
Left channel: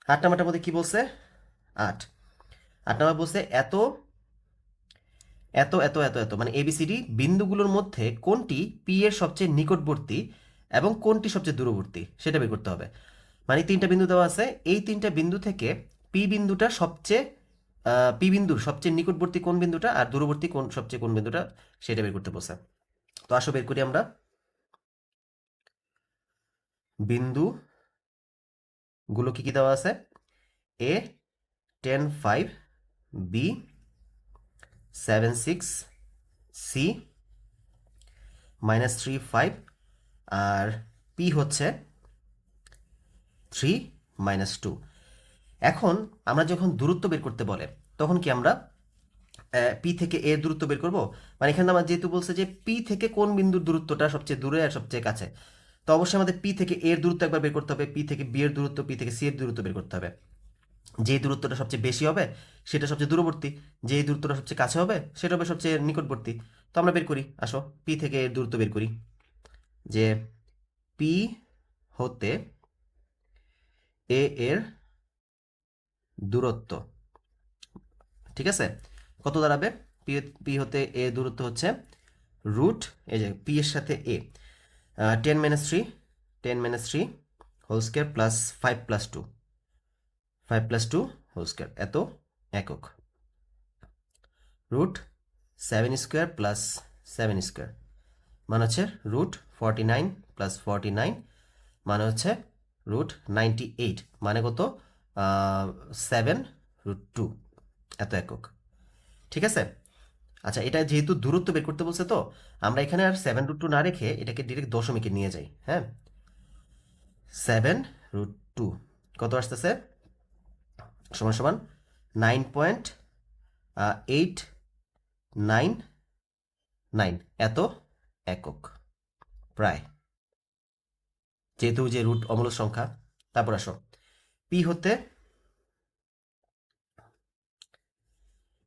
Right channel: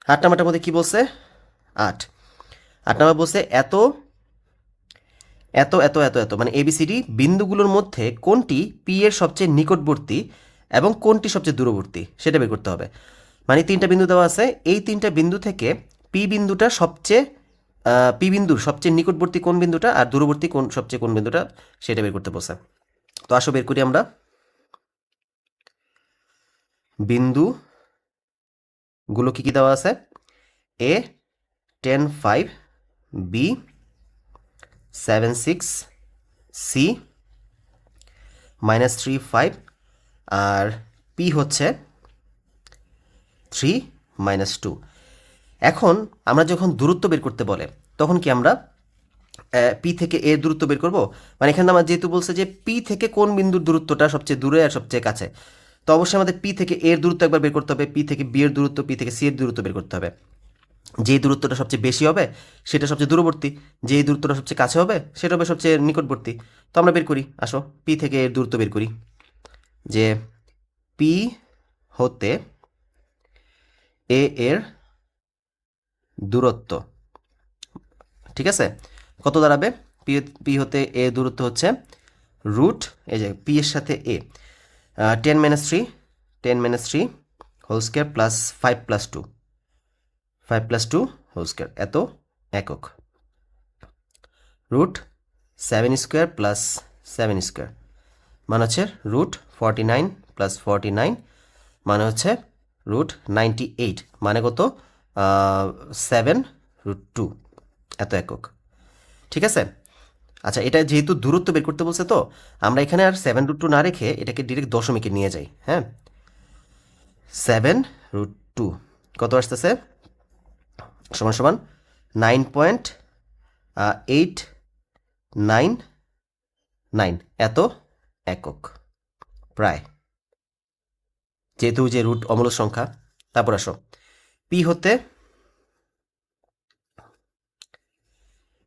8 নাম্বারটার মধ্যে কী বলছে? 8 নাম্বার বলছে এত এত এত এত এত মানে এবিসিডি বিন্দুগুলোর মধ্যে কোনটি পি এর সবচেয়ে নিকটবর্তী এবং কোনটি সবচেয়ে দূরবর্তী সেটা বের করতে হবে। মানে 3টা বিন্দু দেওয়া আছে, এই 3টা বিন্দু থেকে পি বিন্দুটা সবচেয়ে পি বিন্দুর সবচেয়ে নিকটবর্তী কোন বিন্দুটা আর দূরবর্তী কোন বিন্দুটা সেটা বের করতে বলছে। তো আসো বের করি আমরা। বিন্দুগুলো কী কী দেওয়া আছে? এ 10 5, বি 7 6, সি -3 5, আর পি হচ্ছে 3 -2। এখন আমরা যখন দূরত্ব বের করতে বলে তখন কি আমরা পি থেকে এর দূরত্ব বের করব? মানে এখানে আমার যেহেতু বলছে যে পি থেকে কোন বিন্দুর দূরত্বটা সবচেয়ে দূরে আর সবচেয়ে কাছে, তো অবশ্যই আমাদের পি থেকে এর দূরত্ব একবার বের করতে হবে, পি থেকে বি এর দূরত্ব, পি থেকে সি এর দূরত্ব বের করতে হবে। যেই দূরত্বটা সবচেয়ে বেশি হবে সেটা সবচেয়ে দূরবর্তী, যেই দূরত্বটা সবচেয়ে কাছে হবে সেটা হবে সবচেয়ে নিকটবর্তী। তো আমরা বের করি, আসো পি থেকে এর দূরত্ব বের করি। যে পি হতে এ এর দূরত্ব, ঠিক আছে, কত দাঁড়াবে? পি হতে এ দূরত্ব হচ্ছে রুট, এই যে পি এর সাথে A 10 - 3 whole square plus 5 + 2 whole square, এত একক। রুট 7 স্কোয়ার প্লাস 7 স্কোয়ার মানে হচ্ছে রুট 49 প্লাস 49 মানে হচ্ছে রুট 98, মানে কত? 7√2, এত একক। ঠিক আছে? আচ্ছা, এটা যেহেতু দূরত্ব বের করতে বলছে, তো আমরা এখানে আর 7√2 না রেখে এটাকে ডিরেক্ট দশমিকে নিয়ে যাই। হ্যাঁ, 7√2 কত আসতেছে? সমান সমান 9.899 এত একক প্রায়, যেহেতু যে রুট অমূলক সংখ্যা। তারপর আসো পি হতে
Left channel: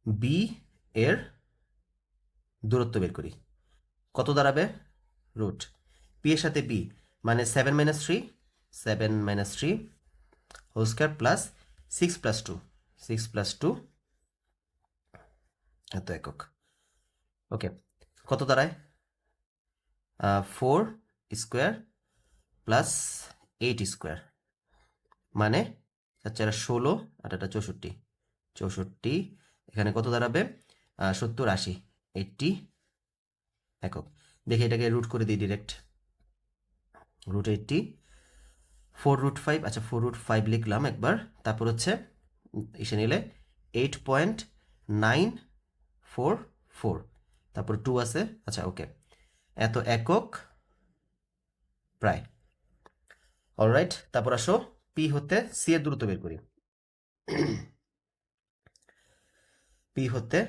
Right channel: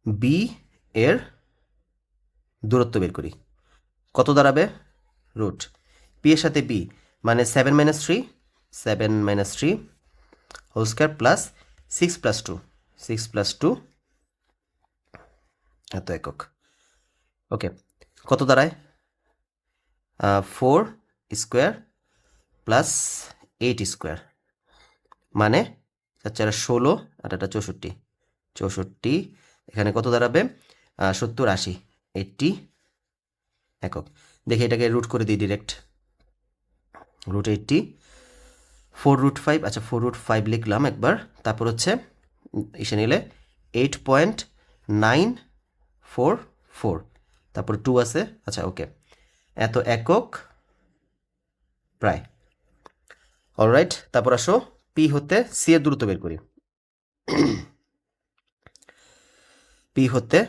বি এর দূরত্ব বের করি, কত দাঁড়াবে? রুট পি এর সাথে বি মানে 7 - 3 হোল স্কোয়ার প্লাস 6 + 2 এত একক। ওকে, কত দাঁড়ায়? 4 স্কোয়ার প্লাস 8 স্কোয়ার মানে 4 × 16 আর এটা 64, এখানে কত দাঁড়াবে? 70 80 80 একক। দেখি এটাকে রুট করে দিই ডিরেক্ট, রুট 80 4√5, আচ্ছা 4√5 লিখলাম একবার। তারপর হচ্ছে এসে নিলে 8.944, তারপর 2 আছে, আচ্ছা ওকে, এত একক প্রায়। অলরাইট, তারপর আসো পি হতে সি এর দূরত্ব বের করি। পি হতে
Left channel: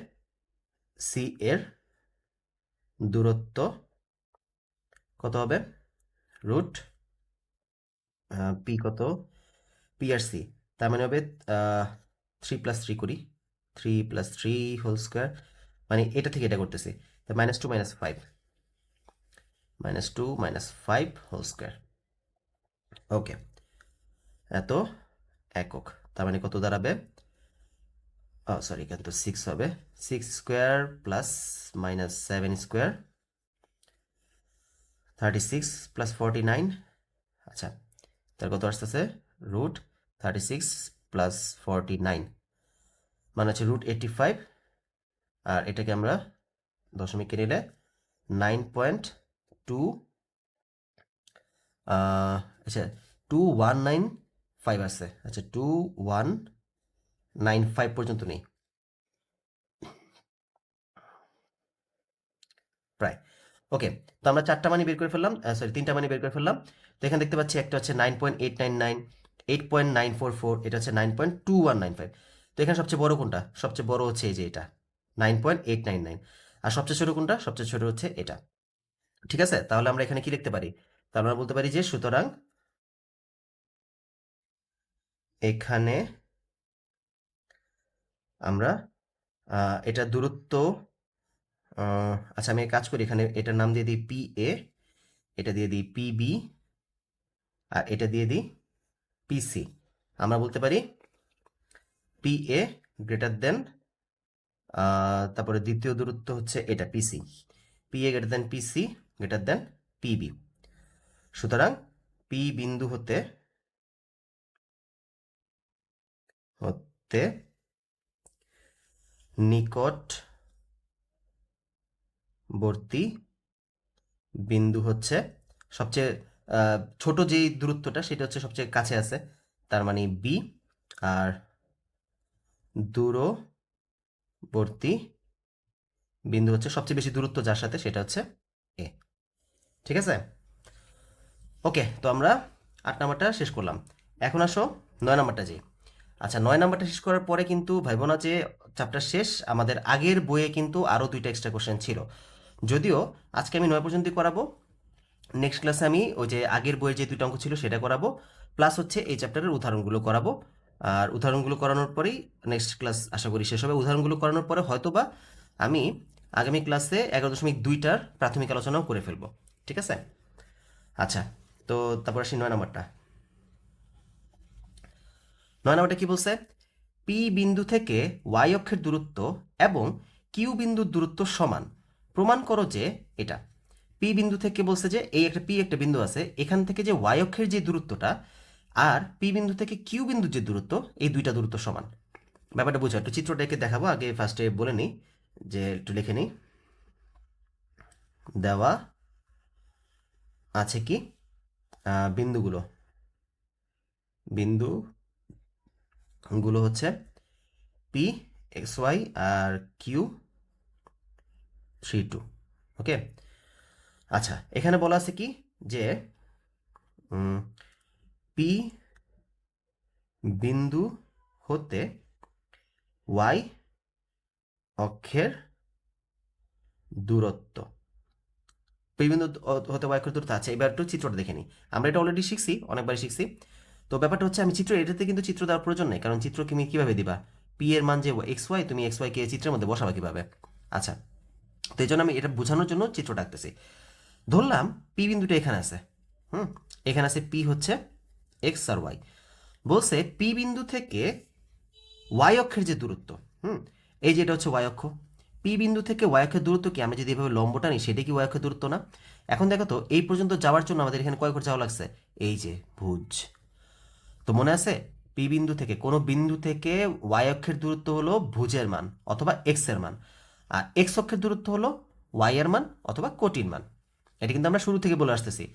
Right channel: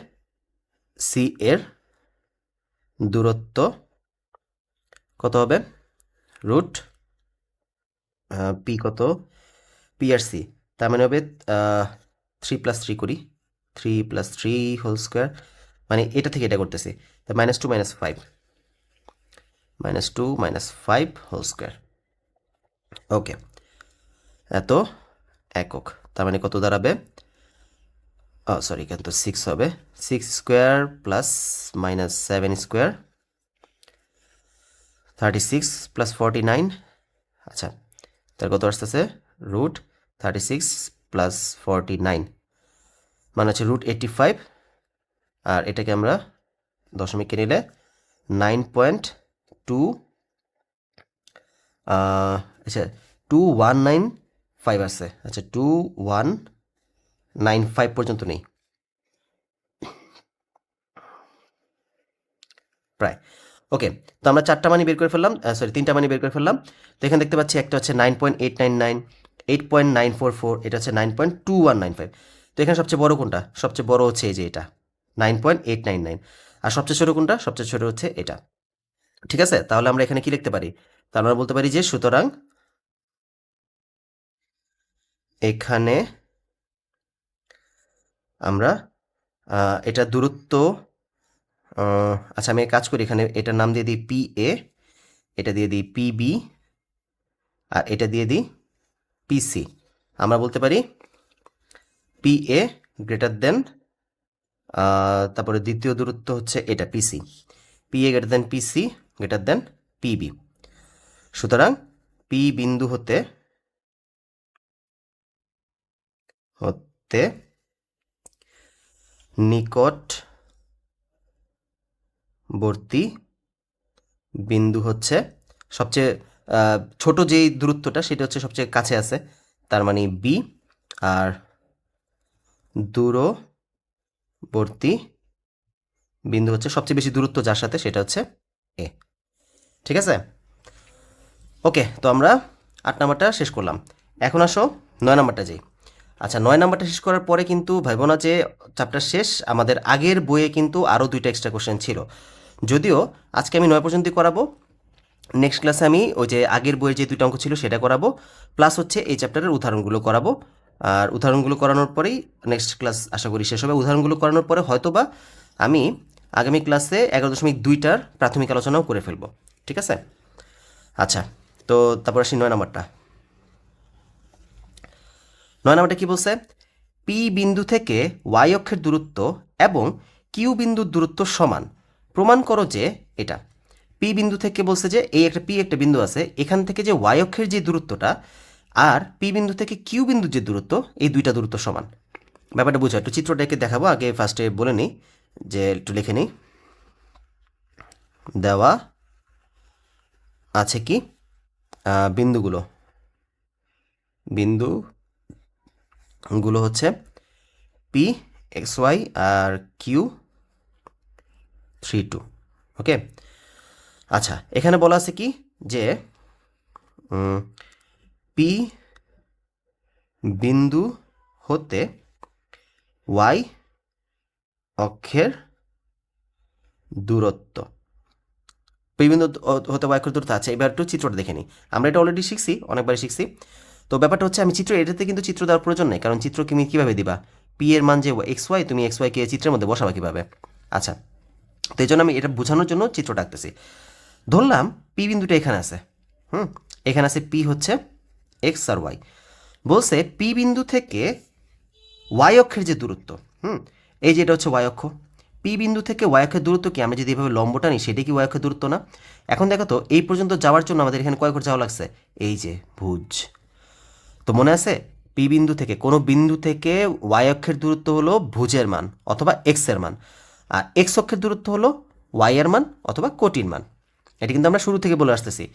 সি এর দূরত্ব কত হবে? রুট পি কত? পি আর সি, তার মানে হবে 3 + 3 করি, 3 + 3 হোল স্কোয়ার, মানে এটা থেকে এটা করতেছি, তা -2 - 5 -2 - 5 হোল স্কোয়ার। ওকে, এত একক, তার মানে কত দাঁড়াবে? সরি, এখানে তো 6 হবে, 6 স্কোয়ার প্লাস -7 স্কোয়ার 36 + 49, আচ্ছা তার কত আসতেছে? রুট 36 + 49 মানে হচ্ছে রুট 85, আর এটাকে আমরা দশমিকে নিলে 9.2 আচ্ছা 2195 আছে, আচ্ছা 2195 পর্যন্ত নেই প্রায়। ওকে, তো আমরা 4টা মানি বের করে ফেললাম, সরি 3টা মানি বের করে ফেললাম। তো এখানে দেখতে পাচ্ছি একটা হচ্ছে 9.899, 8.944, এটা হচ্ছে 9.2195। তো এখানে সবচেয়ে বড় কোনটা? সবচেয়ে বড় হচ্ছে এই যে এটা 9.899। আর সবচেয়ে ছোট কোনটা? সবচেয়ে ছোট হচ্ছে এটা। ঠিক আছে, তাহলে আমরা এখানে কি লিখতে পারি? তাহলে আমরা বলতে পারি যে সুতরাং এখানে আমরা এটা দূরত্ব, আচ্ছা আমি এক কাজ করি, এখানে এটার নাম দিয়ে দিই পি এ, এটা দিয়ে দিই পিবি, আর এটা দিয়ে দিই পিসি। আমরা বলতে পারি পি এ গ্রেটার দেন, তারপরে দ্বিতীয় দূরত্ব হচ্ছে এটা PC, P A greater than PC greater than PB. সুতরাং পি বিন্দু হতে হতে নিকটবর্তী বিন্দু হচ্ছে সবচেয়ে ছোট যেই দূরত্বটা সেটা হচ্ছে সবচেয়ে কাছে আছে, তার মানে বি। আর দূরবর্তী বিন্দু হচ্ছে সবচেয়ে বেশি দূরত্ব যার সাথে, সেটা হচ্ছে এ। ঠিক আছে, ওকে। তো আমরা 8 নাম্বারটা শেষ করলাম। এখন আসো 9 নাম্বারটা যাই। আচ্ছা, 9 নাম্বারটা শেষ করার পরে কিন্তু ভাইবো না যে চ্যাপ্টার শেষ, আমাদের আগের বইয়ে কিন্তু আরও 2টা এক্সট্রা কোশ্চেন ছিল। যদিও আজকে আমি 9 পর্যন্তই করাবো, নেক্সট ক্লাসে আমি ওই যে আগের বইয়ের যে 2টা অঙ্ক ছিল সেটা করাবো, প্লাস হচ্ছে এই চ্যাপ্টারের উদাহরণগুলো করাবো। আর উদাহরণগুলো করানোর পরেই নেক্সট ক্লাস আশা করি শেষ হবে। উদাহরণগুলো করানোর পরে হয়তোবা আমি আগামী ক্লাসে 11.2টার প্রাথমিক আলোচনাও করে ফেলবো। ঠিক আছে, আচ্ছা। তো তারপর আসি 9 নাম্বারটা। 9 নাম্বারটা কি বলছে? পি বিন্দু থেকে ওয়াই অক্ষের দূরত্ব এবং কিউ বিন্দুর দূরত্ব সমান, প্রমাণ করো যে এটা। পি বিন্দু থেকে বলছে যে এই একটা পি একটা বিন্দু আছে, এখান থেকে যে ওয়াই অক্ষের যে দূরত্বটা আর পি বিন্দু থেকে কিউ বিন্দুর যে দূরত্ব, এই দুইটা দূরত্ব সমান। ব্যাপারটা বুঝো, একটু চিত্রটাকে দেখাবো, আগে ফার্স্টে বলে নিই, যে একটু লিখে নিই। দেওয়া আছে কি বিন্দুগুলো, বিন্দুগুলো হচ্ছে পি এক্স ওয়াই আর কিউ 3 2। ওকে, আচ্ছা এখানে বলা আছে কি যে পি বিন্দু হতে ওয়াই অক্ষের দূরত্ব, পি বিন্দু হতে ওয়াই অক্ষের দূরত্ব। আচ্ছা, এবার একটু চিত্রটা দেখে নিই। আমরা এটা অলরেডি শিখছি, অনেকবারই শিখছি। তো ব্যাপারটা হচ্ছে আমি চিত্র, এটাতে কিন্তু চিত্র দেওয়ার প্রয়োজন নেই, কারণ চিত্র তুমি কীভাবে দিবা? পি এর মান যে এক্স ওয়াই, তুমি এক্স ওয়াইকে চিত্রের মধ্যে বসাবা কীভাবে? আচ্ছা, তো এই জন্য আমি এটা বোঝানোর জন্য চিত্রটা আঁকতেছি। ধরলাম পি বিন্দুটা এখানে আছে, এখানে আছে পি হচ্ছে এক্স আর ওয়াই। বলছে পি বিন্দু থেকে ওয়াই অক্ষের যে দূরত্ব, এই যে এটা হচ্ছে ওয়াই অক্ষ, পি বিন্দু থেকে ওয়াই অক্ষের দূরত্ব কি, আমি যদি এভাবে লম্বটা নিই সেটা কি ওয়াই অক্ষের দূরত্ব না? এখন দেখো তো এই পর্যন্ত যাওয়ার জন্য আমাদের এখানে কয় করে যাওয়া লাগছে? এই যে ভুজ। তো মনে আছে, পি বিন্দু থেকে কোনো বিন্দু থেকে ওয়াই অক্ষের দূরত্ব হলো ভুজের মান অথবা এক্স এর মান, আর এক্স অক্ষের দূরত্ব হলো ওয়াই এর মান অথবা কোটির মান। এটা কিন্তু আমরা শুরু থেকে বলে আসতেছি।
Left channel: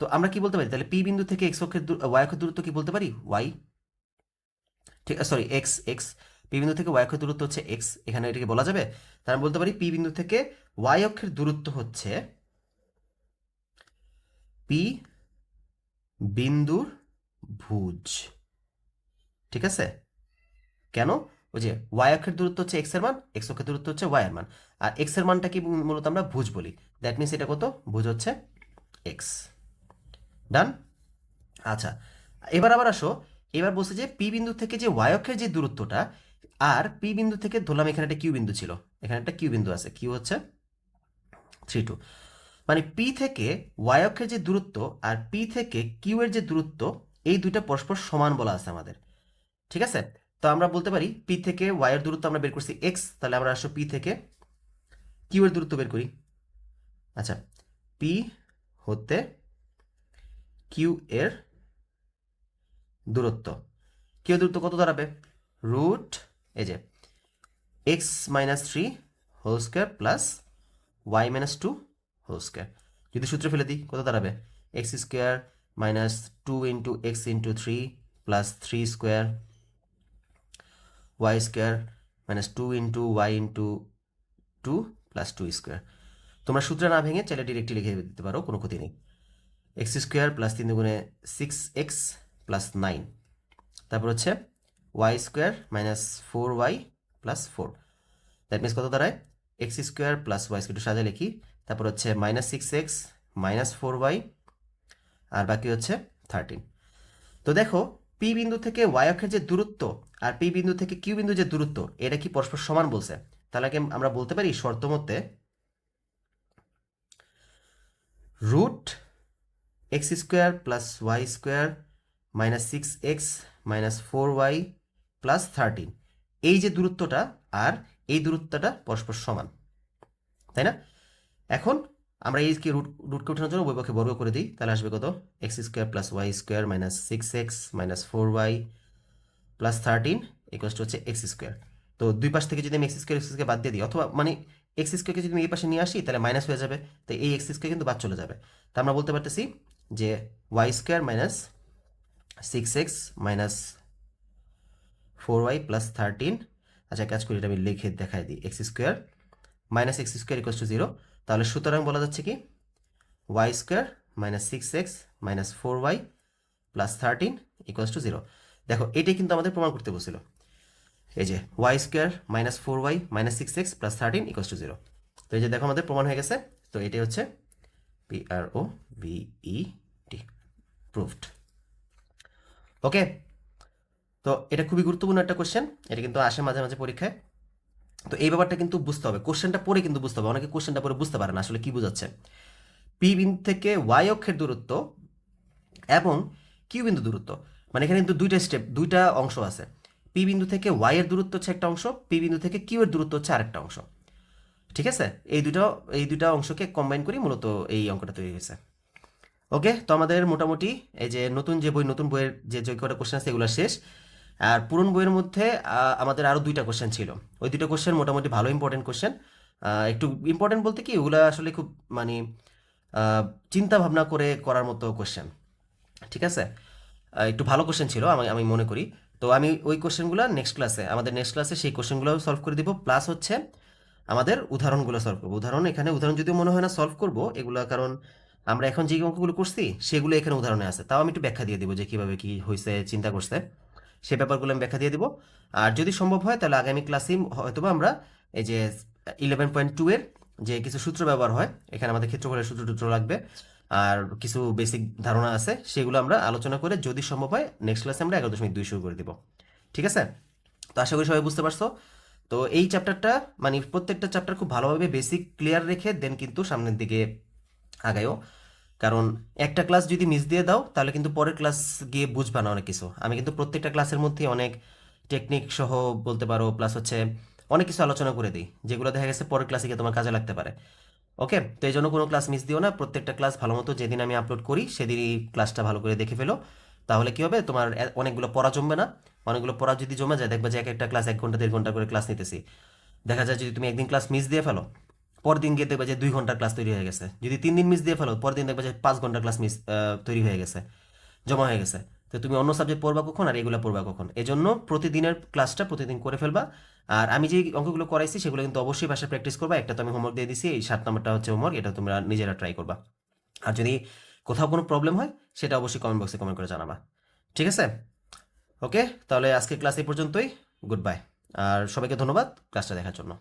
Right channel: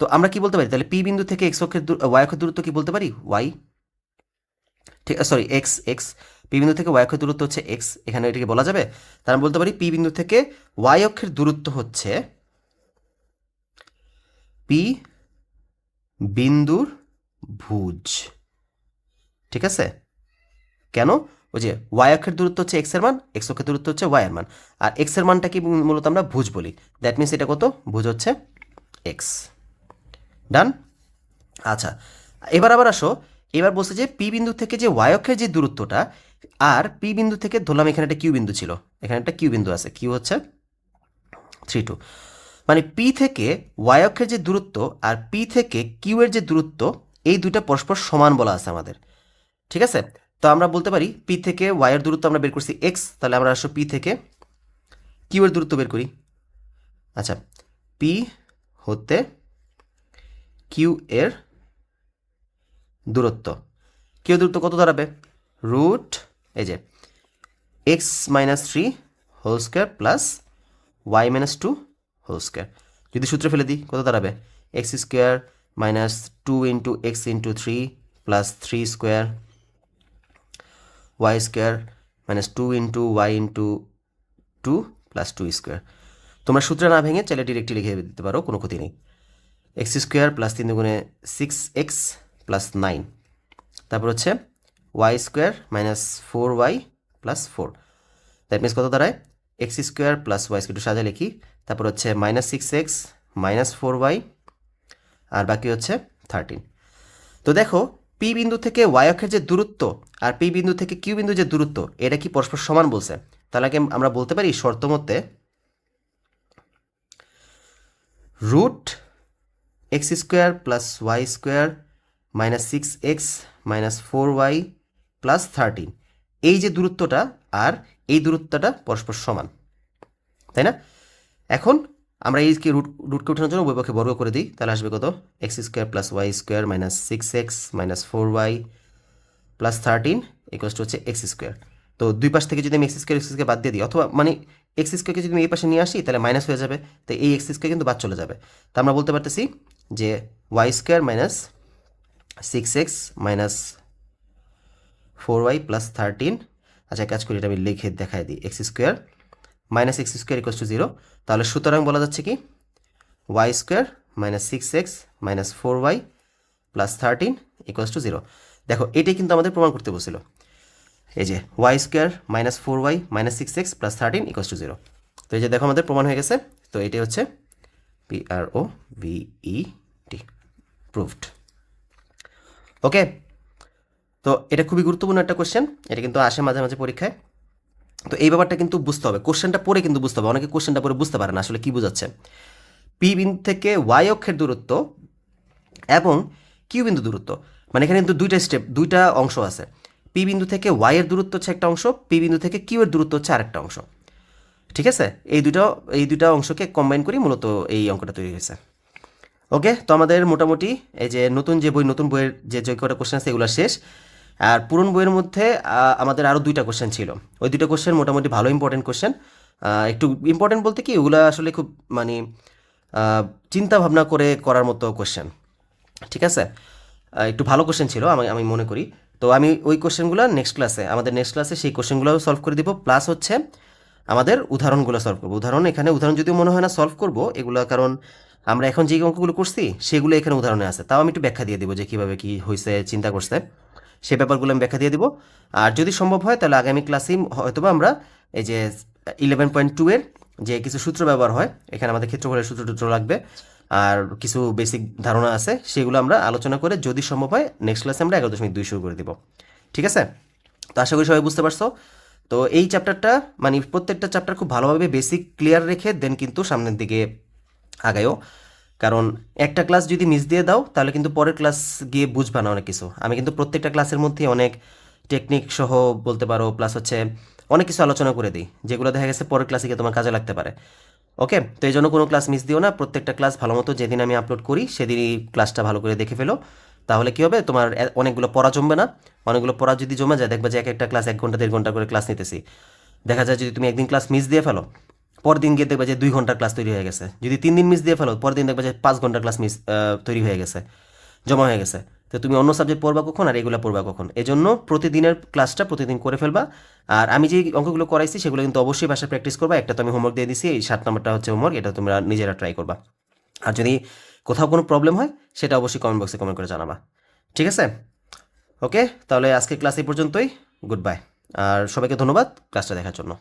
তো আমরা কি বলতে পারি তাহলে? পি বিন্দু থেকে এক্স অক্ষের ওয়াই অক্ষের দূরত্ব কি বলতে পারি? ওয়াই, ঠিক, সরি এক্স, এক্স। পি বিন্দু থেকে ওয়াই অক্ষের দূরত্ব হচ্ছে এক্স, এখানে এটাকে বলা যাবে। তার আমরা বলতে পারি পি বিন্দু থেকে ওয়াই অক্ষের দূরত্ব হচ্ছে পি বিন্দুর ভুজ। ঠিক আছে, কেন? ওই যে ওয়াই অক্ষের দূরত্ব হচ্ছে এক্স এর মান, এক্স অক্ষের দূরত্ব হচ্ছে ওয়াই এর মান, আর এক্স এর মানটা কি মূলত আমরা ভুজ বলি। দ্যাট মিনস এটা কত? ভুজ হচ্ছে এক্স। ডান। আচ্ছা, এবার আবার আসো, এবার বলছে যে পি বিন্দু থেকে যে ওয়াই অক্ষের যে দূরত্বটা, আর পি বিন্দু থেকে ধরলাম এখানে একটা কিউ বিন্দু ছিল, এখানে একটা কিউ বিন্দু আছে, কিউ হচ্ছে 3 2, মানে পি থেকে ওয়াই অক্ষের যে দূরত্ব আর পি থেকে কিউ এর যে দূরত্ব, এই দুইটা পরস্পর সমান বলা আছে আমাদের। ঠিক আছে, তো আমরা বলতে পারি পি থেকে ওয়াই এর দূরত্ব আমরা বের করছি এক্স, তাহলে আমরা আসো পি থেকে কিউ এর দূরত্ব বের করি। আচ্ছা, পি হতে কিউ এর দূরত্ব, কিউ এর দূরত্ব কত দাঁড়াবে? রুট, এই যে x minus 3 whole square plus y minus 2 whole square. যদি সূত্রে ফেলে দিই কত দাঁড়াবে? X square minus 2 into x into 3 plus 3 square y square minus 2 into y into 2 plus 2 square. তো তোমরা সূত্র না ভেঙে চাইলে ডিরেক্টলি লিখে দিতে পারো, কোনো ক্ষতি নেই। এক্স স্কোয়ার প্লাস 3 দুগুণে 6x প্লাস 9, তারপর হচ্ছে y square minus 4y plus 4। That means কত দাঁড়ায়? X square plus y square, একটু সাজা লিখি। তারপর হচ্ছে মাইনাস 6x মাইনাস 4y, আর বাকি হচ্ছে 13। তো দেখো পি বিন্দু থেকে ওয়াই অক্ষের যে দূরত্ব আর পি বিন্দু থেকে কিউ বিন্দু যে দূরত্ব, এটা কি পরস্পর সমান বলছে? তাহলে আগে আমরা বলতে পারি শর্ত মতে root x square plus y square minus 6x minus 4y plus 13, এই যে দূরত্বটা আর এই দূরত্বটা পরস্পর সমান, তাই না? এখন আমরা এই রুটকে উঠানোর জন্য উভয় পক্ষে বর্গ করে দিই, তাহলে আসবে কত? X square plus y square minus 6x minus 4y plus 13 equals to হচ্ছে এক্স স্কোয়ার। তো দুই পাশ থেকে যদি আমি এক্স স্কোয়ার বাদ দিয়ে দিই, অথবা মানে এক্স স্কোয়ারকে যদি আমি এই পাশে নিয়ে আসি তাহলে মাইনাস হয়ে যাবে, তো এই এক্স স্কোয়ার কিন্তু বাদ চলে যাবে। তো আমরা বলতে পারতেছি যে y square minus 6x minus 4y plus 13, আচ্ছা কাজ করি, এটা আমি লিখে দেখাই দিই, x square minus x square equals to 0। তাহলে সুতরাং বলা যাচ্ছে কি y square minus 6x minus 4y plus 13 equals to 0। দেখো এটাই কিন্তু আমাদের প্রমাণ করতে বলছিল, এই যে y square minus 4y minus 6x plus 13 equals to 0। তো এই যে দেখো আমাদের প্রমাণ হয়ে গেছে। তো এটাই হচ্ছে PROVET, প্রুভড। ওকে, তো এটা খুবই গুরুত্বপূর্ণ একটা কোশ্চেন, এটা কিন্তু আসে মাঝে মাঝে পরীক্ষায়। তো এই ব্যাপারটা কিন্তু বুঝতে হবে, কোশ্চেনটা পড়ে কিন্তু বুঝতে হবে। অনেকে কোশ্চেনটা পড়ে বুঝতে পারে না আসলে কি বোঝাচ্ছে। পি বিন্দু থেকে ওয়াই অক্ষের দূরত্ব এবং কিউ বিন্দু দূরত্ব, মানে এখানে কিন্তু দুইটা অংশ আছে। পি বিন্দু থেকে ওয়াই এর দূরত্ব হচ্ছে একটা অংশ, পি বিন্দু থেকে কিউ এর দূরত্ব হচ্ছে আরেকটা অংশ। ঠিক আছে, এই দুটা অংশকে কম্বাইন করি মূলত এই অঙ্কটা তৈরি হয়েছে। ওকে, তো আমাদের মোটামুটি এই যে নতুন বইয়ের যে কটা কোশ্চেন আছে এগুলো শেষ। আর পুরনো বইয়ের মধ্যে আমাদের আরও দুইটা কোশ্চেন ছিল, ওই দুইটা কোশ্চেন মোটামুটি ভালো ইম্পর্টেন্ট কোশ্চেন। একটু ইম্পর্টেন্ট বলতে কি ওগুলো আসলে খুব মানে চিন্তা ভাবনা করে করার মতো কোশ্চেন। ঠিক আছে, একটু ভালো কোশ্চেন ছিল আমি মনে করি। তো আমি ওই কোশ্চেনগুলো নেক্সট ক্লাসে সেই কোশ্চেনগুলো সলভ করে দিব, প্লাস হচ্ছে আমাদের উদাহরণগুলো সলভ করবো। উদাহরণ যদিও মনে হয় না সলভ করবো এগুলো, কারণ আমরা এখন যে অঙ্কগুলো করছি সেগুলো এখানে উদাহরণে আছে। তাও আমি একটু ব্যাখ্যা দিয়ে দিব যে কীভাবে কী হয়েছে, চিন্তা করছে, সে ব্যাপারগুলো আমি ব্যাখ্যা দিয়ে দিব। আর যদি সম্ভব হয় তাহলে আগামী ক্লাসেই হয়তোবা আমরা এই যে 11.2 এর যে কিছু সূত্র ব্যবহার হয়, এখানে আমাদের ক্ষেত্রফলের সূত্র লাগবে আর কিছু বেসিক ধারণা আছে, সেগুলো আমরা আলোচনা করে যদি সম্ভব হয় নেক্সট ক্লাসে আমরা 11.2 শুরু করে দিব। ঠিক আছে, তো আশা করি সবাই বুঝতে পারছো। তো এই চ্যাপ্টারটা মানে প্রত্যেকটা চ্যাপ্টার খুব ভালোভাবে বেসিক ক্লিয়ার রেখে দেন কিন্তু সামনের দিকে আগায়ও, কারণ একটা ক্লাস যদি মিস দিয়ে দাও তাহলে কিন্তু পরের ক্লাস গিয়ে বুঝবা না অনেক কিছু। আমি কিন্তু প্রত্যেকটা ক্লাসের মধ্যে অনেক টেকনিক সহ বলতে পারো, প্লাস হচ্ছে অনেক কিছু আলোচনা করে দিই যেগুলো দেখা গেছে পরের ক্লাসে গিয়ে তোমার কাজে লাগতে পারে। ওকে, তো এই জন্য কোনো ক্লাস মিস দিও না, প্রত্যেকটা ক্লাস ভালো মতো যেদিন আমি আপলোড করি সেদিনই ক্লাসটা ভালো করে দেখে ফেলো। তাহলে কী হবে, তোমার অনেকগুলো পড়া জমবে না। অনেকগুলো পড়া যদি জমে যায় দেখবা যে একটা ক্লাস 1 ঘন্টা 1.5 ঘন্টা করে ক্লাস নিতেছি, দেখা যায় যদি তুমি একদিন ক্লাস মিস দিয়ে ফেলো পরের দিন গিয়ে দেখবে যে 2 ঘন্টার ক্লাস তৈরি হয়ে গেছে। যদি 3 দিন মিস দিয়ে ফেলো পরের দিন দেখবে যে 5 ঘন্টার ক্লাস তৈরি হয়ে গেছে, জমা হয়ে গেছে। তো তুমি অন্য সাবজেক্ট পড়বা কখন আর এগুলো পড়বা কখন? এজন্য প্রতিদিনের ক্লাসটা প্রতিদিন করে ফেলবা। আর আমি যে অঙ্কগুলো করাইছি সেগুলো কিন্তু অবশ্যই বাসায় প্র্যাকটিস করবা। একটা তো আমি হোমওয়ার্ক দিয়ে দিছি, এই 7 নম্বরটা হচ্ছে হোমওয়ার্ক, এটা তোমরা নিজেরা ট্রাই করবা। আর যদি কোথাও কোনো প্রবলেম হয় সেটা অবশ্যই কমেন্ট বক্সে কমেন্ট করে জানাবা। ঠিক আছে, ওকে, তাহলে আজকের ক্লাস এই পর্যন্তই। গুড বাই, আর সবাইকে ধন্যবাদ ক্লাসটা দেখার জন্য।